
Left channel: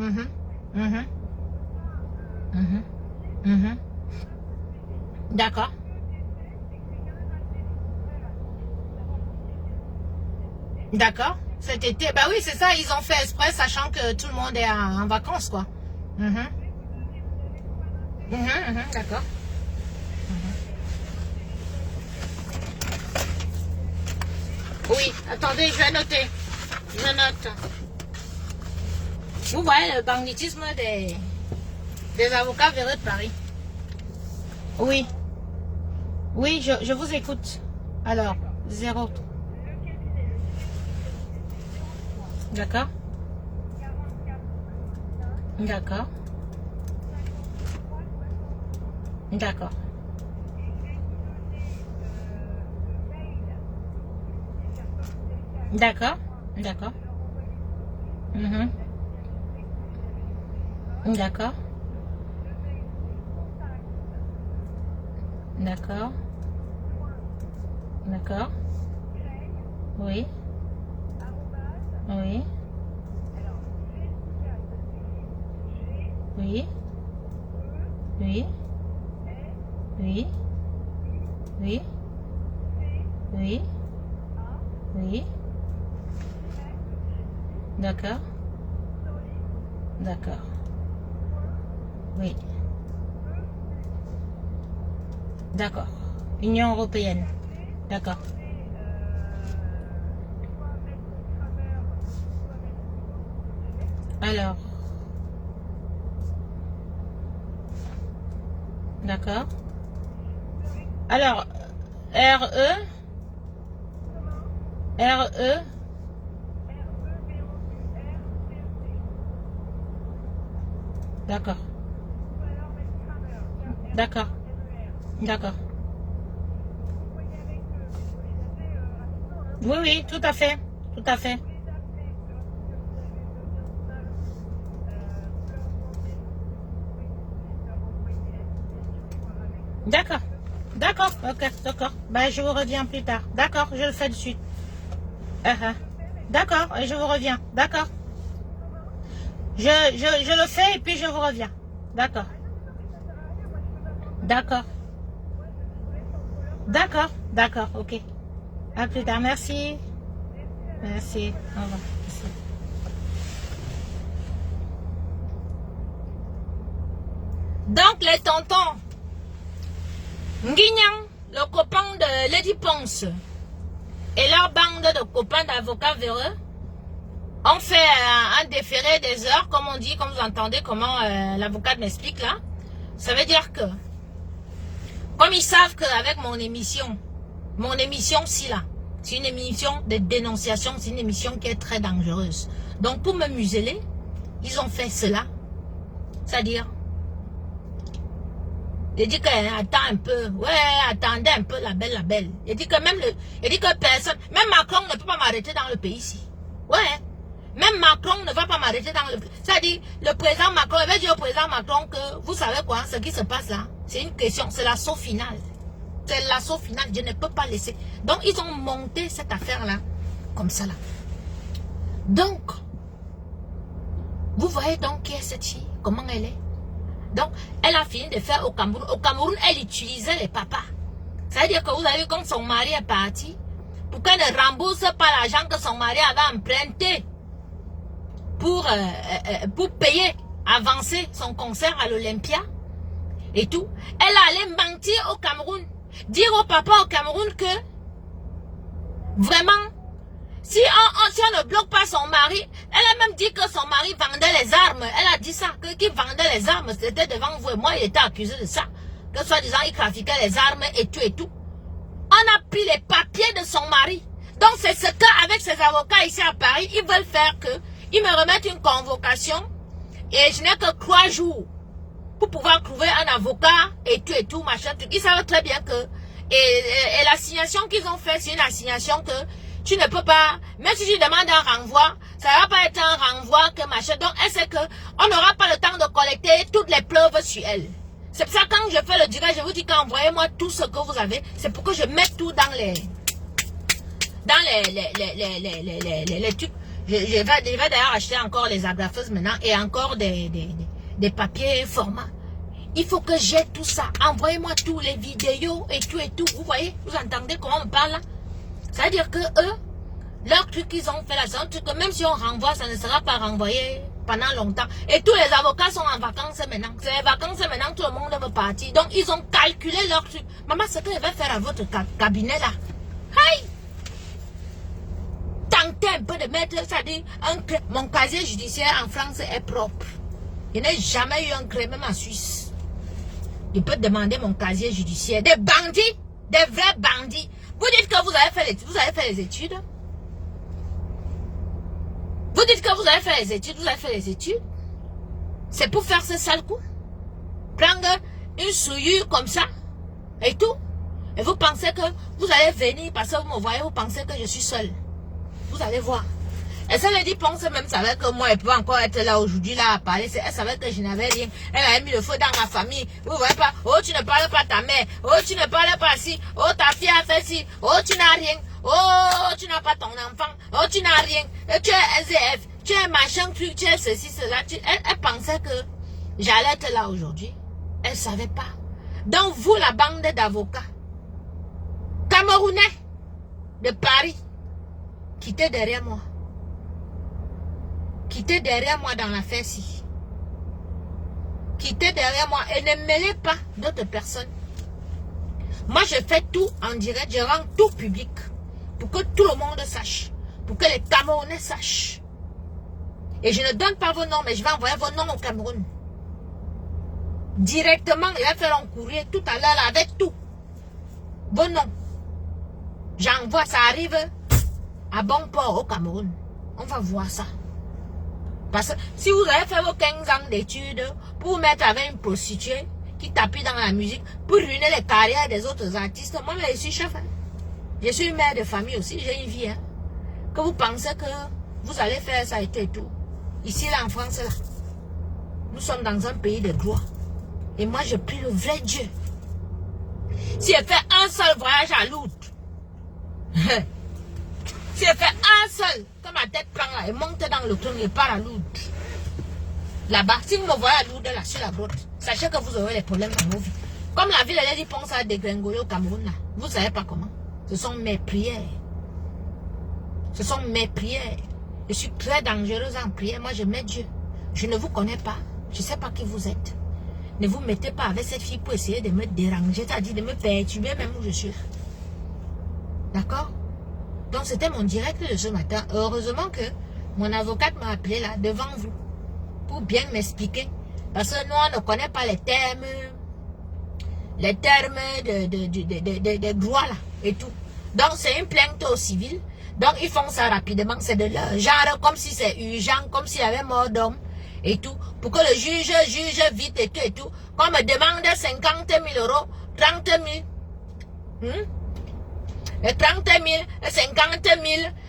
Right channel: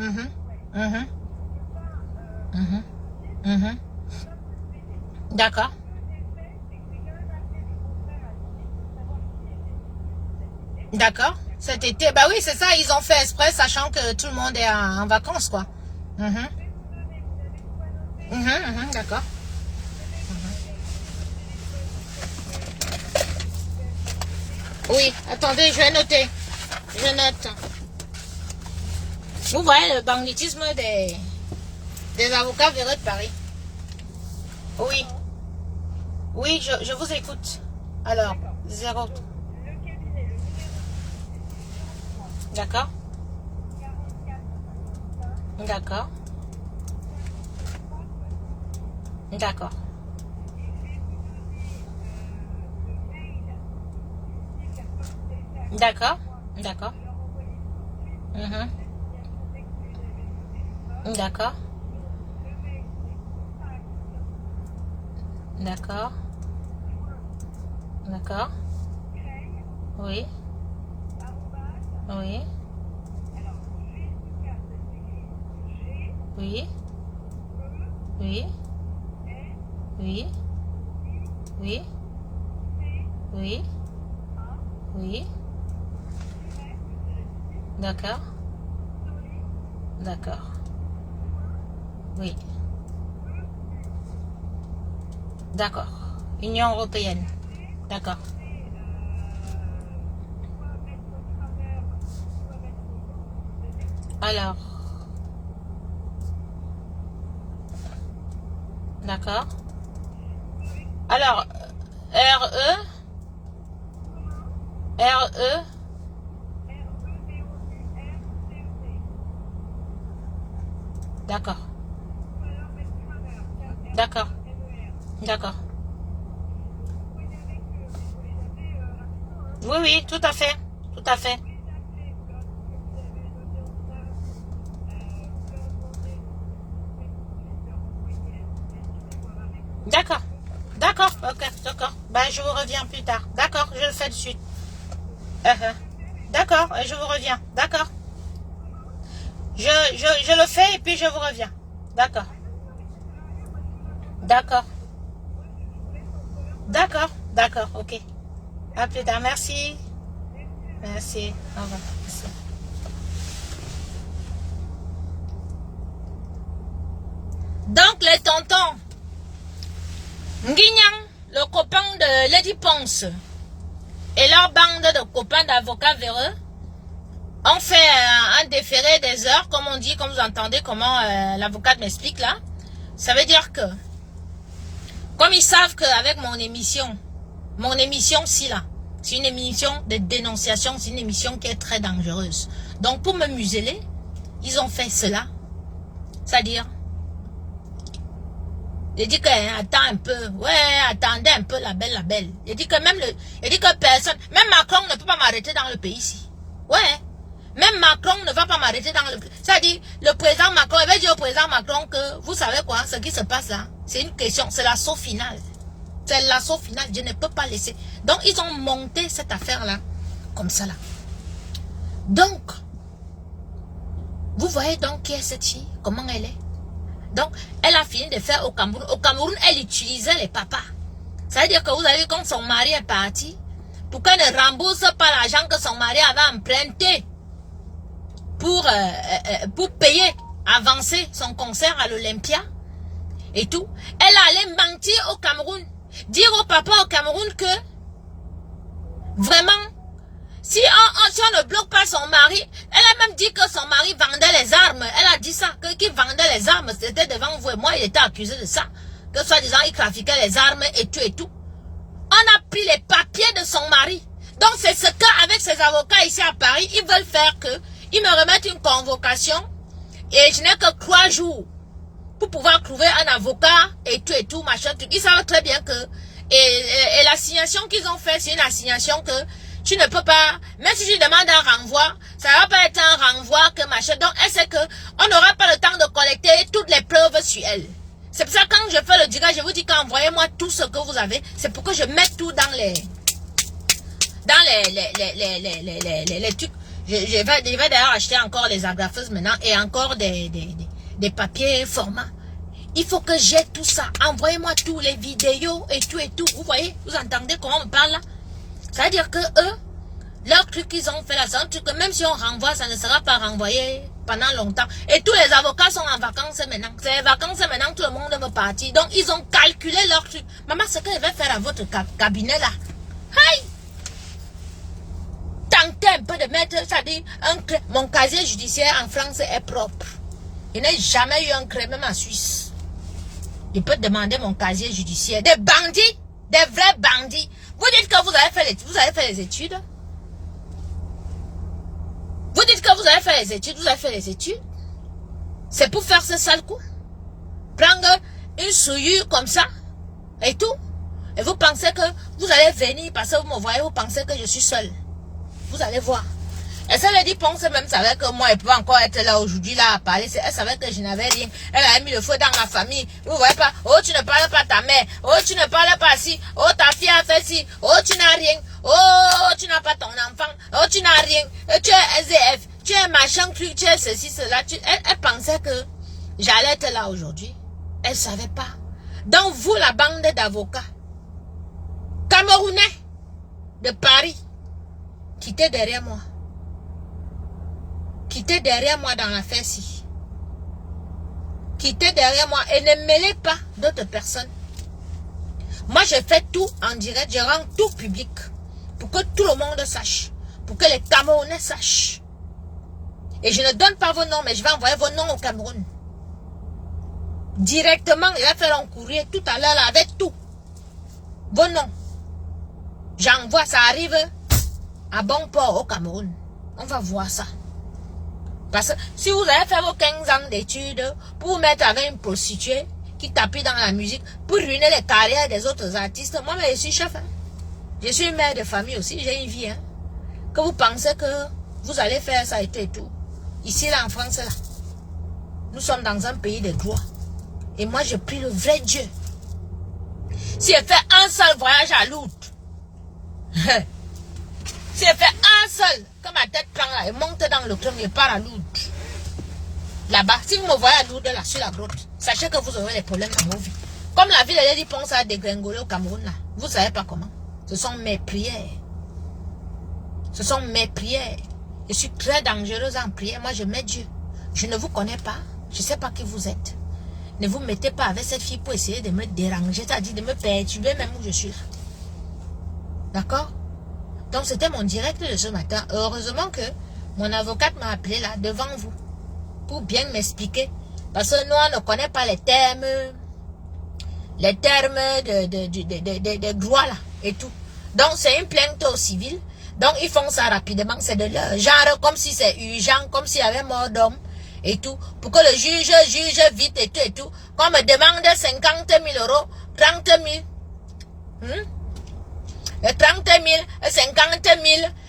D'accord. D'accord. Cet été, bah oui, c'est ça, ils ont fait exprès, sachant que tout le monde est en vacances, quoi. D'accord. Oui, attendez, je vais noter. Je note. Vous voyez le banditisme des avocats véreux de Paris. Oui. Oui, je vous écoute. Alors, 0. D'accord. D'accord. D'accord. D'accord. D'accord. D'accord. D'accord. D'accord. Oui. Oui. Oui. Oui. Oui. Oui. Oui. Oui. D'accord. D'accord. Oui. D'accord. Union européenne. D'accord. Alors. D'accord. Alors, RE. RE. D'accord. D'accord. D'accord. Oui, oui, tout à fait. Tout à fait. D'accord. D'accord. Ok, d'accord. Ben, je vous reviens plus tard. D'accord, je le fais de suite. D'accord, et je vous reviens. D'accord. Je le fais et puis je vous reviens. D'accord. D'accord. D'accord. D'accord, ok. À plus tard. Merci. Merci. Au revoir. Merci. Donc, les tontons, Nguignan, le copain de Lady Ponce, et leur bande de copains d'avocats véreux, ont fait un déféré des heures, comme on dit, comme vous entendez comment l'avocate m'explique là. Ça veut dire que, comme ils savent qu'avec mon émission si là, c'est une émission de dénonciation, c'est une émission qui est très dangereuse. Donc pour me museler, ils ont fait cela. C'est-à-dire, il dit que attends un peu, ouais, attendez un peu la belle. Il dit que il dit que personne, même Macron ne peut pas m'arrêter dans le pays ici. Ouais, même Macron ne va pas m'arrêter dans le pays. C'est-à-dire, le président Macron, il va dire au président Macron que, vous savez quoi, ce qui se passe là, c'est une question, c'est l'assaut final. C'est l'assaut final, je ne peux pas laisser. Donc, ils ont monté cette affaire-là, comme ça là. Donc, vous voyez donc qui est cette fille, comment elle est. Donc, elle a fini de faire au Cameroun. Au Cameroun, elle utilisait les papas. Ça veut dire que vous avez vu quand son mari est parti, pour qu'elle ne rembourse pas l'argent que son mari avait emprunté pour payer, avancer son concert à l'Olympia. et tout. Elle allait mentir au Cameroun. Dire au papa au Cameroun que, vraiment, si on ne bloque pas son mari, elle a même dit que son mari vendait les armes. Elle a dit ça, qu'il vendait les armes. C'était devant vous et moi, il était accusé de ça. Que soi-disant, il trafiquait les armes et tout et tout. On a pris les papiers de son mari. Donc c'est ce qu'avec ses avocats ici à Paris, ils veulent faire que, ils me remettent une convocation et je n'ai que 3 jours pour pouvoir trouver un avocat et tout, machin, tout. Ils savent très bien que, et l'assignation qu'ils ont fait, c'est une assignation que tu ne peux pas, même si tu demandes un renvoi, ça ne va pas être un renvoi que machin. Donc elle sait que on n'aura pas le temps de collecter toutes les preuves sur elle. C'est pour ça que quand je fais le direct, je vous dis qu'envoyez-moi tout ce que vous avez. C'est pour que je mette tout dans les trucs. Je vais d'ailleurs acheter encore les agrafeuses maintenant et encore des papiers format. Il faut que j'ai tout ça. Envoyez-moi tous les vidéos et tout. Vous voyez, vous entendez comment on me parle là? Ça veut dire que eux, leur truc qu'ils ont fait là, c'est un truc que même si on renvoie, ça ne sera pas renvoyé pendant longtemps. Et tous les avocats sont en vacances maintenant. C'est les vacances maintenant, tout le monde veut partir. Donc ils ont calculé leur truc. Maman, ce que je vais faire à votre cabinet là. Aïe! Tentez un peu de mettre, ça dit, mon casier judiciaire en France est propre. Je n'ai jamais eu un crime, même en Suisse. Je peux demander mon casier judiciaire. Des bandits, des vrais bandits. Vous dites que vous avez fait les études. Vous dites que vous avez fait les études. C'est pour faire ce sale coup. Prendre une souillure comme ça et tout. Et vous pensez que vous allez venir parce que vous me voyez, vous pensez que je suis seule. Vous allez voir. Elle se dit, pense même savait que moi, elle peut encore être là aujourd'hui, là, à parler. Elle savait que je n'avais rien. Elle avait mis le feu dans ma famille. Vous voyez pas? Oh, tu ne parles pas ta mère. Oh, tu ne parles pas ci. Oh, ta fille a fait ci. Oh, tu n'as rien. Oh, tu n'as pas ton enfant. Oh, tu n'as rien. Tu es SDF. Tu es machin, tu es ceci, cela. Elle pensait que j'allais être là aujourd'hui. Elle savait pas. Donc, vous, la bande d'avocats, Camerounais, de Paris, quittez derrière moi. Quittez derrière moi dans l'affaire-ci. Quittez derrière moi et ne mêlez pas d'autres personnes. Moi, je fais tout en direct. Je rends tout public. Pour que tout le monde sache. Pour que les Camerounais sachent. Et je ne donne pas vos noms, mais je vais envoyer vos noms au Cameroun. Directement, il va faire un courrier tout à l'heure avec tout. Vos noms. J'envoie, ça arrive à bon port au Cameroun. On va voir ça. Parce que si vous avez fait vos 15 ans d'études pour vous mettre avec une prostituée qui tapit dans la musique, pour ruiner les carrières des autres artistes, moi je suis chef. Hein. Je suis mère de famille aussi, j'ai une vie. Hein. Que vous pensez que vous allez faire ça et tout. Ici là en France, là, nous sommes dans un pays de gloire. Et moi je prie le vrai Dieu. Si elle fait un seul voyage à Lourdes, si elle fait un seul, que ma tête prend là, et monte dans le trône et part à Lourdes. Là-bas, si vous me voyez à Lourdes, là, sur la grotte, sachez que vous aurez des problèmes dans vos vies. Comme la ville de Lady Ponce a dégringolé au Cameroun, là, vous ne savez pas comment. Ce sont mes prières. Ce sont mes prières. Je suis très dangereuse en prière. Moi, je mets Dieu. Je ne vous connais pas. Je ne sais pas qui vous êtes. Ne vous mettez pas avec cette fille pour essayer de me déranger, c'est-à-dire de me perturber même où je suis là. D'accord? Donc, c'était mon direct de ce matin. Heureusement que mon avocate m'a appelé là, devant vous, pour bien m'expliquer. Parce que nous, on ne connaît pas les termes de droit là, et tout. Donc, c'est une plainte au civil. Donc, ils font ça rapidement. C'est de leur genre, comme si c'est urgent, comme s'il y avait mort d'homme, et tout. Pour que le juge juge vite, et tout, et tout. Qu'on me demande 50 000 €, 30 000. 30 000, 50 000,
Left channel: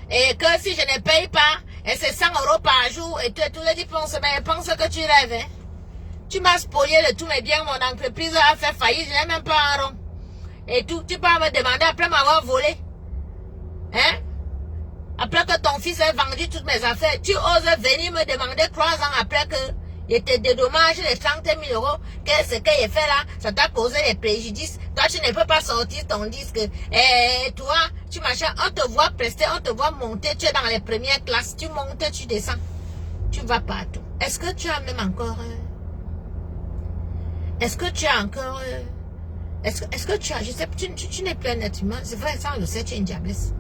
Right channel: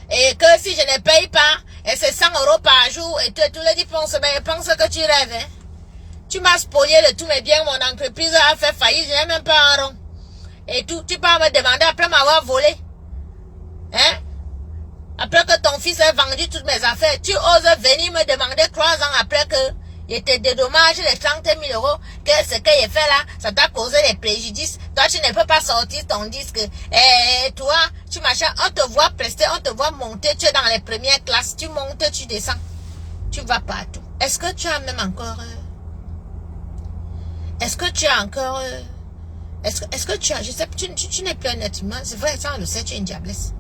et que si je ne paye pas, et c'est 100 € par jour, et tout le dit, mais pense que tu rêves, hein? Tu m'as spolié de tous mes biens, mon entreprise a fait faillite, je n'ai même pas un rond. Et tout, tu peux me demander après m'avoir volé. Hein? Après que ton fils ait vendu toutes mes affaires, tu oses venir me demander 3 ans après que il te dédommage les 30 000 €, que ce qu'il a fait là, ça t'a causé des préjudices. Toi, tu ne peux pas sortir ton disque. Et toi, tu machin, on te voit prester, on te voit monter, tu es dans les premières classes, tu montes, tu descends. Tu vas partout. Est-ce que tu as même encore... Est-ce que tu as encore... est-ce que tu as... Je sais, tu n'es plus un être humain. C'est vrai, ça, on le sait, tu es une diablesse.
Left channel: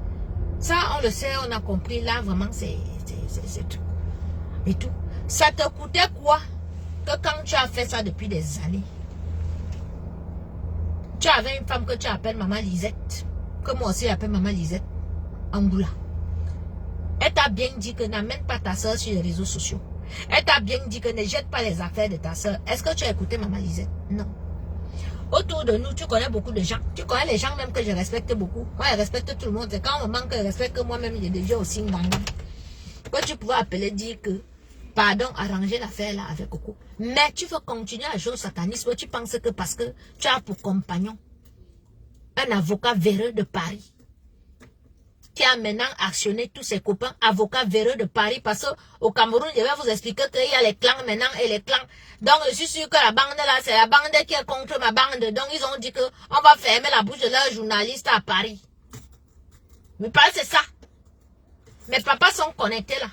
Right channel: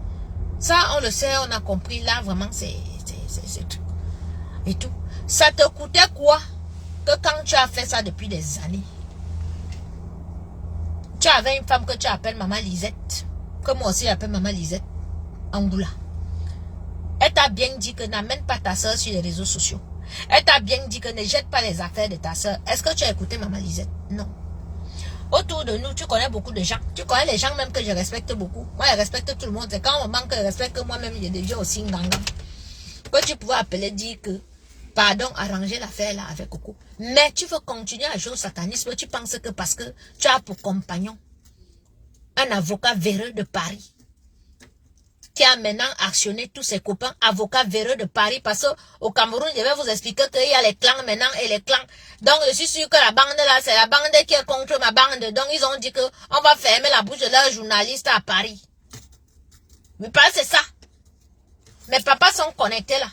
Ça, on le sait, on a compris. Là, vraiment, c'est tout. Et tout. Ça te coûtait quoi que quand tu as fait ça depuis des années? Tu avais une femme que tu appelles Maman Lisette. Que moi aussi, j'appelle Maman Lisette. Angoula. Elle t'a bien dit que n'amène pas ta soeur sur les réseaux sociaux. Elle t'a bien dit que ne jette pas les affaires de ta soeur. Est-ce que tu as écouté Maman Lisette? Non. Autour de nous, tu connais beaucoup de gens. Tu connais les gens même que je respecte beaucoup. Moi, je respecte tout le monde. C'est quand on me manque de respect que moi-même, je deviens aussi nganga. Que tu pouvais appeler dire que, pardon, arranger l'affaire là avec Coco. Mais tu veux continuer à jouer au satanisme. Tu penses que parce que tu as pour compagnon un avocat véreux de Paris qui a maintenant actionné tous ses copains avocats véreux de Paris, parce qu'au Cameroun, je vais vous expliquer qu'il y a les clans maintenant et les clans. Donc, je suis sûr que la bande là, c'est la bande qui est contre ma bande. Donc, ils ont dit qu'on va fermer la bouche de leurs journalistes à Paris. Mais pas c'est ça. Mes papas sont connectés là.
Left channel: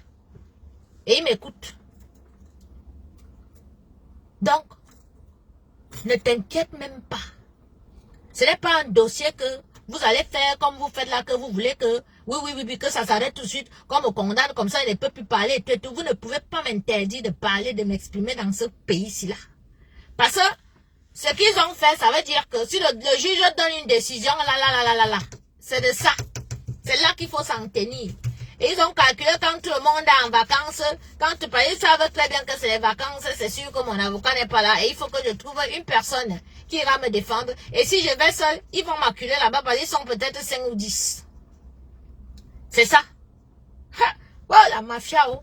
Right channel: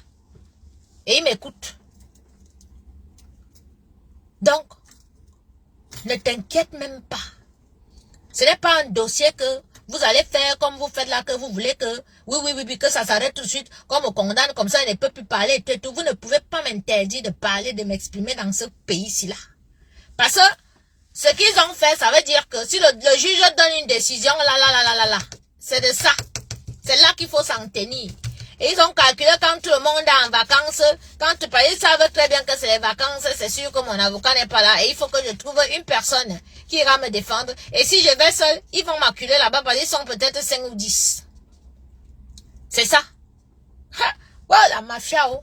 Et ils m'écoutent. Donc, ne t'inquiète même pas. Ce n'est pas un dossier que vous allez faire comme vous faites là, que vous voulez que, oui, que ça s'arrête tout de suite, comme on condamne, comme ça, il ne peut plus parler, tout. Vous ne pouvez pas m'interdire de parler, de m'exprimer dans ce pays-ci là. Parce que, ce qu'ils ont fait, ça veut dire que si le juge donne une décision, là, c'est de ça. C'est là qu'il faut s'en tenir. Et ils ont calculé quand tout le monde est en vacances, ils savent très bien que c'est les vacances, c'est sûr que mon avocat n'est pas là. Et il faut que je trouve une personne qui ira me défendre. Et si je vais seul, ils vont m'acculer là-bas parce qu'ils sont peut-être 5 ou 10. C'est ça. Ha! Ouais, la mafia, oh.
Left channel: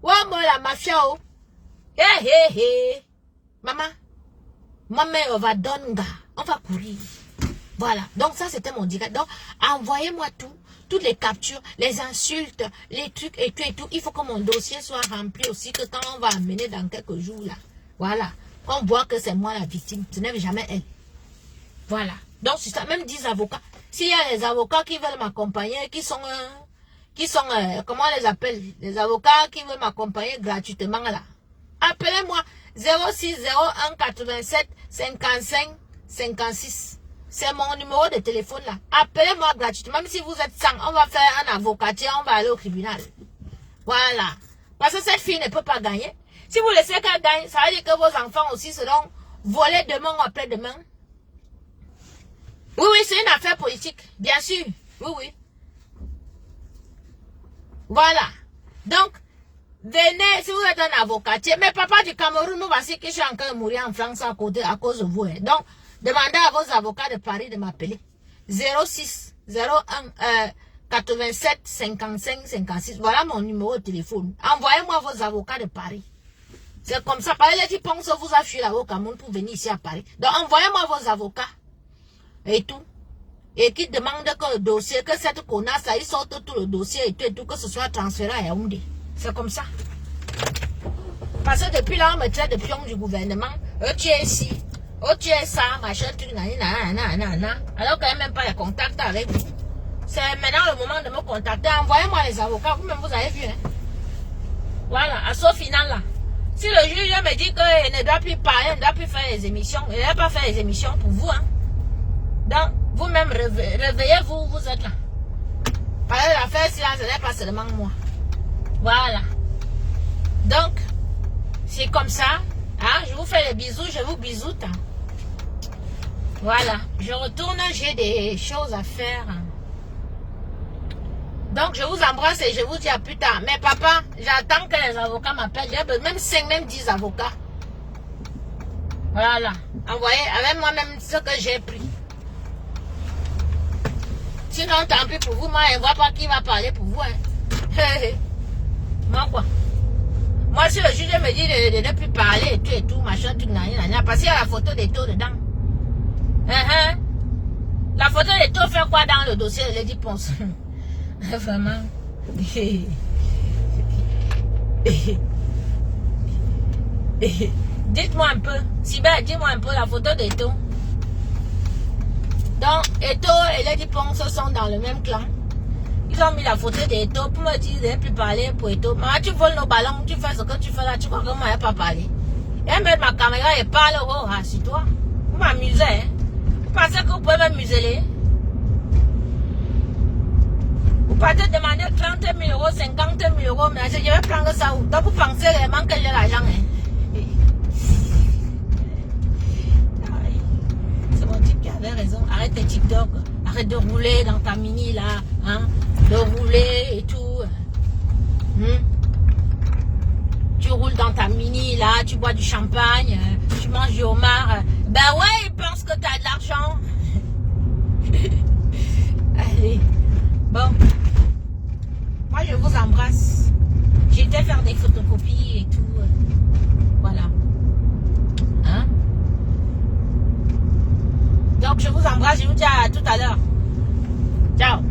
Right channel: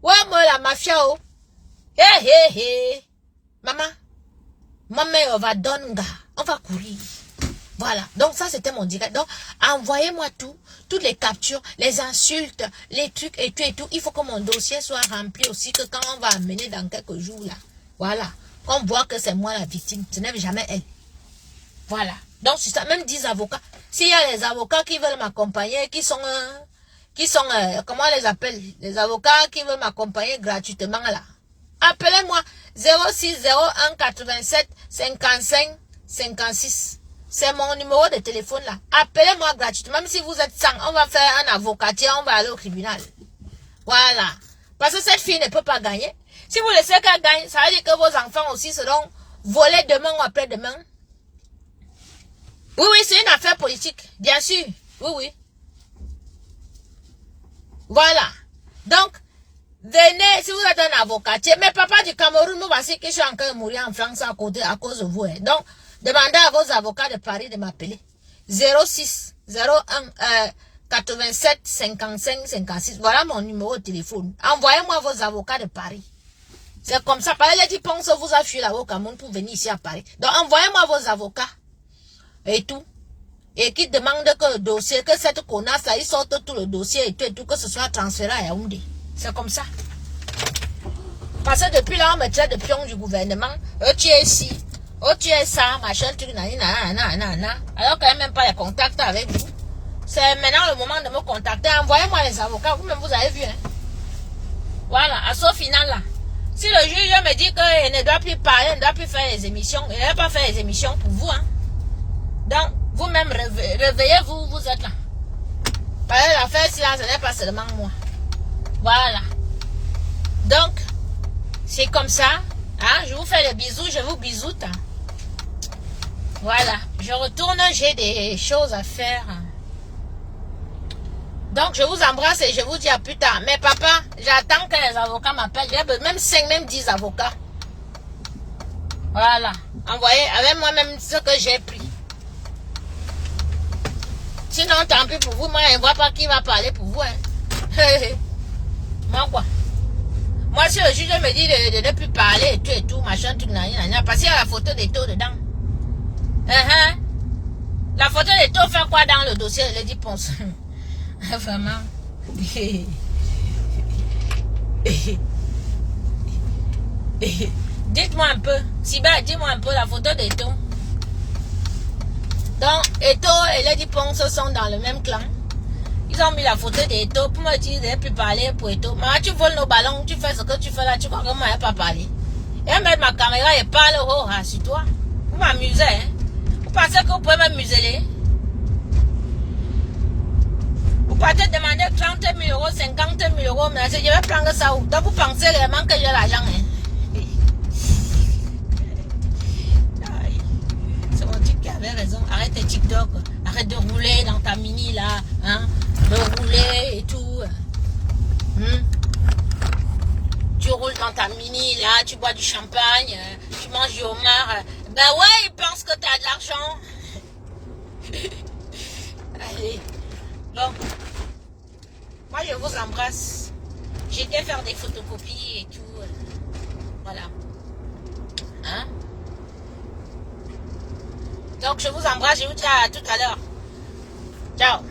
Ouais, moi, la mafia, oh. Hé. Maman, on va donner, on va courir. Voilà. Donc, ça, c'était mon direct. Donc, envoyez-moi tout. Toutes les captures, les insultes, les trucs et tout. Il faut que mon dossier soit rempli aussi, que quand on va amener dans quelques jours là, voilà, qu'on voit que c'est moi la victime, ce n'est jamais elle. Voilà. Donc c'est ça, même 10 avocats. S'il y a les avocats qui veulent m'accompagner, qui sont, comment on les appelle, les avocats qui veulent m'accompagner gratuitement là, appelez-moi 06 01 87 55 56. C'est mon numéro de téléphone là. Appelez-moi gratuitement. Même si vous êtes 100, on va faire un avocatier, on va aller au tribunal. Voilà. Parce que cette fille ne peut pas gagner. Si vous laissez qu'elle gagne, ça veut dire que vos enfants aussi seront volés demain ou après-demain. Oui, c'est une affaire politique. Bien sûr. Oui. Voilà. Donc, venez, si vous êtes un avocatier. Mais papa du Cameroun, moi, voici que je suis encore mourir en France à cause de vous. Hein. Donc, demandez à vos avocats de Paris de m'appeler. 06 01 87 55 56. Voilà mon numéro de téléphone. Envoyez-moi vos avocats de Paris. C'est comme ça. Pareil, les pensent vous a fui là au Cameroun pour venir ici à Paris. Donc, envoyez-moi vos avocats. Et tout. Et qui demandent que le dossier, que cette connasse là, ils sortent tout le dossier et tout, que ce soit transféré à Yaoundé. C'est comme ça. Parce que depuis là, on me traite de pion du gouvernement. Tu es ici. Oh, tu es ça, machin, truc, nanana. Alors qu'il n'y a même pas de contact avec vous. C'est maintenant le moment de me contacter. Envoyez-moi les avocats. Vous-même, vous avez vu. Hein? Voilà, à ce final là. Si le juge me dit qu'il ne doit plus parler, il ne doit plus faire les émissions, il ne va pas faire les émissions pour vous. Hein? Donc, vous-même, réveillez-vous, vous êtes là. Parce que l'affaire, si là, ce n'est pas seulement moi. Voilà. Donc, c'est comme ça. Hein? Je vous fais les bisous, je vous bisoute. Hein? Voilà. Je retourne, j'ai des choses à faire. Donc, je vous embrasse et je vous dis à plus tard. Mais papa, j'attends que les avocats m'appellent. J'ai même 5, même 10 avocats. Voilà. Envoyez avec moi-même ce que j'ai pris. Sinon, tant pis pour vous. Moi, je ne vois pas qui va parler pour vous. Hein. Moi, quoi? Moi, si le juge me dit de ne plus parler et tout, machin, tout, parce qu'il y a la photo des taux dedans. La photo des taux fait quoi dans le dossier de Lady Ponce? Vraiment. Dites-moi un peu. Sibert, dis-moi un peu la photo des taux. Donc, Eto et Lady Ponce sont dans le même clan. Ils ont mis la photo d'Eto pour me dire de ne plus parler pour Eto. Maman, tu voles nos ballons, tu fais ce que tu fais là, tu crois que moi, je n'ai pas parlé. Et mettre ma caméra et parle oh, sur toi. Vous m'amusez, hein? Vous pensez que vous pouvez me museler? Vous partez demander 30 000 euros, 50 000 euros, mais je vais prendre ça où? Donc vous pensez réellement que j'ai l'argent, hein? C'est mon type qui avait raison. Arrête tes TikTok. Arrête de rouler dans ta mini là. Hein? De rouler et tout. Tu roules dans ta mini là, tu bois du champagne, tu manges du homard. Ben ouais, ils pensent que tu as de l'argent. Allez. Bon. Moi je vous embrasse. J'étais faire des photocopies et tout. Voilà. Hein? Donc je vous embrasse, je vous dis à tout à l'heure. Ciao.